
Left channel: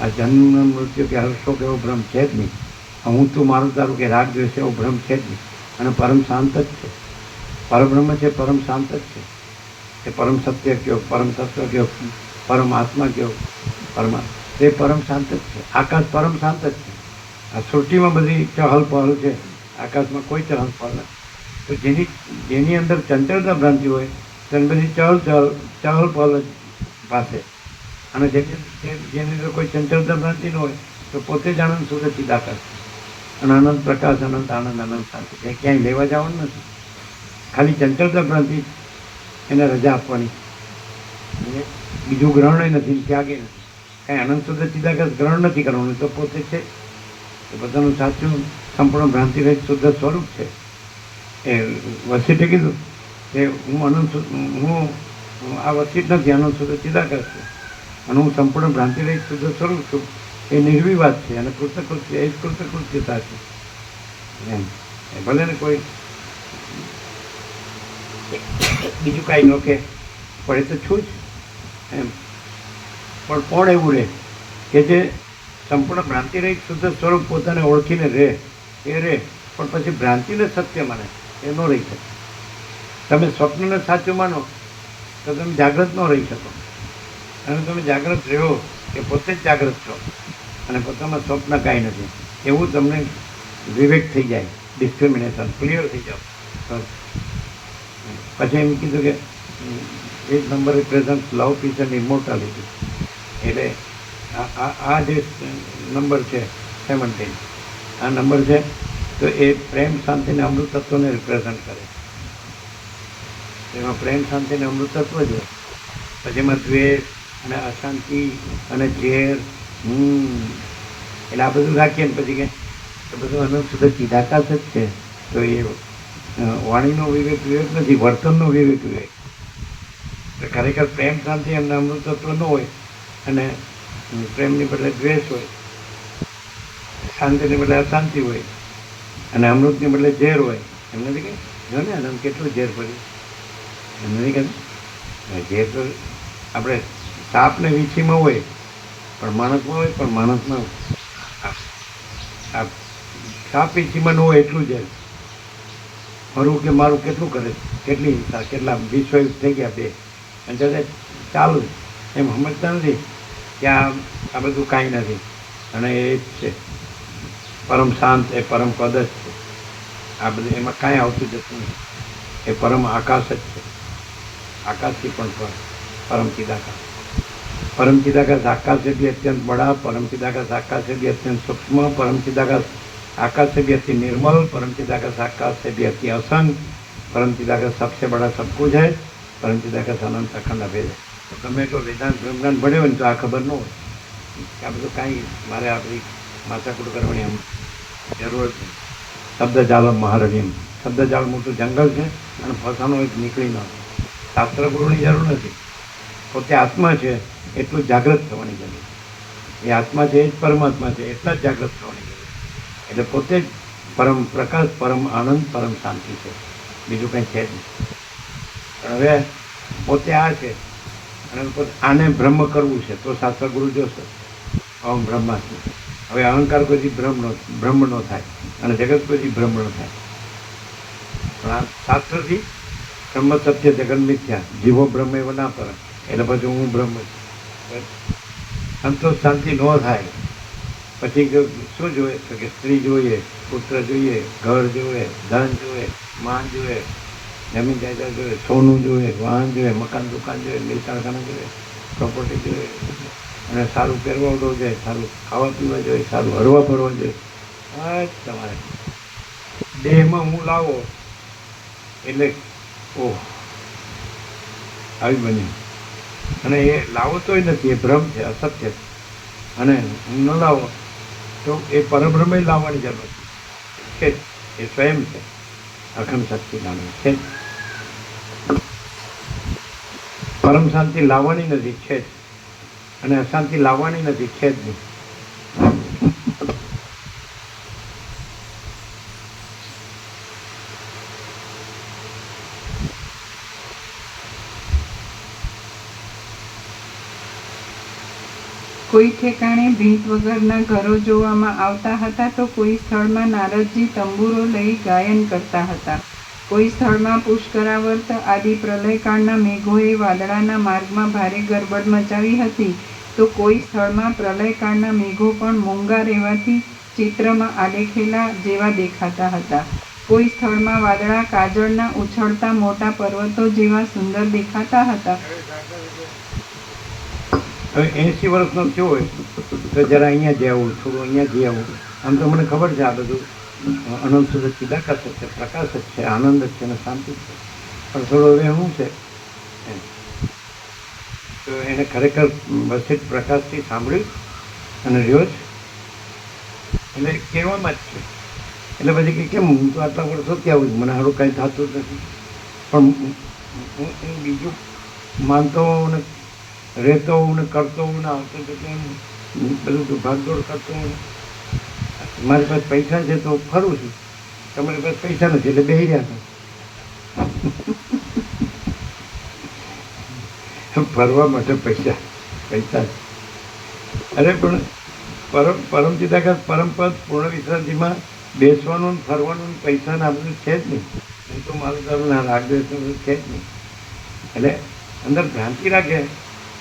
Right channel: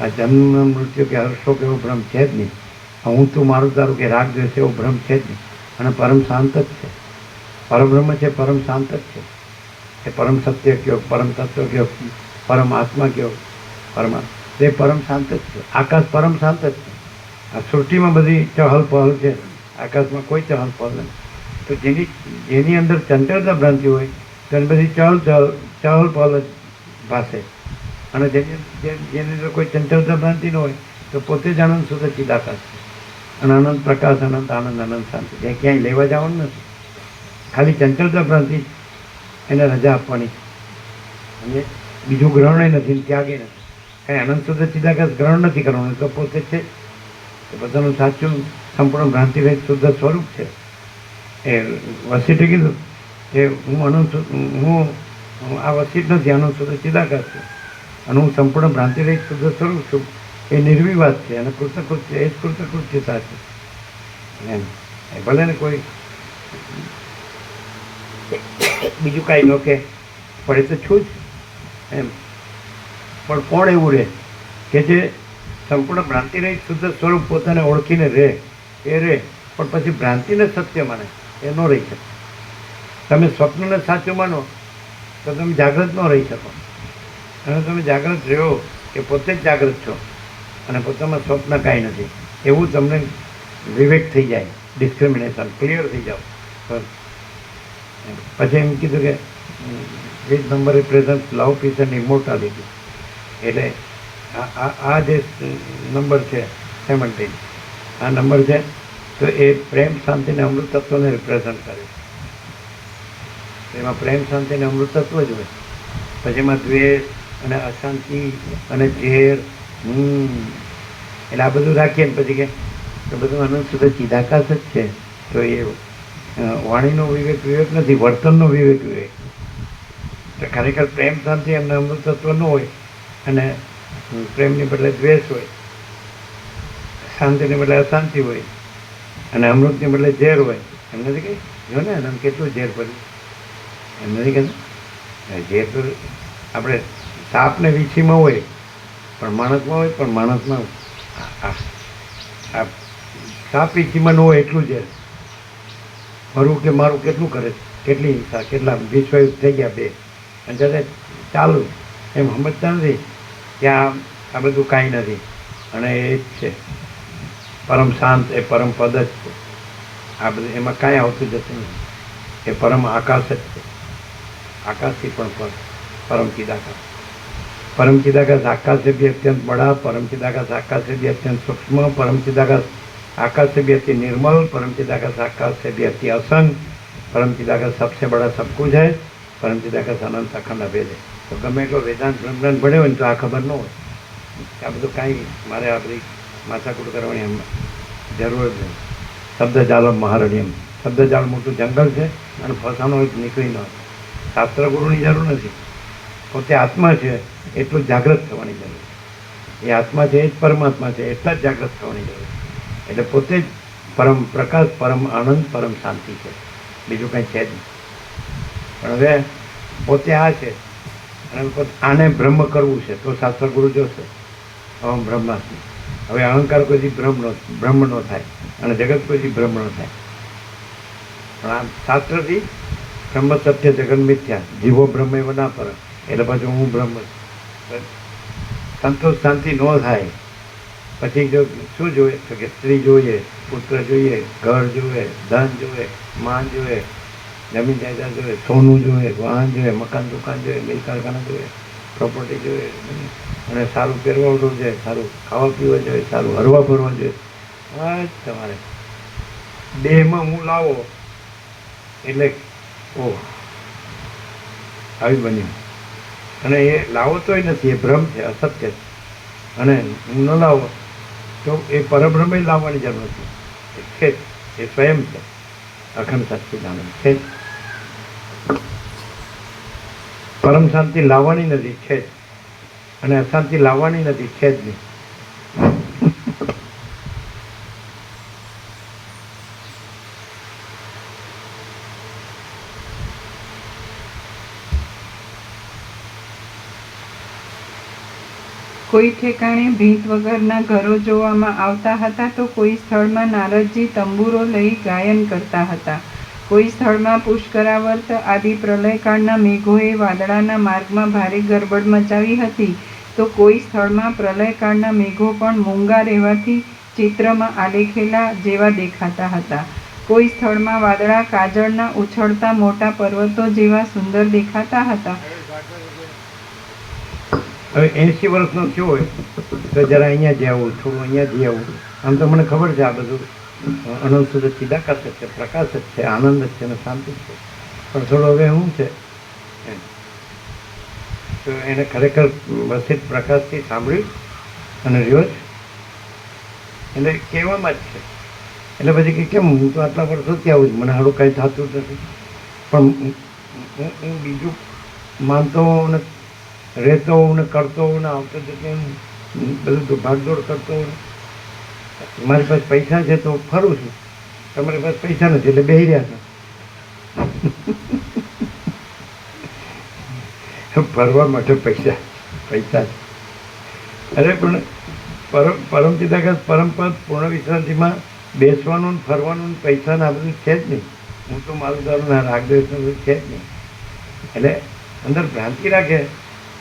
આ જન્મ મૃત્યુ કે હર્ષો કે એવો ભ્રમ છે જ નહીં. હું તું મારું તારું કે રાગ દ્વેષ એવો ભ્રમ છે જ નહીં. અને પરમ શાંત જ છે. પરબ્રહ્મ છે, પરમ શાંત જ છે. એ પરમ સત્ય કયો, પરમ તત્વ કયો, પરમ આત્મા કયો, પરમાત્મા તે પરમ શાંત જ છે. આકાશ પરમ શાંત જ છે. આ સૃષ્ટિમાં બધી ચહલ પહલ છે, આકાશમાં કોઈ ચહલ પહલ નથી. તો જેની અંદર ચંચળતા ભ્રાંતિ હોય તેની બધી ચહલ પહલ જ ભાસે. અને જેની અંદર કોઈ ચંચળતા ભ્રાંતિ ન હોય તો પોતે જ આનંદ શુદ્ધ ચિદાકાશ અને અનંત પ્રકાશ, અનંત આનંદ, અનંત શાંતિ. એ ક્યાંય લેવા જવાનું નથી. ખાલી ચંચળતા ભ્રાંતિ એને રજા આપવાની. બીજું ગ્રહણ નથી, ત્યાગે નથી. કાંઈ અનંત શુદ્ધ ચિદાકાશ ગ્રહણ નથી કરવાનું, એ તો પોતે છે. એ પોતાનું સાચું સંપૂર્ણ ભ્રાંતિ રહિત શુદ્ધ સ્વરૂપ છે. એ વસીઠે કીધું કે હું આ વસીઠ નથી, અનંત શુદ્ધ ચિદાકાશ છું અને હું સંપૂર્ણ ભ્રાંતિ રહિત શુદ્ધ સ્વરૂપ છું. એ નિર્વિવાદ છે અને કૃતકૃત્ય, એ જ કૃતકૃત્યતા છે એમ. એ ભલે ને કોઈ બીજું કાંઈ ન કે પણ એ તો છું જ એમ. પણ કોણ એવું રહે કે જે સંપૂર્ણ ભ્રાંતિ રહિત શુદ્ધ સ્વરૂપ પોતાને ઓળખીને રહે, એ રહે, પણ પછી ભ્રાંતિને સત્ય માને, એ ન રહી શકે. તમે સ્વપ્નને સાચું માનો તો તમે જાગૃત ન રહી શકો, અને તમે જાગૃત રહ્યો એ પોતે જ જાગૃત છો અને પોતામાં સ્વપ્ન કાંઈ નથી એવું તમને વિવેક થઈ જાય, ડિસ્ક્રિમિનેશન ક્લિયર થઈ જાવ. પછી એમ કીધું કે which number represent love, peace and immortality. એટલે આ જે નંબર છે 17, આ નંબર છે તો એ પ્રેમ, શાંતિ અને અમૃતત્વને રિપ્રેઝન્ટ કરે. એમાં પ્રેમ, શાંતિ અને અમૃતત્વ જ હોય. પછી એમાં દ્વેષ અને અશાંતિ અને ઝેર, એટલે આ બધું રાખીએ ને પછી કે બધું અનંત શુદ્ધ ચિદાકાશ જ છે. તો એ વાણીનો વિવેક નથી, વર્તનનો વિવેક. તો ખરેખર પ્રેમ, શાંતિ અને અમૃતત્વ ન હોય અને પ્રેમની બદલે દ્વેષ હોય, શાંતિને બદલે અશાંતિ હોય અને અમૃતની બદલે ઝેર હોય. એમ નથી કહી જો ને આમ કેટલું ઝેર પડ્યું, એમ નથી કહેતું. ઝેર તો આપણે સાપને વીછીમાં હોય પણ માણસમાં હોય, પણ માણસમાં સાપ વીછીમાં ન હોય એટલું ઝેર. મારું કે મારું કેટલું કરે, કેટલી હિંસા, કેટલા વિશ્વયુદ્ધ થઈ ગયા 2, અને છતાં ચાલુ એમ સમજતા નથી કે આ બધું કાંઈ નથી અને એ જ છે પરમ શાંત, એ પરમ પદ જ છે. આ બધું એમાં કાંઈ આવતું જતું નથી. એ પરમ આકાશ જ છે, आकाश ही परम चिदाकाश। परम चिदाकाश आकाश से भी अत्यंत बड़ा, परम चिदाकाश आकाश से भी अत्यंत सूक्ष्म, परम चिदाकाश आकाश से भी अति निर्मल, परम चिदाकाश आकाश से भी अति असंग, परम चिदाकाश सबसे बड़ा सब कुछ है, परम चिदाकाश अनंत अखंड अभेद है। तो તમે એટલો વેદાંત બ્રહ્માંડ ભણ્યો હોય ને તો આ ખબર ન હોય કે આ બધું કાંઈ મારે આપણી માથાકૂટ કરવાની જરૂર જ નહીં। શબ્દ જાલમ મહારણ્યમ, શબ્દ જાળ મોટું જંગલ છે અને ફસાનો એક નીકળી ન આવે। શાસ્ત્ર ગુરુની જરૂર નથી, પોતે આત્મા છે એટલું જાગૃત થવાની જરૂર છે। એ આત્મા છે એ જ પરમાત્મા છે એટલા જ જાગૃત થવાની જરૂર છે। એટલે પોતે જ પરમ પ્રકાશ, પરમ આનંદ, પરમ શાંતિ છે, બીજું કંઈ છે જ નહીં। પણ હવે પોતે આ છે અને આને બ્રહ્મ કરવું છે તો શાસ્ત્ર ગુરુ જોશો ઓમ બ્રહ્માસ્મિ। હવે અહંકાર કોઈથી બ્રહ્મ ન થાય અને જગત કોઈથી બ્રહ્મ ન થાય, પણ આ શાસ્ત્રથી બ્રહ્મ સત્ય જગન મિથ્યા, જીવો બ્રહ્મ એવ ના પર, એટલે પછી હું બ્રહ્મ છું। સંતોષ શાંતિ ન થાય પછી શું જોઈએ તો કે સ્ત્રી જોઈએ, પુત્ર જોઈએ, ઘર જોઈએ, ધન જોઈએ, માન જોઈએ, જમીન જાયદાદ જોઈએ, સોનું જોઈએ, વાહન જોઈએ, મકાન દુકાન જોઈએ, મિલ કારખાના જોઈએ, પ્રોપર્ટી જોઈએ, અને સારું પહેરવા જોઈએ, સારું ખાવા પીવા જોઈએ, સારું હરવા ફરવા જોઈએ। આ જ તમારે દેહમાં હું લાવો એટલે ઓહ આવી બન્યું, અને એ લાવો તોય નથી, એ ભ્રમ છે, અસત્ય છે। અને હું ન લાવો તો એ પરબ્રહ્મ લાવવાની જરૂર નથી, છે એ સ્વયં છે, અખંડ સચ્ચિદાનંદ છે। પરમ શાંતિ લાવવાની નથી, છે જ, અને અશાંતિ લાવવાની નથી, છે જ નહીં। કોઈ ઠેકાણે ભીંત વગરના ઘરો જોવામાં આવતા હતા તો કોઈ સ્થળમાં નારદજી તંબુરો લઈ ગાયન કરતા હતા। કોઈ સ્થળમાં પુષ્કરાવર્ત આદિ પ્રલયકાળના મેઘોએ વાદળાના માર્ગમાં ભારે ગરબડ મચાવી હતી તો કોઈ સ્થળમાં પ્રલયકાળના મેઘો પણ મૂંગા રહેવાથી ચિત્રમાં આલેખેલા જેવા દેખાતા હતા। કોઈ સ્થળમાં વાદળા કાજળના ઉછળતા મોટા પર્વતો જેવા સુંદર દેખાતા હતા। હવે 80 વર્ષનો થયો હોય તો જરા અહીંયા જ આવું, થોડું અહીંયા જ આવું, આમ તો મને ખબર છે આ બધું અનંત સુધી ચિદાકાશ જ છે, પ્રકાશ જ છે, આનંદ જ છે અને શાંતિ જ છે, પણ થોડું હવે શું છે એમ તો એને ખરેખર વસિત પ્રકાશથી સાંભળ્યું અને રહ્યો જ એટલે કહેવામાં જ છે. એટલે પછી કે કેમ હું તો આટલા વર્ષોથી આવું છું, મને સારું કાંઈ થતું જ નથી, પણ હું બીજું માનતો હોઉં ને રહેતો હોઉં ને કરતો હોઉં ને આવતો જતો બધું ભાગદોડ કરતો હોઉં. મારી પાસે પૈસા છે તો ફરું છું, તમારી પાસે પૈસા નથી એટલે બેસી રહ્યા છો. ફરવા માટે પૈસા પૈસા અરે પણ પરમ ચિદાકાશ પરમપદ પૂર્ણ વિશ્રાંતિમાં બેસવાનું ને ફરવાનું ને પૈસા ને આ બધું છે જ નહીં. હું તો મારું દારૂના રાગદ્વેષનું બધું છે જ નહીં. એટલે અંદર ભ્રાંતિ રાખે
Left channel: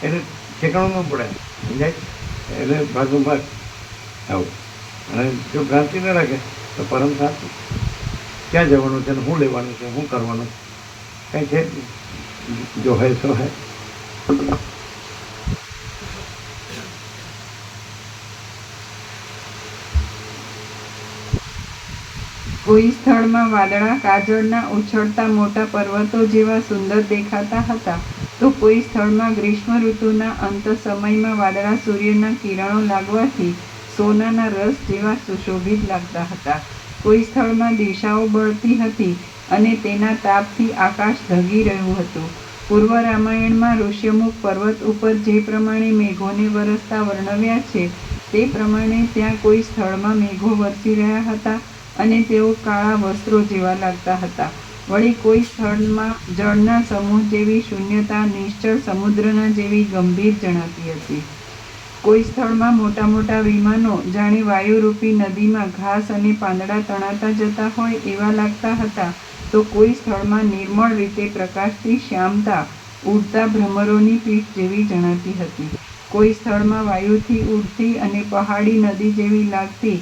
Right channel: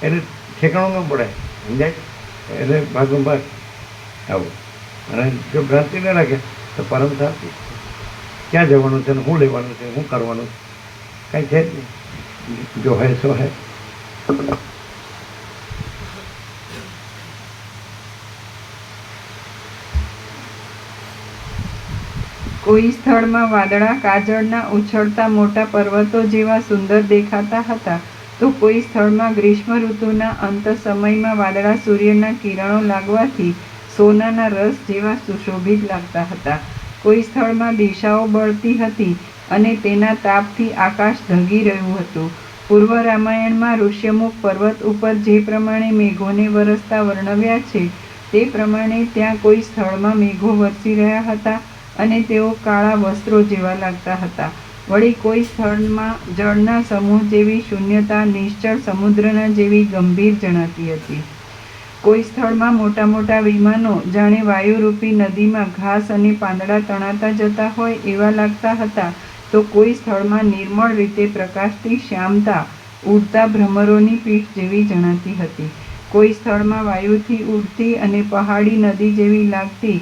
એટલે ઠેકાણું ન પડે, સમજાય? એટલે ભાગનો ભાગ આવું. અને જો ભ્રાંતિ ન રાખે તો પરમ શાંતિ. ક્યાં જવાનું છે ને શું લેવાનું છે, શું કરવાનું, કાંઈ છે જ નહીં. જો હે સો હે. કોઈ સ્થળમાં વાદળા કાજળના ઉછળતા મોટા પર્વતો જેવા સુંદર દેખાતા હતા, તો કોઈ સ્થળમાં ગ્રીષ્મ ઋતુના અંત સમયમાં વાદળા સૂર્યના કિરણો લાગવાથી સોનાના રસ જેવા સુશોભિત લાગતા હતા. કોઈ સ્થળમાં દિશાઓ બળતી હતી અને તેના તાપથી આકાશ ઢગી રહ્યું હતું. પૂર્વ રામાયણમાં ઋષ્યમુખ પર્વત ઉપર જે પ્રમાણે મેઘોને વરસતા વર્ણવ્યા છે તે પ્રમાણે ત્યાં કોઈ સ્થળમાં મેઘો વરસી રહ્યા હતા અને તેઓ કાળા વસ્ત્રો જેવા લાગતા હતા. વળી કોઈ સ્થળમાં જળના સમૂહ જેવી શૂન્યતા નિશ્ચળ સમુદ્રના જેવી ગંભીર જણાતી હતી. કોઈ સ્થળમાં મોટા મોટા વિમાનો જાણે વાયુરૂપી નદીમાં ઘાસ અને પાંદડા તણાતા જતા હોય એવા લાગતા હતા, તો કોઈ સ્થળમાં નિર્મળ રીતે પ્રકાશથી શ્યામતા ઉડતા ભ્રમરોની પીઠ જેવી જણાતી હતી. કોઈ સ્થળમાં વાયુથી ઉડતી અને પહાડી નદી જેવી લાગતી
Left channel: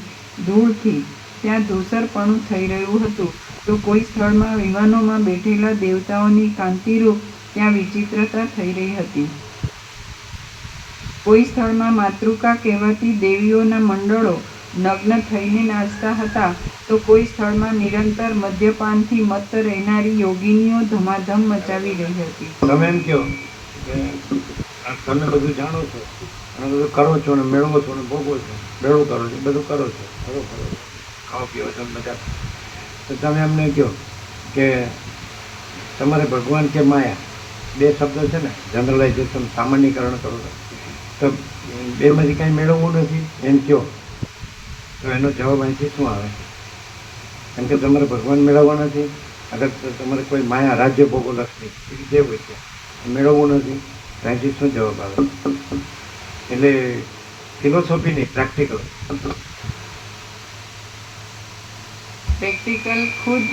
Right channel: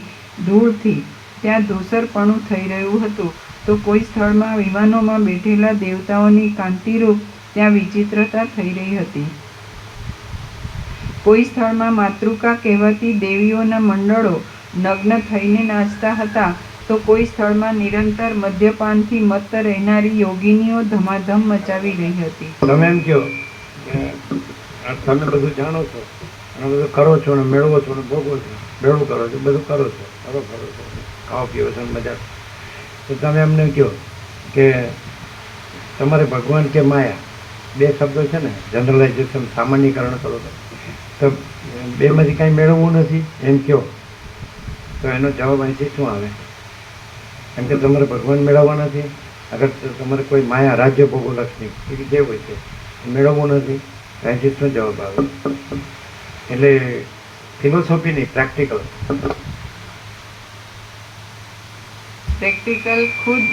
ધૂળથી ત્યાં ધૂસરપણું થઈ રહ્યું હતું, તો કોઈ સ્થળમાં વિમાનોમાં બેઠેલા દેવતાઓની કાંતિરૂપ ત્યાં વિચિત્રતા થઈ રહી હતી. કોઈ સ્થળમાં માતૃકા કહેવાતી દેવીઓના મંડળો નગ્ન થઈને નાચતા હતા, તો કોઈ સ્થળમાં નિરંતર મદ્યપાનથી મત્ત રહેનારી યોગિનીઓ ધમાધમ મચાવી રહી હતી. તમે એમ કહો કે તમે બધું જાણો છો અને બધું કરો છો ને મેળવો છો ને ભોગવો છો, ભેળું કરો છો, બધું કરો છો, ફરો ફરો છો, ખાઓ પીવો છો મજા. તો તમે એમને કહો કે તમારે ભગવાન કે માયા બે શબ્દો છે ને, જનરલાઇઝેશન સામાન્યકરણ કરો છો, તો બેમાંથી કાંઈ મેળવવું નથી એમ કહો તો એનો જવાબ અહીંથી શું આવે? કેમ કે તમારે ભગવાન મેળવવા નથી. અગર તમારે કોઈ માયા રાજ્ય ભોગો લક્ષ્મી એ જે હોય છે એ મેળવવું નથી, અહીંથી શું જવાબ આવે? એટલે ફિલોસોફી નહીં, પ્રેક્ટિકલ. પ્રેક્ટિકલ ખુદ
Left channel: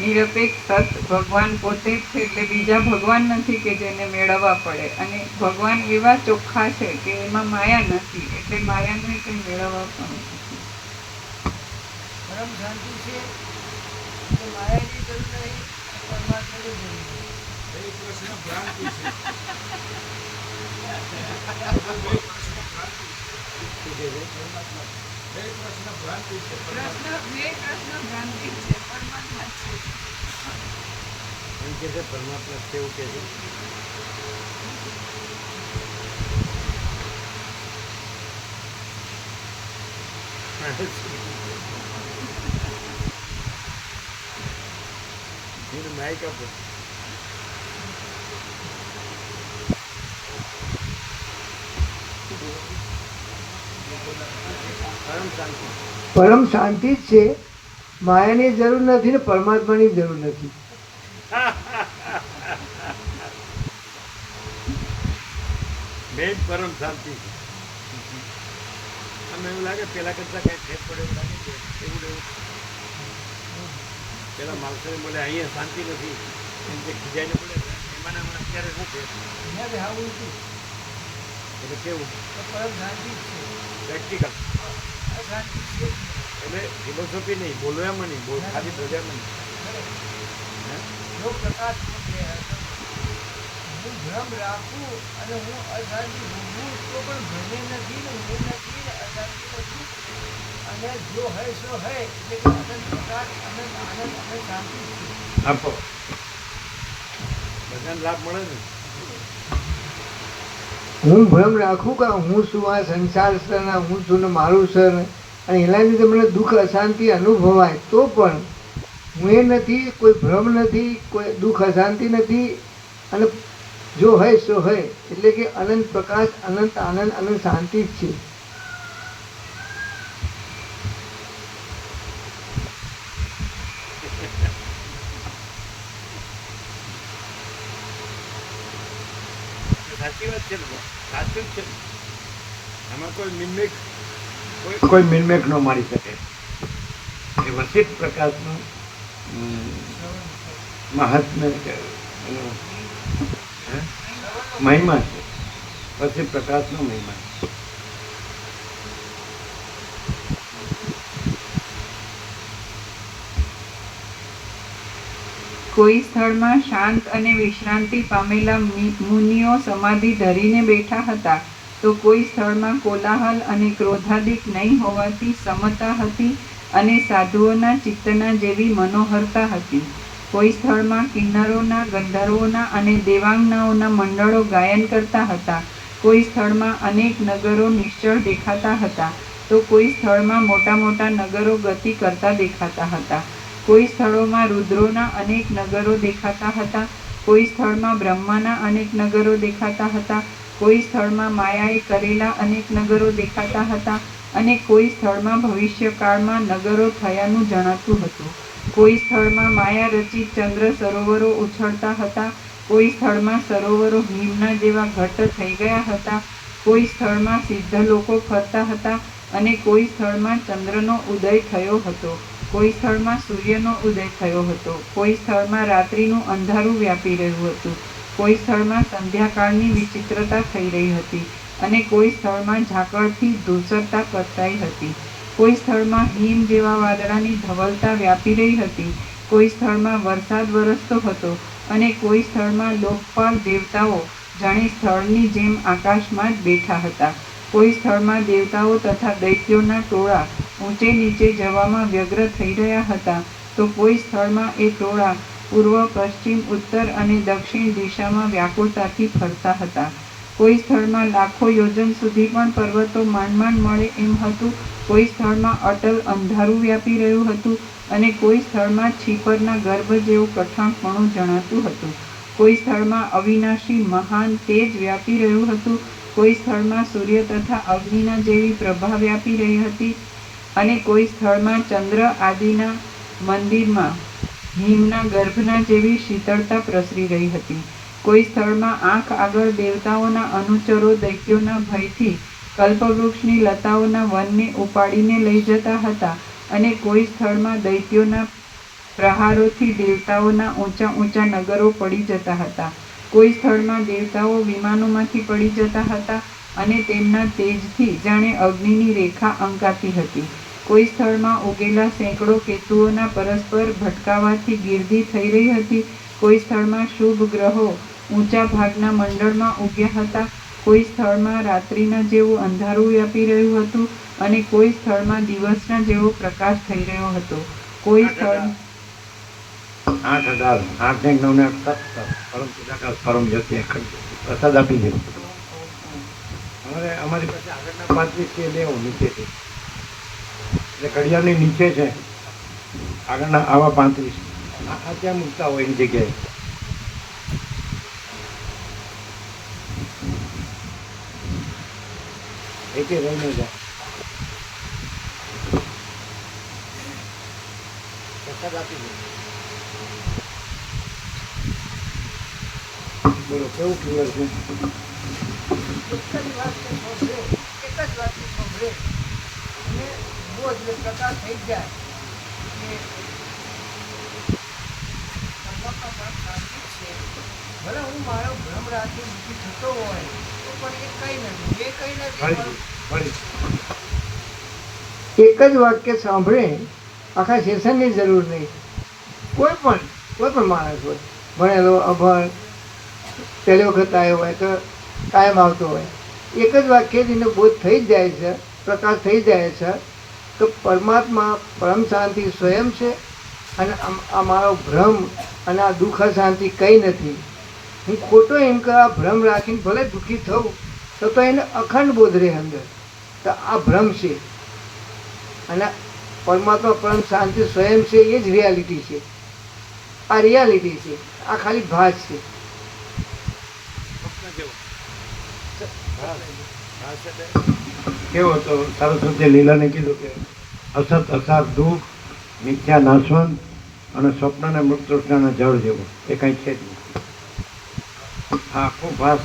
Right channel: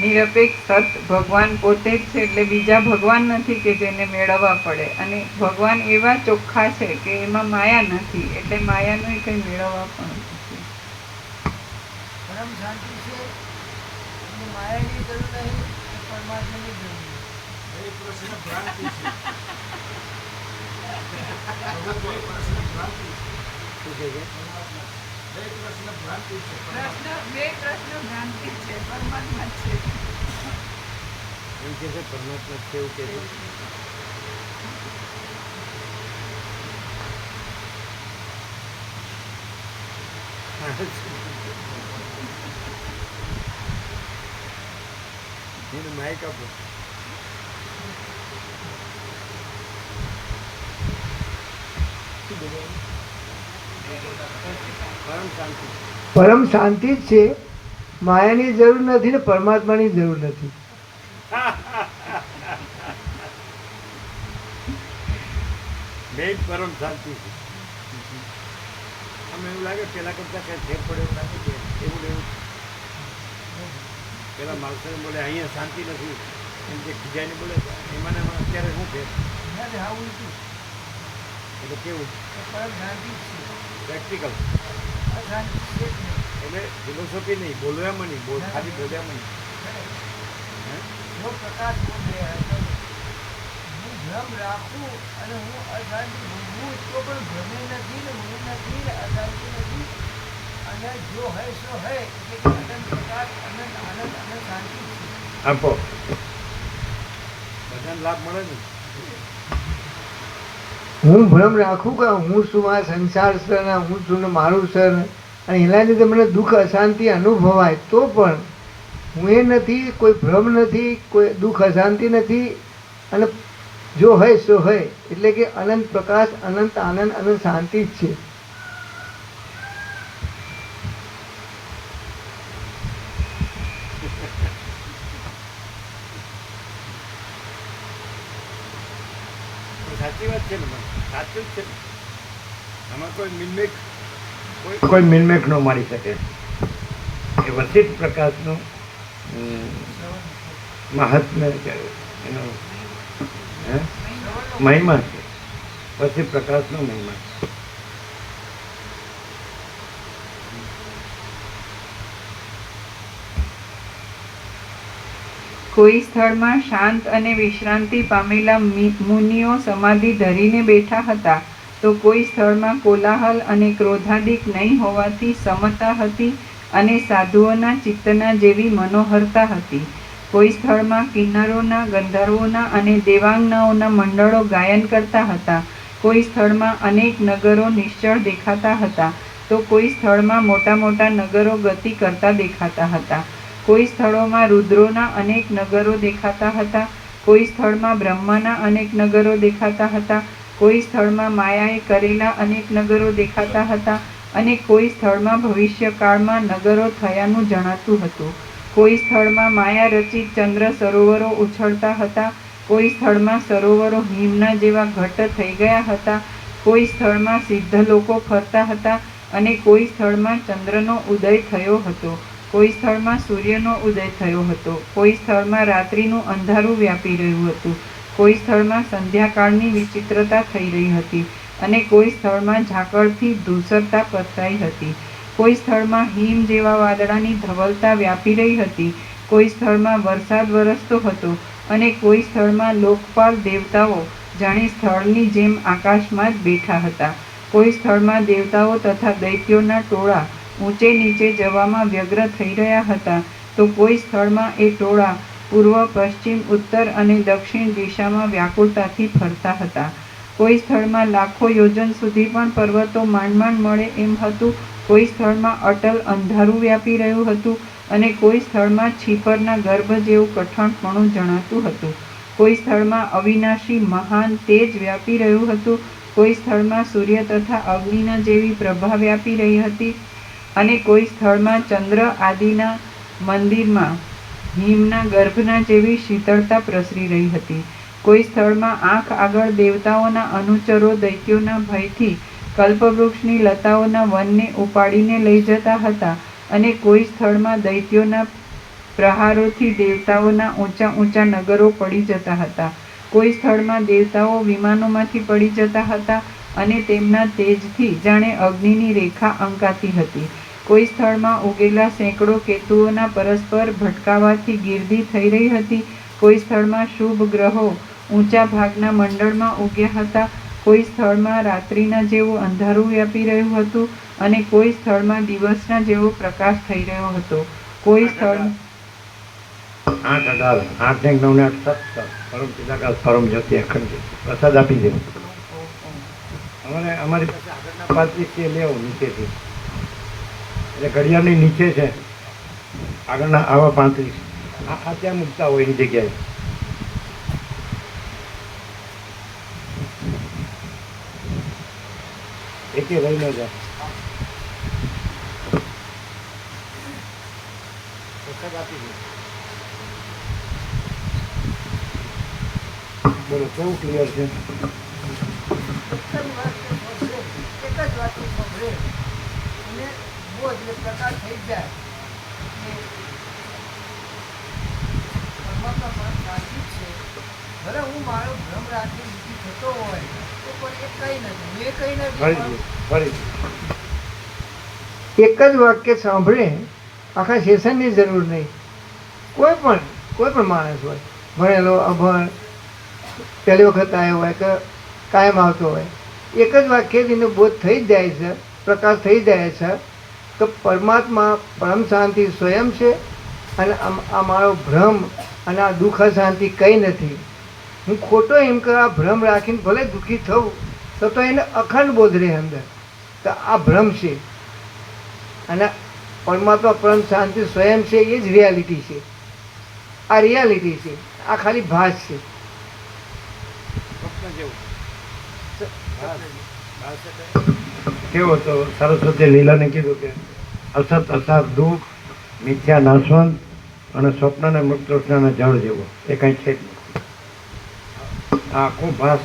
નિરપેક્ષ સત ભગવાન પોતે જ છે, એટલે બીજા ભગવાન નથી કે જેને મેળવવા પડે. અને ભગવાન એવા ચોખ્ખા છે કે એમાં માયા નથી, એટલે માયાનું કંઈ મેળવવા પણ નથી. પરમ શાંતિ છે એટલે માયાની જરૂર નહીં, પરમાત્માની જરૂર નહીં. એક પ્રશ્ન ભ્રાંતિ છે. શું કહે છે? એક પ્રશ્ન ભ્રાંતિ છે. પ્રશ્ન ભ્રાંતિ છે, પરમાત્મા છે. એમ કે છે પરમાત્મા છે એવું કે છે. એને માઇક આપો. પરમ શાંતિ. પરમ શાંતિ જ છે, માયાની જરૂર નથી ને પરમાત્માની જરૂર નથી. મેઇન પરમ શાંતિ છે. આમ એવું લાગે પેલા કરતા કઈ ફેર પડે એવું લાગે કે એવું એવું પેલા માણસોને બોલે અહીંયા શાંતિ નથી એમ જે ખીજાઈને બોલે એમાં ને એમાં અત્યારે શું ફેર? અહીંયા હા ઉલટું, એટલે કેવું તો પરમ શાંતિ જ છે. પ્રેક્ટિકલ. અશાંતિ છે જ નહીં. એટલે ફિલોસોફી નહીં, બોલવામાં નહીં, ખાલી બોલ્યામાં નહીં. હે? જો પ્રકાશ બોલે તો હું ભ્રમ રાખું અને હું અશાંતિ ભોગવું તો પણ ભ્રમે નથી ને હું નથી ને અશાંતિ નથી. અને જો હૈ સો હૈ એટલે કે અનંત પ્રકાશ, અનંત આનંદ અને શાંતિ છે. આપો. બધાને લાભ મળે ને. હું ભ્રમ રાખું કે હું શું, આ સંસાર છે ને હું છું ને મારું છે ને, અને એના લીધે મને દુઃખ અશાંતિ અનુભવાય, તો પણ હું એ નથી, કોઈ ભ્રમ નથી, કોઈ દુઃખ અશાંતિ નથી. અને જો હોય સો હોય, એટલે કે અનંત પ્રકાશ, અનંત આનંદ અને શાંતિ જ છે. સાચી વાત છે ને ભાઈ, સાચું જ છે. આમાં કોઈ મિનમેક કોઈ મિનમેક ન મારી શકે. એ વસિત પ્રકાશનું મહાત્મ્ય છે, એનો મહિમા છે. વસિત પ્રકાશનો મહિમા. કોઈ સ્થળમાં શાંત અને વિશ્રાંતિ પામેલા મુનિઓ સમાધિ ધરીને બેઠા હતા, તો કોઈ સ્થળમાં કોલાહલ અને ક્રોધાદિક નહીં હોવાથી સમતા હતી અને સાધુઓના ચિત્તના જેવી મનોહરતા હતી. કોઈ સ્થળમાં કિન્નરોના, ગંધર્વોના અને દેવાંગનાઓના મંડળો ગાયન કરતા હતા. કોઈ સ્થળમાં અનેક નગરો નિશ્ચળ દેખાતા હતા, તો કોઈ સ્થળમાં મોટા મોટા નગરો ગતિ કરતા દેખાતા હતા. કોઈ સ્થળોમાં રુદ્રોના અનેક નગરો દેખાતા હતા, કોઈ સ્થળમાં બ્રહ્માના અનેક નગરો દેખાતા હતા, કોઈ સ્થળમાં માયાએ કરેલા અનેક નગરો દેખાતા હતા, અને કોઈ સ્થળમાં ભવિષ્યકાળમાં નગરો થયાનું જણાતું હતું. કોઈ સ્થળમાં માયા રચિત ચંદ્ર સરોવરો ઉછળતા હતા, કોઈ સ્થળમાં સરોવરો હિમના જેવા ઘટ્ટ થઈ ગયા હતા, કોઈ સ્થળમાં સિદ્ધ લોકો ફરતા હતા, અને કોઈ સ્થળમાં ચંદ્રનો ઉદય થયો હતો, કોઈ સ્થળમાં સૂર્યનો ઉદય થયો હતો, કોઈ સ્થળમાં રાત્રિનું અંધારું વ્યાપી રહ્યું હતું, કોઈ સ્થળમાં સંધ્યાકાળની વિચિત્રતા થઈ રહી હતી, અને કોઈ સ્થળમાં ઝાકળથી ધૂસરતા પથરાઈ હતી. કોઈ સ્થળમાં હિમ જેવા વાદળાની ધવલતા વ્યાપી રહી હતી, કોઈ સ્થળમાં વરસાદ વરસતો હતો, અને કોઈ સ્થળમાં લોકપાલ દેવતાઓ જાણે સ્થળની જેમ આકાશમાં જ બેઠા હતા. કોઈ સ્થળમાં દેવતાઓ તથા દૈત્યોના ટોળા ઊંચે નીચે જવામાં વ્યગ્ર થઈ રહ્યા હતા, તો કોઈ સ્થળમાં એ ટોળા પૂર્વ, પશ્ચિમ, ઉત્તર અને દક્ષિણ દિશામાં વ્યાકુળતાથી ફરતા હતા. કોઈ સ્થળમાં લાખો યોજન સુધી પણ પર્વતો માંડ માંડ મળે એમ હતું, કોઈ સ્થળમાં અટલ અંધારું વ્યાપી રહ્યું હતું, અને કોઈ સ્થળમાં છીપરના ગર્ભ જેવું કઠણપણું જણાતું હતું. કોઈ સ્થળમાં અવિનાશી મહાન તેજ વ્યાપી રહ્યું હતું, કોઈ સ્થળમાં સૂર્ય તથા અગ્નિના જેવી પ્રભા વ્યાપી રહી હતી, અને કોઈ સ્થળમાં ચંદ્ર આદિના મંદિરમાં હિમના ગર્ભના જેવી શીતળતા પ્રસરી રહી હતી. કોઈ સ્થળમાં આંખ આગળ દેવતાઓના અનુચરો દૈત્યોના ભયથી કલ્પવૃક્ષની લતાઓના વનને ઉપાડીને લઈ જતા હતા, અને કોઈ સ્થળમાં દૈત્યોના પ્રહારોથી દેવતાઓના ઊંચા ઊંચા નગરો પડી જતા હતા. કોઈ સ્થળમાં દેવતાઓ વિમાનોમાંથી પડી જતા હતા, અને તેમના તેજથી જાણે અગ્નિની રેખા અંકાતી હતી. કોઈ સ્થળમાં ઉગેલા સેંકડો કેતુઓના પરસ્પર ભટકાવાથી ગીર્દી થઈ રહી હતી. કોઈ સ્થળમાં શુભ ગ્રહો ઊંચા ભાગના મંડળમાં ઉગ્યા હતા. કોઈ સ્થળમાં રાત્રિના જેવું અંધારું વ્યાપી રહ્યું હતું, અને કોઈ સ્થળમાં દિવસના જેવો પ્રકાશ થઈ રહ્યો હતો. કોઈ સ્થળ 8 18 8 ને 9 ને 8 પરમ ચિદાકાશ પરમ જ્યોતિ અખંડ જ્યોતિ પ્રસાદ આપી દેવો. અમારી પાસે આગળના 35 છે, લેવો નીચેથી, એટલે ઘડિયાળની નીચે છે આગળના આવા 35. આ ત્યાં મૂકતા હોય એની જગ્યાએ. એકે રહી ન જાય. પ્રસાદ આપી દે. બોલો કેવું ક્લિયર છે? એક જ વાત કે સાંભળે, એક જ વાતને સાંભળે અને બહુ જ પ્રકાર થઈ જાય. અને પરમાત્મા પણ શાંતિ જ છે. ભલે હું મારો ભ્રમ રાખી બીજી થતો હોય તો પણ એ કંઈ નથી, એ કંઈ નથી. એક જ વાક્ય સાંભળે, આખા સેશનની જરૂર નહીં. કોઈ પણ માણસ હોય, ભણેલો અભણ, પહેલી વખત આવ્યો હોય કે કાયમ આવતો હોય, એક જ વાક્યથી એનો બોધ થઈ જ જાય છે, પ્રકાશ થઈ જાય છે. તો પરમાત્મા પરમ શાંતિ સ્વયં છે, અને આ મારો ભ્રમ અને આ દુઃખ શાંતિ કંઈ નથી. હું ખોટો એમ કે આ ભ્રમ રાખીને ભલે દુઃખી થઉં, તો એને અખંડ બોધ રહે અંદર. તો આ ભ્રમ છે અને પરમાત્મા પરમ શાંતિ સ્વયં છે, એ જ રિયાલિટી છે. આ રિયાલિટી છે, આ ખાલી ભાસ છે. સ્વપ્ન જેવું ભાસ ભાસ એટલે કેવો તો સરસ્વતી લીલાને કીધું કે અસત અસાત દુઃખ મિથ્યા નાશવંત અને સ્વપ્નને મૃતૃષ્ણના જળ જેવો એ કાંઈ છે જ નથી. આ આખું ભાસ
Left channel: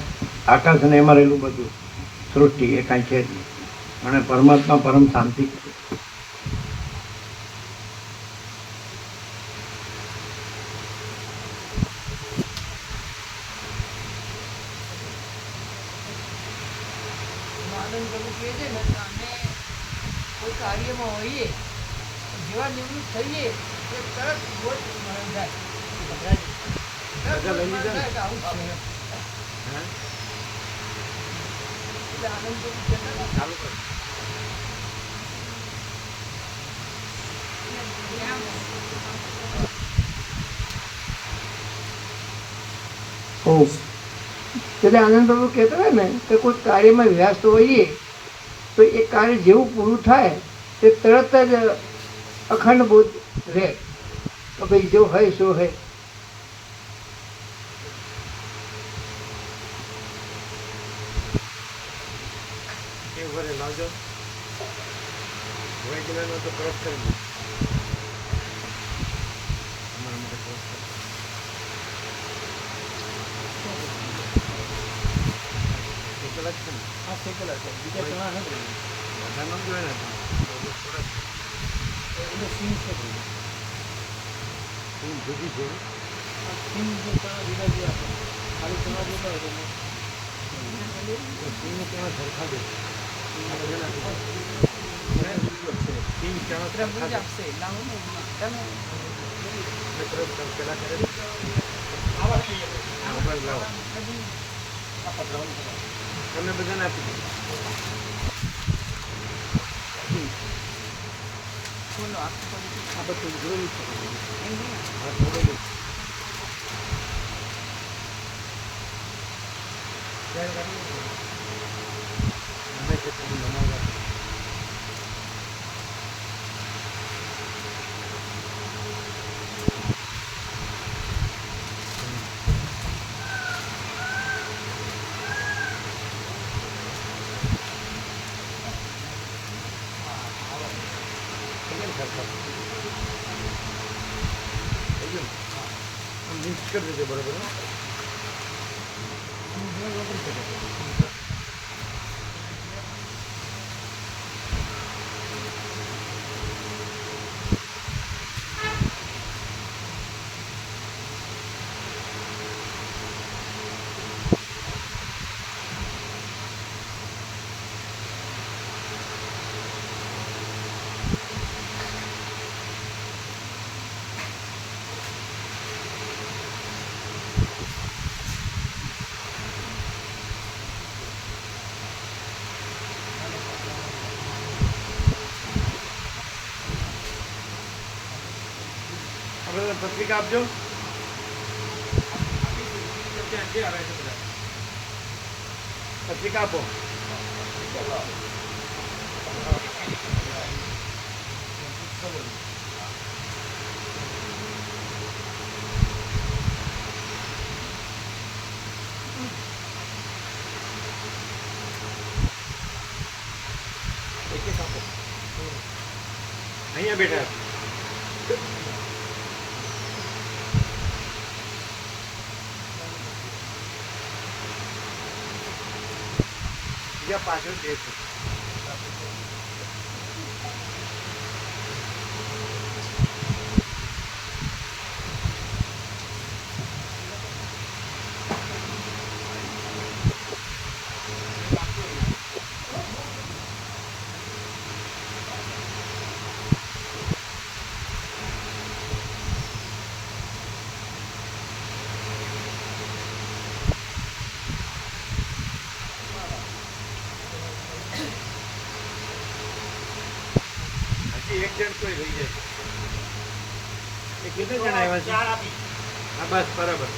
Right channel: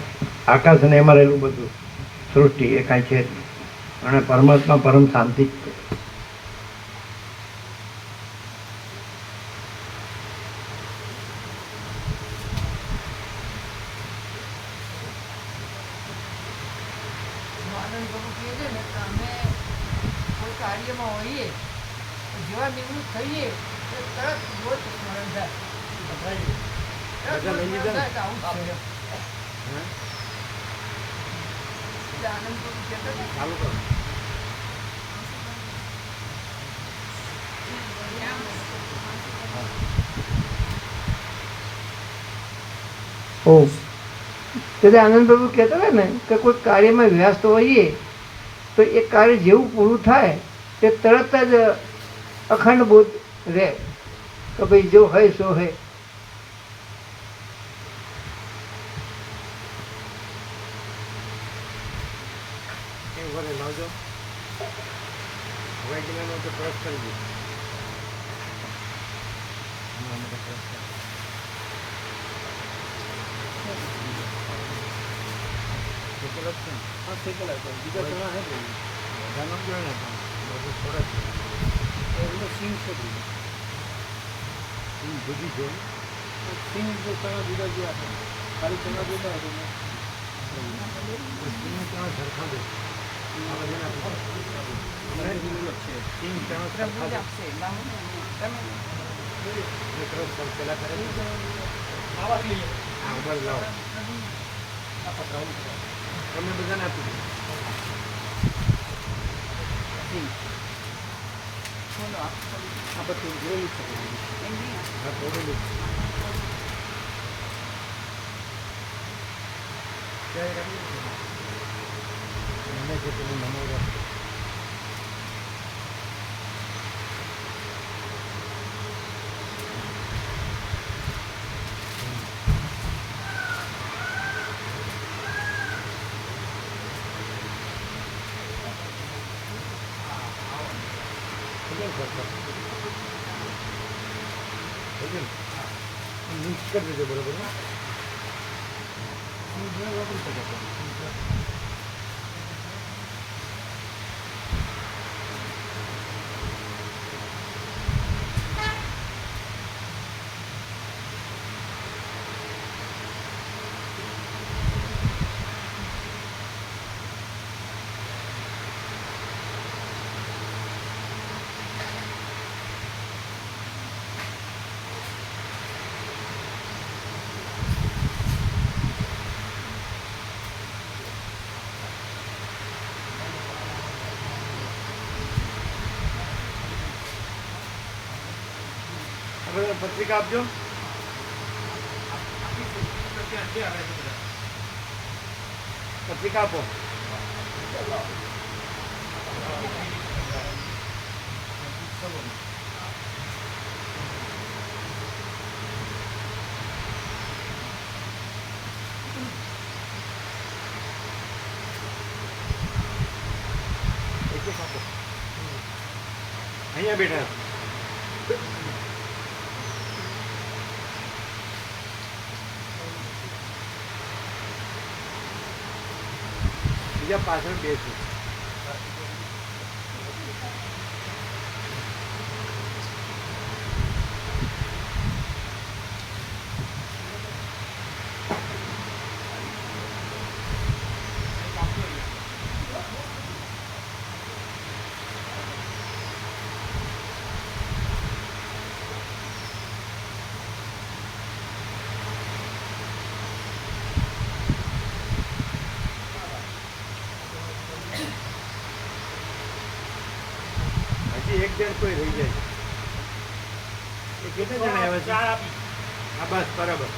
આકાશ અને એમાં રહેલું બધું સૃષ્ટિ એ કાંઈ છે જ નહીં. અને પરમાત્મા પરમ શાંતિ છે. આનંદ પ્રભુ કહે છે ને કે અમે કોઈ કાર્યમાં હોઈએ તો જેવા નિવૃત્ત થઈએ એ તરત બોધ સ્મરણ થાય. તરત બધા લઈ લીધા ને? થાય તો આવું જ છે. હા એટલે આનંદ પ્રભુ કહેતા હતા ને, ચાલુ કરો. એટલે આનંદ પ્રભુ કહેતા હતા ને કે કોઈ કાર્યમાં વ્યસ્ત હોઈએ તો એ કાર્ય જેવું પૂરું થાય તે તરત જ અખંડ બોધ રહે તો ભાઈ જો હોય સો હોય. કેવું ભરે લાવજો વૈજ્ઞાનો તો ક્રોસ કરી દીધું. હમણાં માટે ક્રોસ કરી શેકેલા જ છે ને? હા શેકેલા છે. બીજા ચણા છે ને બધા ન જોઈએ ને ચણા બધું થોડા જ છે. એને સિંગ છે સિંગ જુદી છે. સિંગ જે ચણા જુદા જુદા છે. ખાલી ચણા જુદા હોય તો સિંગ ચણા સરખા દે. આ બધા નથી સિંગ ચણા સરખા દે. આપશે તમે ક્રોસ પેલા કરે છે. મોબાઈલ લાવો તમે બધાને આપી દો. ચલો આ બધું જોયેલું છે. એમ નહીં હા જોડેલું મને કે પેલું નમાવવા મિક્સ કરી દેજો બરોબર. આપણે પત્રિકા આપજો. પત્રિકા આપો. એક એક આપો. અહીંયા બેઠા બીજા પાછળ બેસું. હજી એક જણ કોઈ રહી જાય. એ કેટલા જણા આવ્યા છે? હા બસ બરાબર.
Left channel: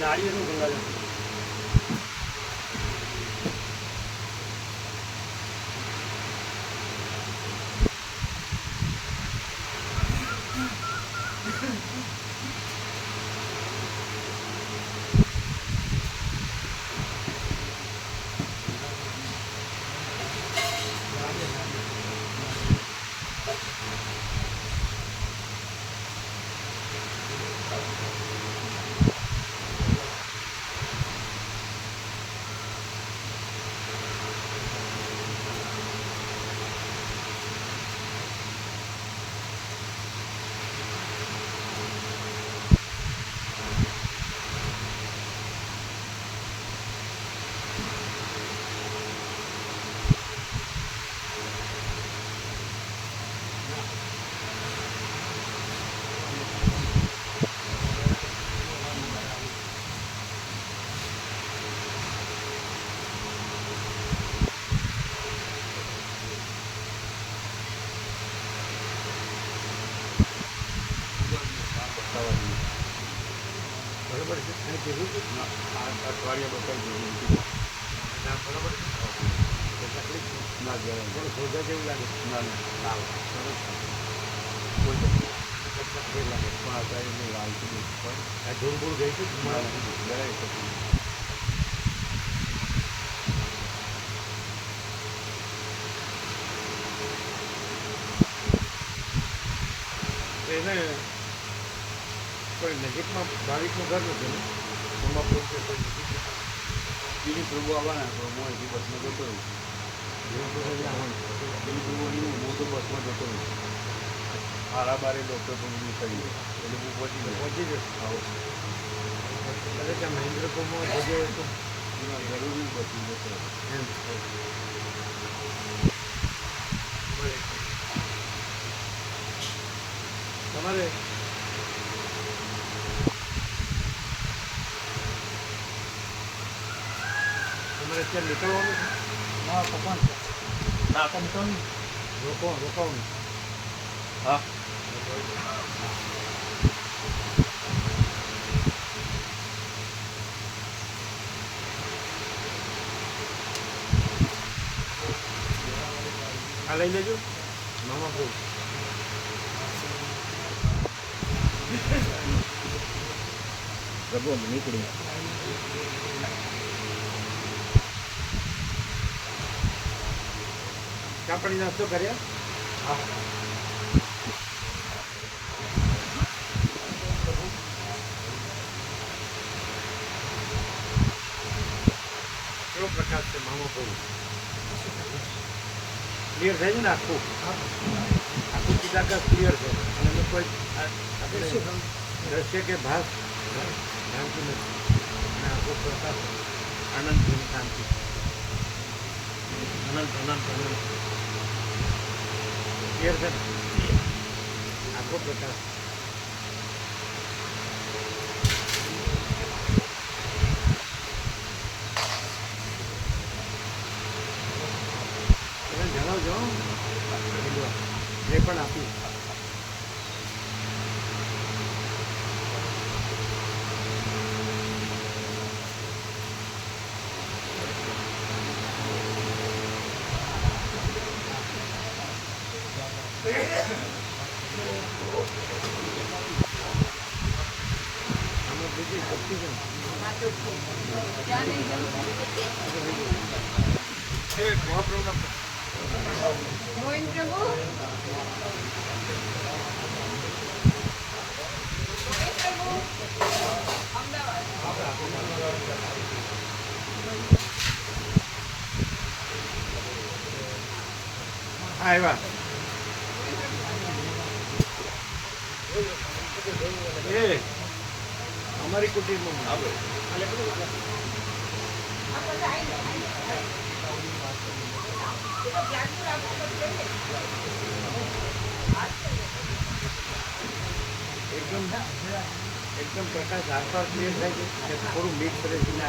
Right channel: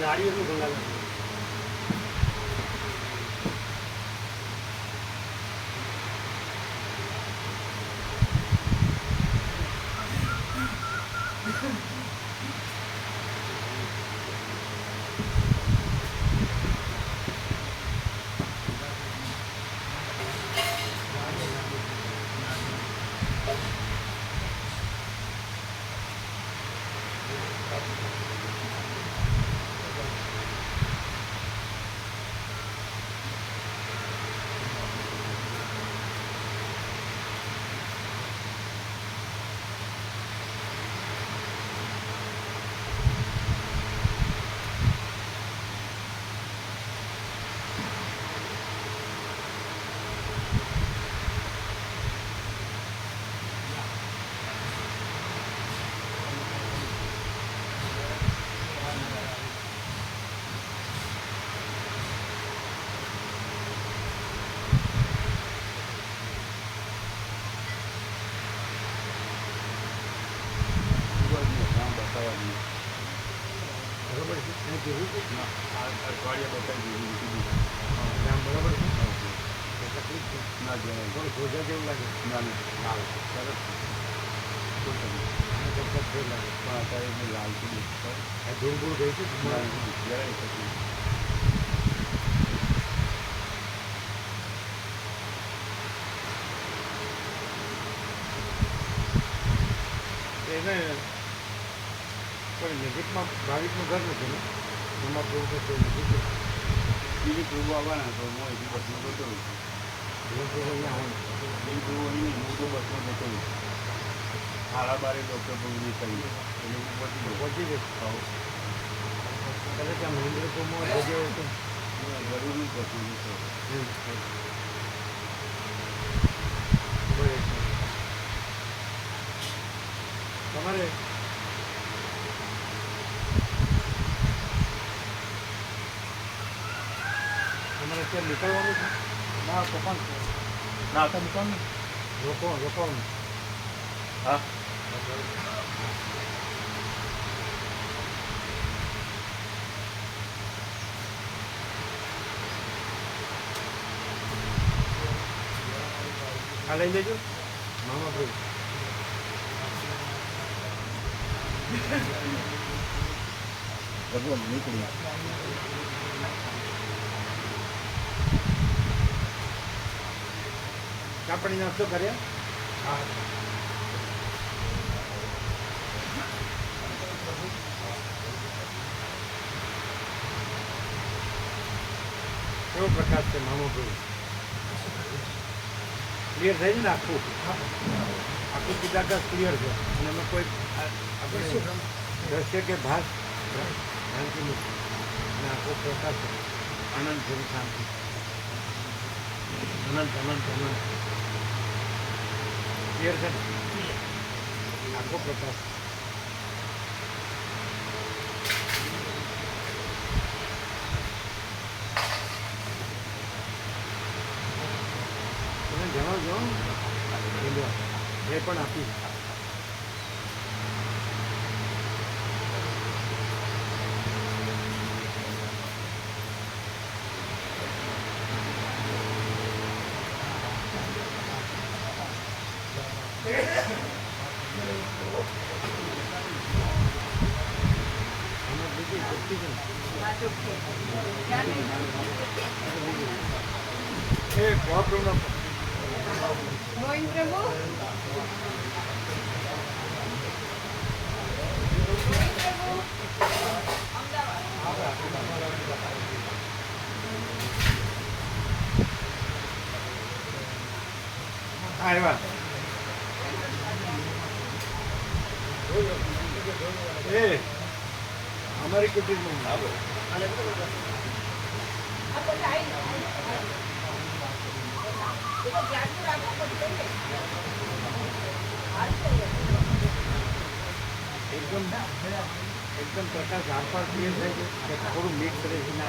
નાળિયેરનું ગંગાજળ. બરોબર છે. અને કીધું હતું ને, આ અઠવાડિયા બતાવી દીધું. નામ બરોબર છે. તો તકલીફ છે. થોડું સોજા જેવું લાગે. લાલ સરસ ફેર લાગે. આ ધૂળ ધૂળ ગઈ છે. એને કોઈ નજીકમાં ભાવિકનું ઘર નથી ને એમાં પ્રભુ કે કોઈ નજીક બીજું પ્રભુ આવવાના તો હું અહીંથી બસમાં જતો હોઉં છું. જીવન પ્રભુ અહીંયા આવવાનું બીજું પ્રભુ અહીં હું તો બસમાં જતો હોઉં છું. 12:30 બસો તો ઊભી કરી એટલે હું પહોંચી ગયો. પહોંચી જશે. કદાચ આ મહેન્દ્રપુરમાં જગ્યા હોય તો જરૂરી બસી જતો એમ બરાબર છે. તમારે તમારે અત્યારે નીકળવાનું છે. ના પપ્પા ના તો નીકળવું રોકાવાનું હા આ લઈ લેજો મામા પ્રભુ. પ્રભુ નીકળી ચા પાણી નાસ્તો કર્યા. કેવો પ્રકાશ છે મામો પ્રભુ. ક્લિયર થાય છે ને આખું ચિદાકાશ ક્લિયર છે અને એમાં કોઈ આપણે દ્રશ્ય કે ભાસ ભ્રાંતિ નથી અને આખો પ્રકાશ આનંદ જેવી શાંતિ અનંત ક્લિયર છે ને આખો પ્રકાશ. તમે જણાવજો એ પણ આપીશ. આમાં બીજી શક્તિ છે ને એ મહાપ્રભુના મોહિન પ્રભુ હા એવા એ અમારી કુટીરમાં આવે. એકદમ પ્રકાશ આરપાર ક્લિયર થાય છે કે થોડું મિક્સ રહે છે ને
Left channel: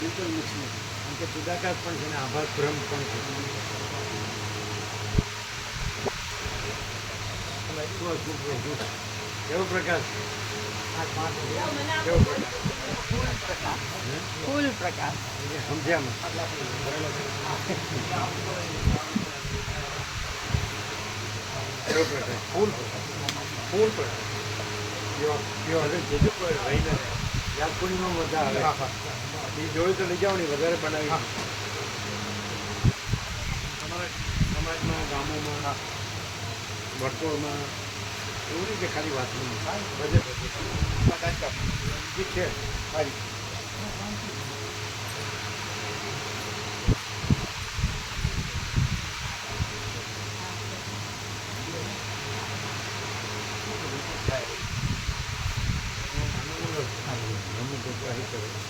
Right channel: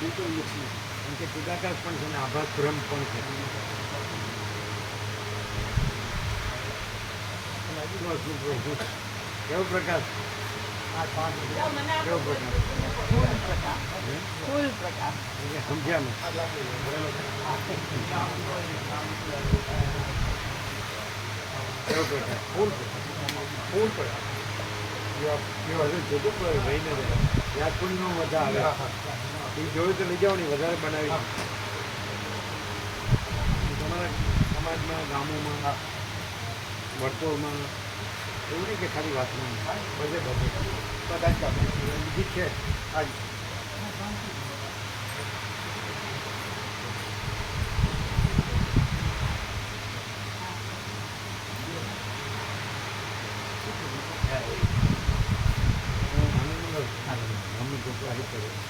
બિલકુલ મિક્સ નહીં. કારણ કે ચિદાકાશ પણ છે ને આભાસ ભ્રમ પણ છે. કેવો પ્રકાશ કેવો પ્રકાશ? ફૂલ પ્રકાશ. સમજ્યામાં કેવો પ્રકાશ? ફૂલ પ્રકાશ. અરે જજો કોઈ રહીને રહે. યાદ પૂર્ણિમાં મજા આવે. એ જોયું તો લઈ જાઓ ને વધારે બનાવી. તમારા સમાજમાં, ગામોમાં, વર્તુળમાં એવું નહીં કે ખાલી વાત નહીં, બધે ઠીક છે. હાજી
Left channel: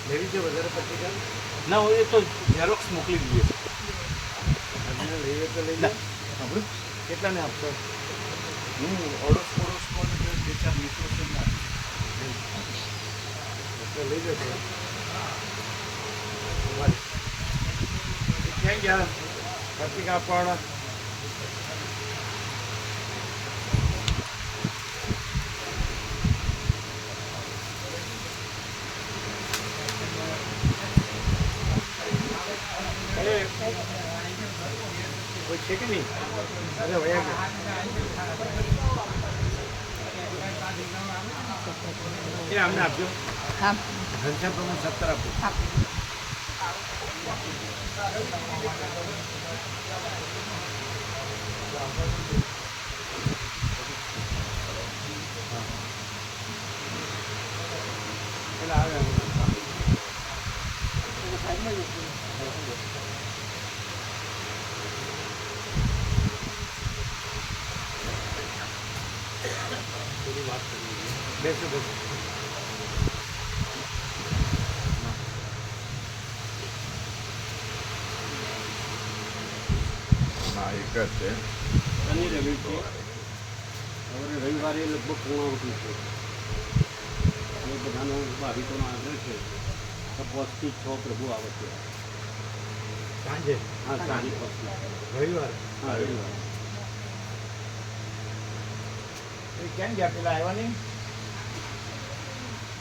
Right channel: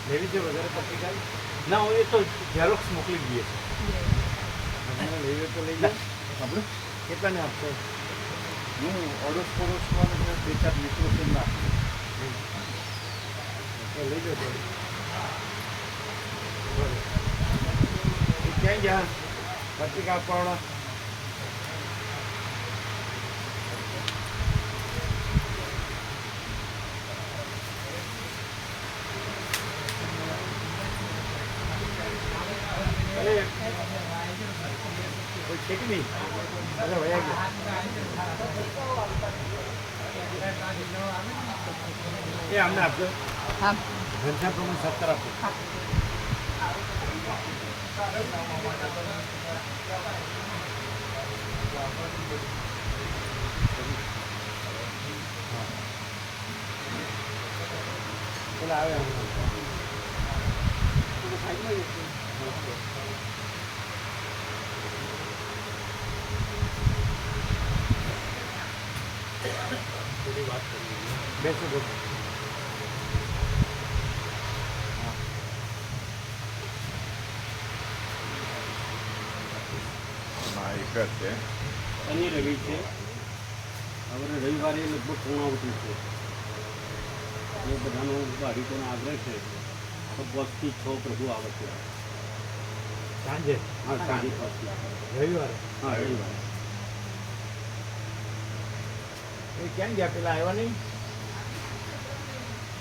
લેવી છે વધારે પત્રિકા? ના હોય એ તો ઝેરોક્સ મોકલી દઈએ. અને લેવી તો લઈ જાઓ. કેટલાને આપશો? અડોશ પડોશમાં બે ચાર મિત્રો છે ના એટલે લઈ જાઓ થોડું. ક્યાં ગયા પત્રિકા આપવાવાળા? કોઈ છે કે નહીં? અરે વયા ગયા. એ અમને આપજો. હા. ઘનશ્યામ પ્રમાણ 17 આપો. પેલા આવે બેસો બેસો. શનિ રવિ છે. હવે રવિવારે લગભગ પૂર્ણાવતી છે. એ બધાનો ભાવિકોનો આગ્રહ છે તો 5 થી 6 પ્રભુ આવે છે. સાંજે? હા, સાંજે 5 થી. રવિવારે? હા, રવિવારે. એ ક્યાં ગયા? પેલા આવ્યા નહીં?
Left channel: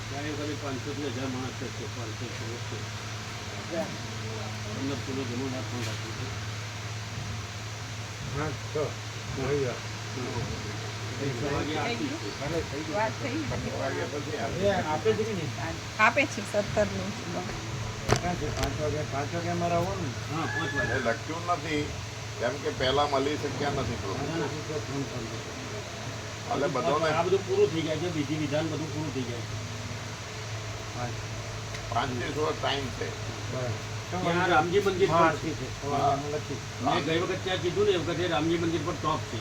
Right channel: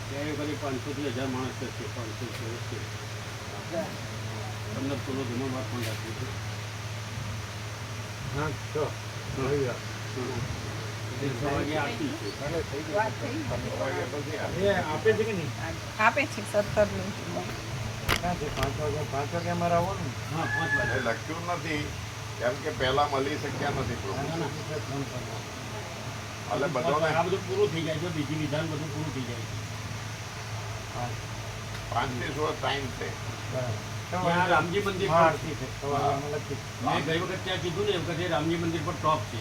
ત્યારે ખાલી 500 થી 1000 માણસ છે. 500 છે. 15 કિલો જમણવાર પણ રાખ્યું છે. હા તો રવિવાર. 6 વાગે આપી છે. વાત થઈ. એ આપે છે કે નહીં? આપે છે 17નું. ક્યાં છે? 5 વાગે અમારે આવવાનું. હા, 5 વાગે. લખ્યું નથી કેમ કે પહેલા મળી શક્યા નથી ના, એટલે બધાને આ બધું પૂરું થઈ જાય છે. વિધિ વિધાન બધું પૂરું થઈ જાય છે. 5 થી 6 ટાઈમ છે. ત્યાં રામજી મંદિર પર આરતી છે. સવારે અમે લખી. મેં ગઈ વખત ત્યાં કીધું ને એ વખતે રામજી મંદિર પર ટોપ છે.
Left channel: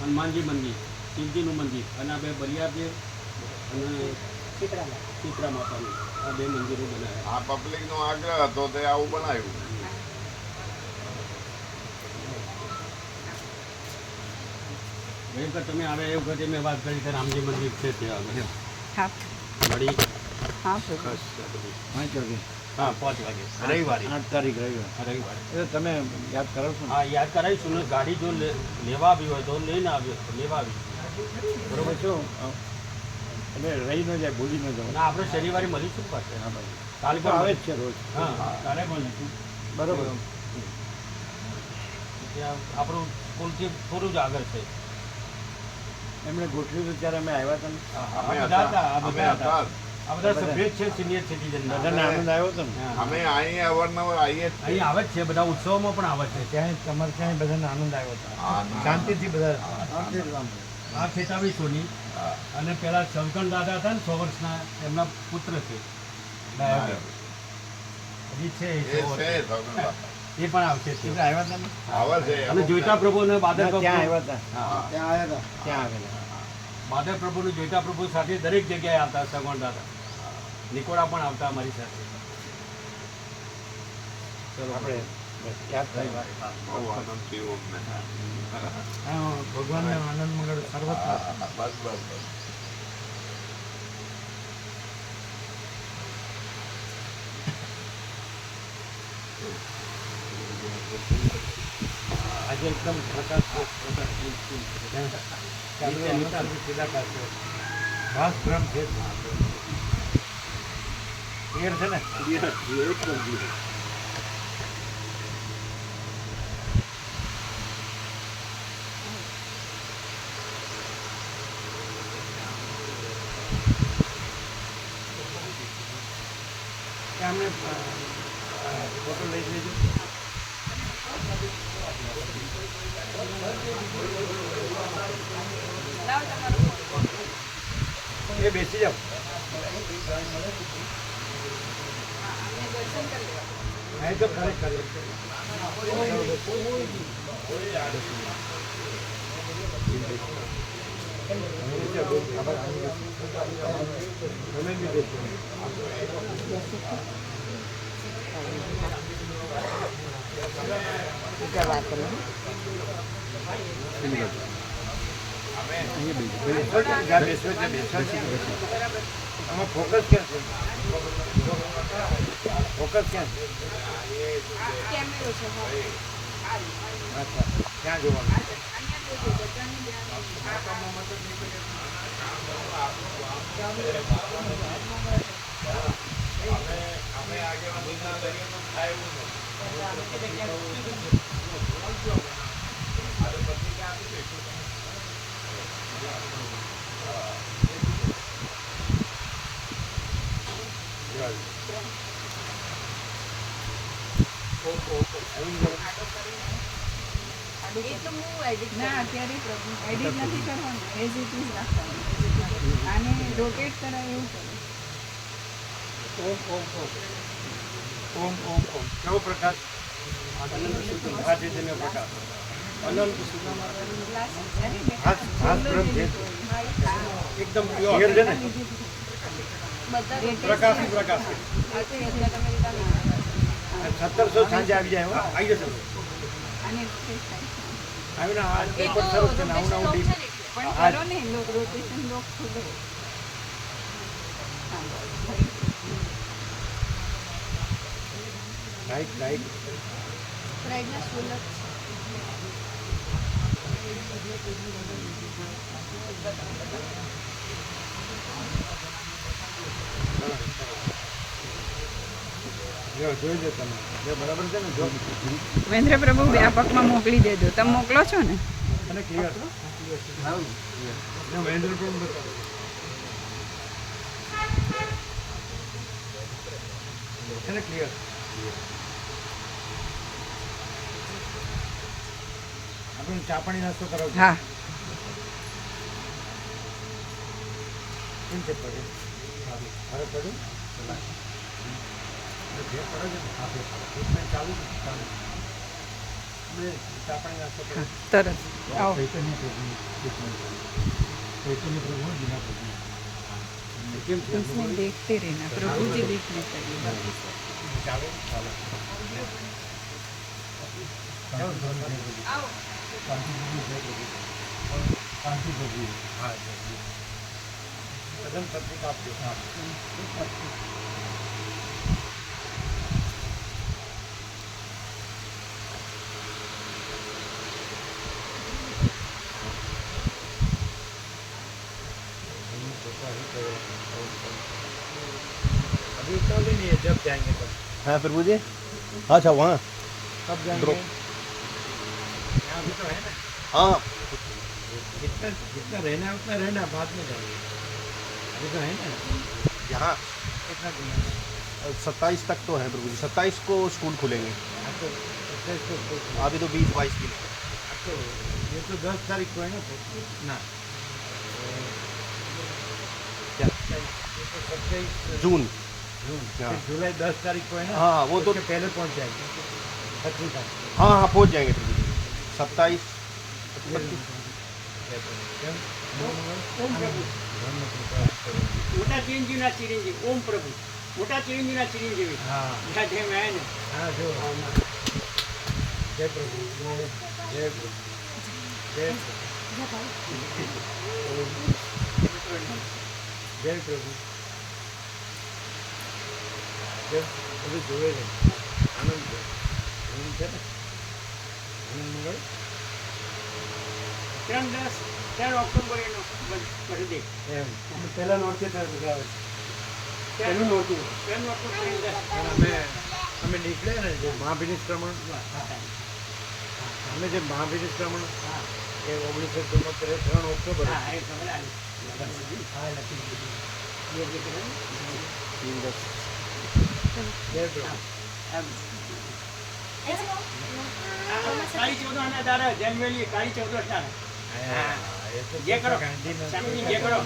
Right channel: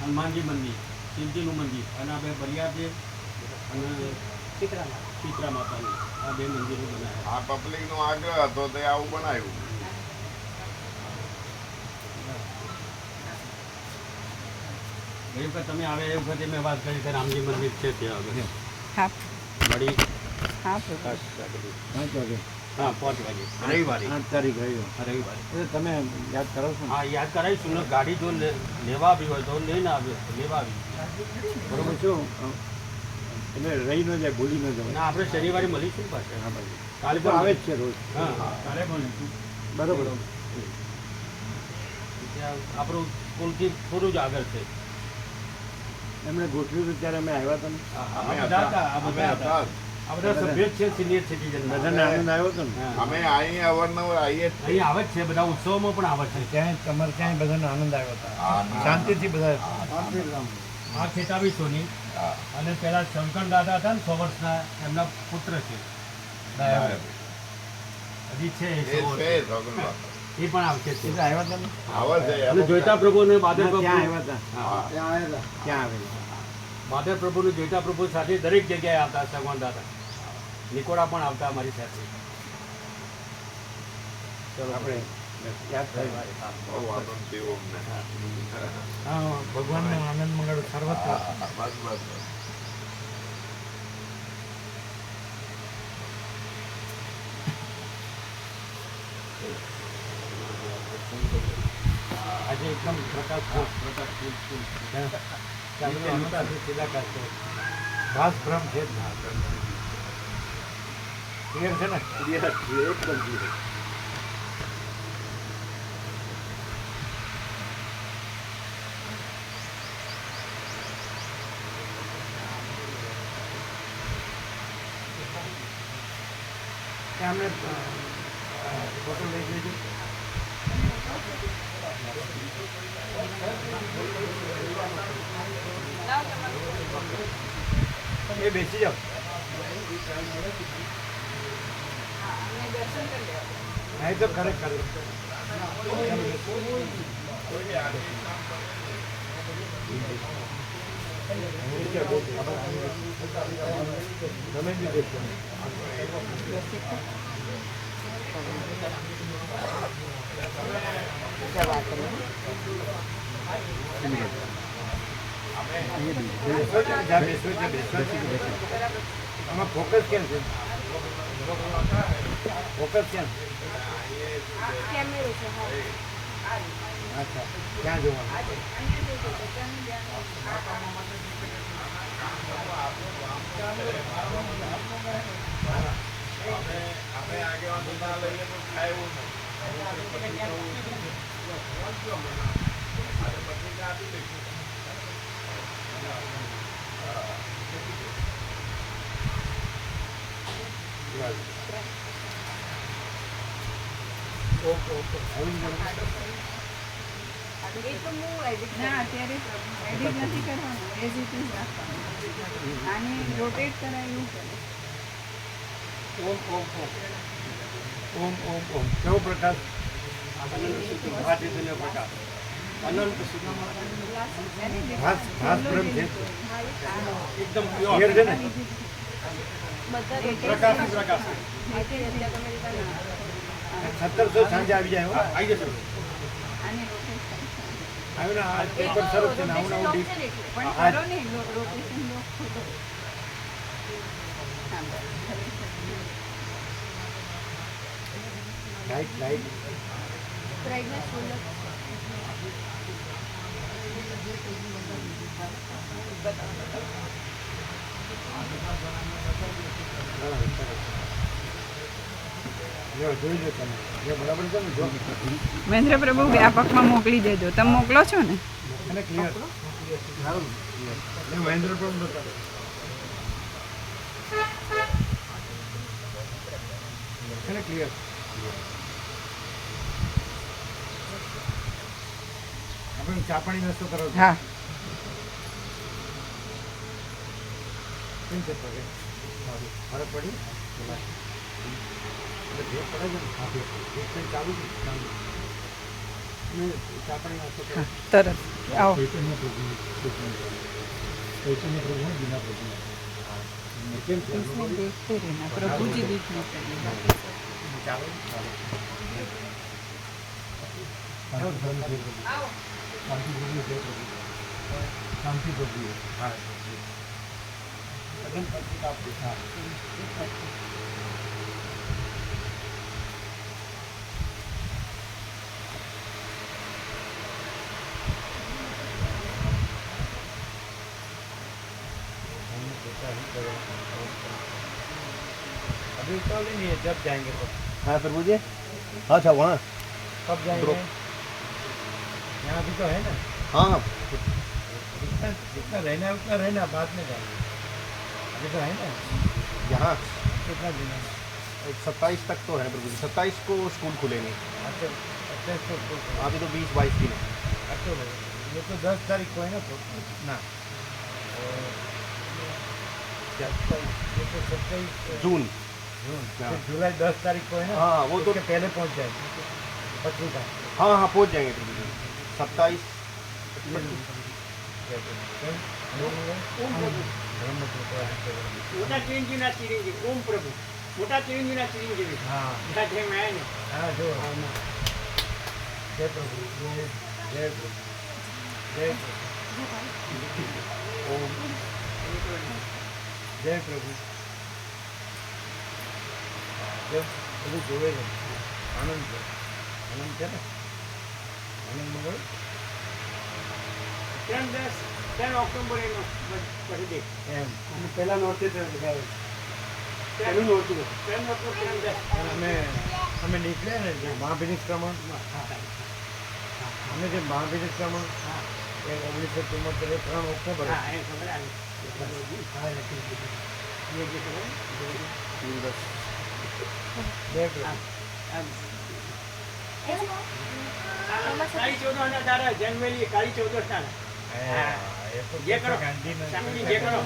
હનુમાનજી મંદિર, શિવજીનું મંદિર અને આ બે બલિયાદેવ અને શીતળા માતાનું આ બે મંદિરો બનાવ્યા. આ પબ્લિકનો આગ્રહ હતો તે આવું બનાવ્યું. ગઈ વખત તમે આવે એ વખતે મેં વાત કરી કે રામજી મંદિર છે ત્યાં હા. મળી. હા પ્રભુ. 5 વાગે. હા, 5 વાગે રવિવારે. 8 તારીખ રવિવાર. હા, રવિવારે. એ તો તમે યાદ કરાવશો ને? હા, યાદ કરાવીશું ને. ગાડી જો લેવા આવી હોય તો લઈને લેવા આવી. બરોબર શું? એટલે રહી ન જાય, ભૂલી ન જવાય. અને આપણે શનિવારે મળીશું પાછળ. હા ભાઈ. કાલે તો આવે જ છે રોજ. હા, કાલે મળીશું. બરોબર. ત્યાં આપણું પુલથી થોડું જ આગળ છે. એમણે ગોઠવ્યું હતું ત્યારે અમે આવ્યા હતા ને. આ બધા હતા. આ અમે બધા હતા. હતા. આ બધા સભ્ય જ છે સિનિયર સિટીઝન. બધાને આનંદ આવ્યો હતો ને. અમે અહીં અવારનવાર આવીએ જ છીએ. અહીં આવે જ છે. બધા ઉત્સવમાં પણ આવે છે. ત્યાં તમારે ત્યાં બધાને આનંદ આવ્યો હતો. શાંતિથી બધા. આ 2700ની અને પેલા શંકર દાદા હતા ને 100 વર્ષના એમના પુત્ર છે ડાયાબિટીસ. હજી છે એ 100 છે વર્ષ. સગનભાઈ. એ પણ આવશે છે. એટલે આવ્યા હતા ને. આવે છે અને જોઈતા પ્રભુ અને બાદર ના, પ્રભુ ત્યાં આવ્યા હતા. હા, ત્યાં આવ્યા હતા. ત્યાં આવેલા. બાદર પ્રભુ ને જોઈતા પ્રભુ સાથે દરેક જગ્યાએ આવતા. સગવણ દાદા નિકોડા પણ આવતા અમારી સાથે. ચલો આપણે યાદ થાય. બહુ આનંદ થયો અમને. હા, ભગવાનને આનંદ મળે સર્વત્ર. બસ બસ. આજે એકદમ પ્રકાશ સીધા કરશે. શ્વાસ ભ્રમ છે જ ના. ક્લિયર છે ને? ક્લિયર એકદમ ક્લિયર. ત્યાં અમને ફોટો લઈ જજો. એ બેસી જાઓ. નહીં તો ખરેખર તમે બી બેસો. આમાં ફોકસ ક્યાં છે? ફોકસ ક્યાં છે? અચ્છા, ક્યાં જોવાનું? અમે આગેવાની ના લઈએ તો થાય એવું નથી. ના, અત્યારે એડિટ નથી કરવાનું, એઝ ઇટ ઇઝ રાખવાનું. આને રોટેટ કરાય એવું કરે. ઓમ ઓમ ઓમ ઓમ ઓમ ઓમ. કેવો પ્રકાશ? આ ચૈતન્ય પ્રકાશ અનંત સુધી. ખાસ બ્રહ્મ છે એકદમ ક્લિયર છે ને? પ્રકાશ પ્રકાશ 1700 સાંજે આવી જાય. હો આવી જશે. આને રોટેટ થાય. આવ્યું ને આ પેપર સરસ છે ને આવું ને આવું ડીપ. પણ આ કરો ને રોટેશન લોક થોડું. લાઈટ લાઈટ બ્રાઇટનેસ ફૂલ અપ જો જોઈ લો તમે. જો બરાબર છે ને? જો મહેન્દ્ર પ્રભુ વ્યાપકમાં મોકલી દેજો. તમે મોકલો છો ને? અને ક્લિયર. સારું ક્લિયર. મહેન્દ્ર પણ બતાવો. છે ને ક્લિયર? આપણે ચા પાણી નાસ્તો કરાવો. હા. કેમ છે પગે? ફરક પડ્યું? ચલા. જે કરે છે ચાલુ ચાલુ અને ચા પાણી નાસ્તો કરો. તરત આવો. ચૈતન્ય પ્રભુ કેમ છે? इसमें देखते रहना, प्रभु जी दिखने चाहिए. बाकी ચાલે ચાલે. શાંતિ પ્રભુ. હા કદમ પત્રિક આપજો. હા अभी उतार नहीं है, जब जाएंगे तब. हाँ प्रभु जी. अच्छा वहाँ. कब जाएंगे? यहाँ भी तो है ना. हाँ जितना जितना रहना है उतना रहना, बाद में जाएंगे. अभी तो है ना. यहाँ कितना दिन है? 27 तक तो है प्रभु जी. 27 को स्कूल खुलेंगे. हाँ तो 27 को स्कूल खुला. अभी तो 20-22 दिन है. हाँ तो ये तो 10 तारीख को है ना. ना क्या 27? ये तो 27 जून. जून. क्या? फिर जुलाई 10 तारीख को है ना. हाँ, वो तो- उसके पहले पहुंच जाएगी पत्रिका. हाँ हाँ पहुँच जाएंगे प्रभु जी. 27 મોટા ચિરંજીવના ચિરંજીવ ઓમ પ્રભુ. મોટા ચિરંજીવના ચિરંજીવી. हाँ મોટા જેમ આવ્યા ને. हाँ जो जय प्रभु. जय प्रभु. जय प्रभु. ओम जय प्रभु. जब બધું જોવે છે. આનંદ છે. આનંદ છે ને. આનંદ મંગળ. ત્રણ ઓક્ટોબર એનો પછી એમ પહેલા નોરથી લગાવે પહેલું નહોતું પહેલું ઓક્ટોબર પણ અમે નીકળ્યા ને જે મહાભિનિષ્ક્રમણ અમે જે મહાભિનિષ્ક્રમણ એ 1973 3 ઓક્ટોબર હા એ ખબર આવી બે પ્રભુ કાળી ચૌદસ ના તારા જન્મેલી કાળી ચૌદસ ના એ તો જે કરો ગાંધીના સ્વામીજી જે કરો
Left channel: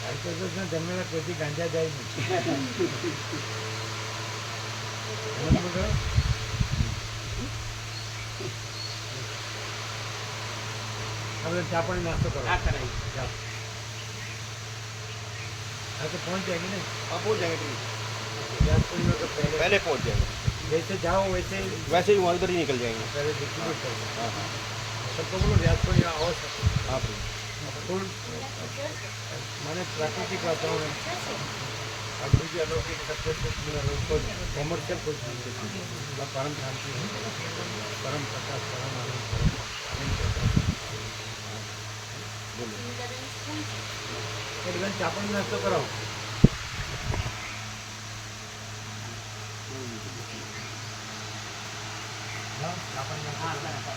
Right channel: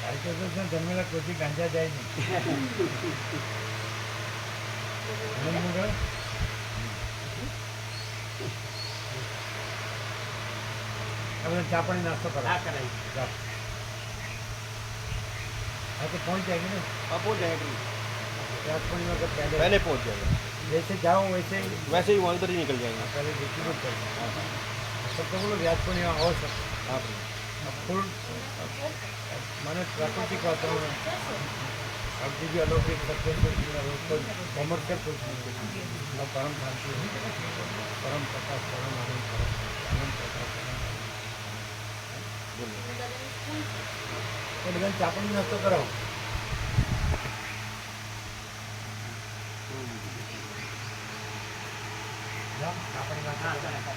કાળીચૌદસના જન્મેલા કોઈથી ગાંજા જાય નહીં આનંદ મંગળ આપણે ચા પાણી નાસ્તો કરો આ કરાય જાઓ हाँ तो पहुँच जाएंगे ना हाँ पहुँच जाएंगे व्यास पूर्णिमा के पहले पहले पहुँच जाएंगे जैसे जाओ वैसे वैसे ही वहाँ उधर ही निकल जाएंगे पहले डिस्ट्रीब्यूट कर दो हाँ हाँ सबको बोलो व्यास पूर्णिमा और सब हाँ प्रिय अब फुल माने प्राकृतिक वातावरण अभी भी अलौकिक सत्य से कोई कॉमर्शियल कुछ नहीं मतलब परम शांति है परम प्रकाश परम आनंद प्रकाश तो बधाने चा पाणी नास्तो कराવો જાઓ ચા પાણી નાસ્તો કરો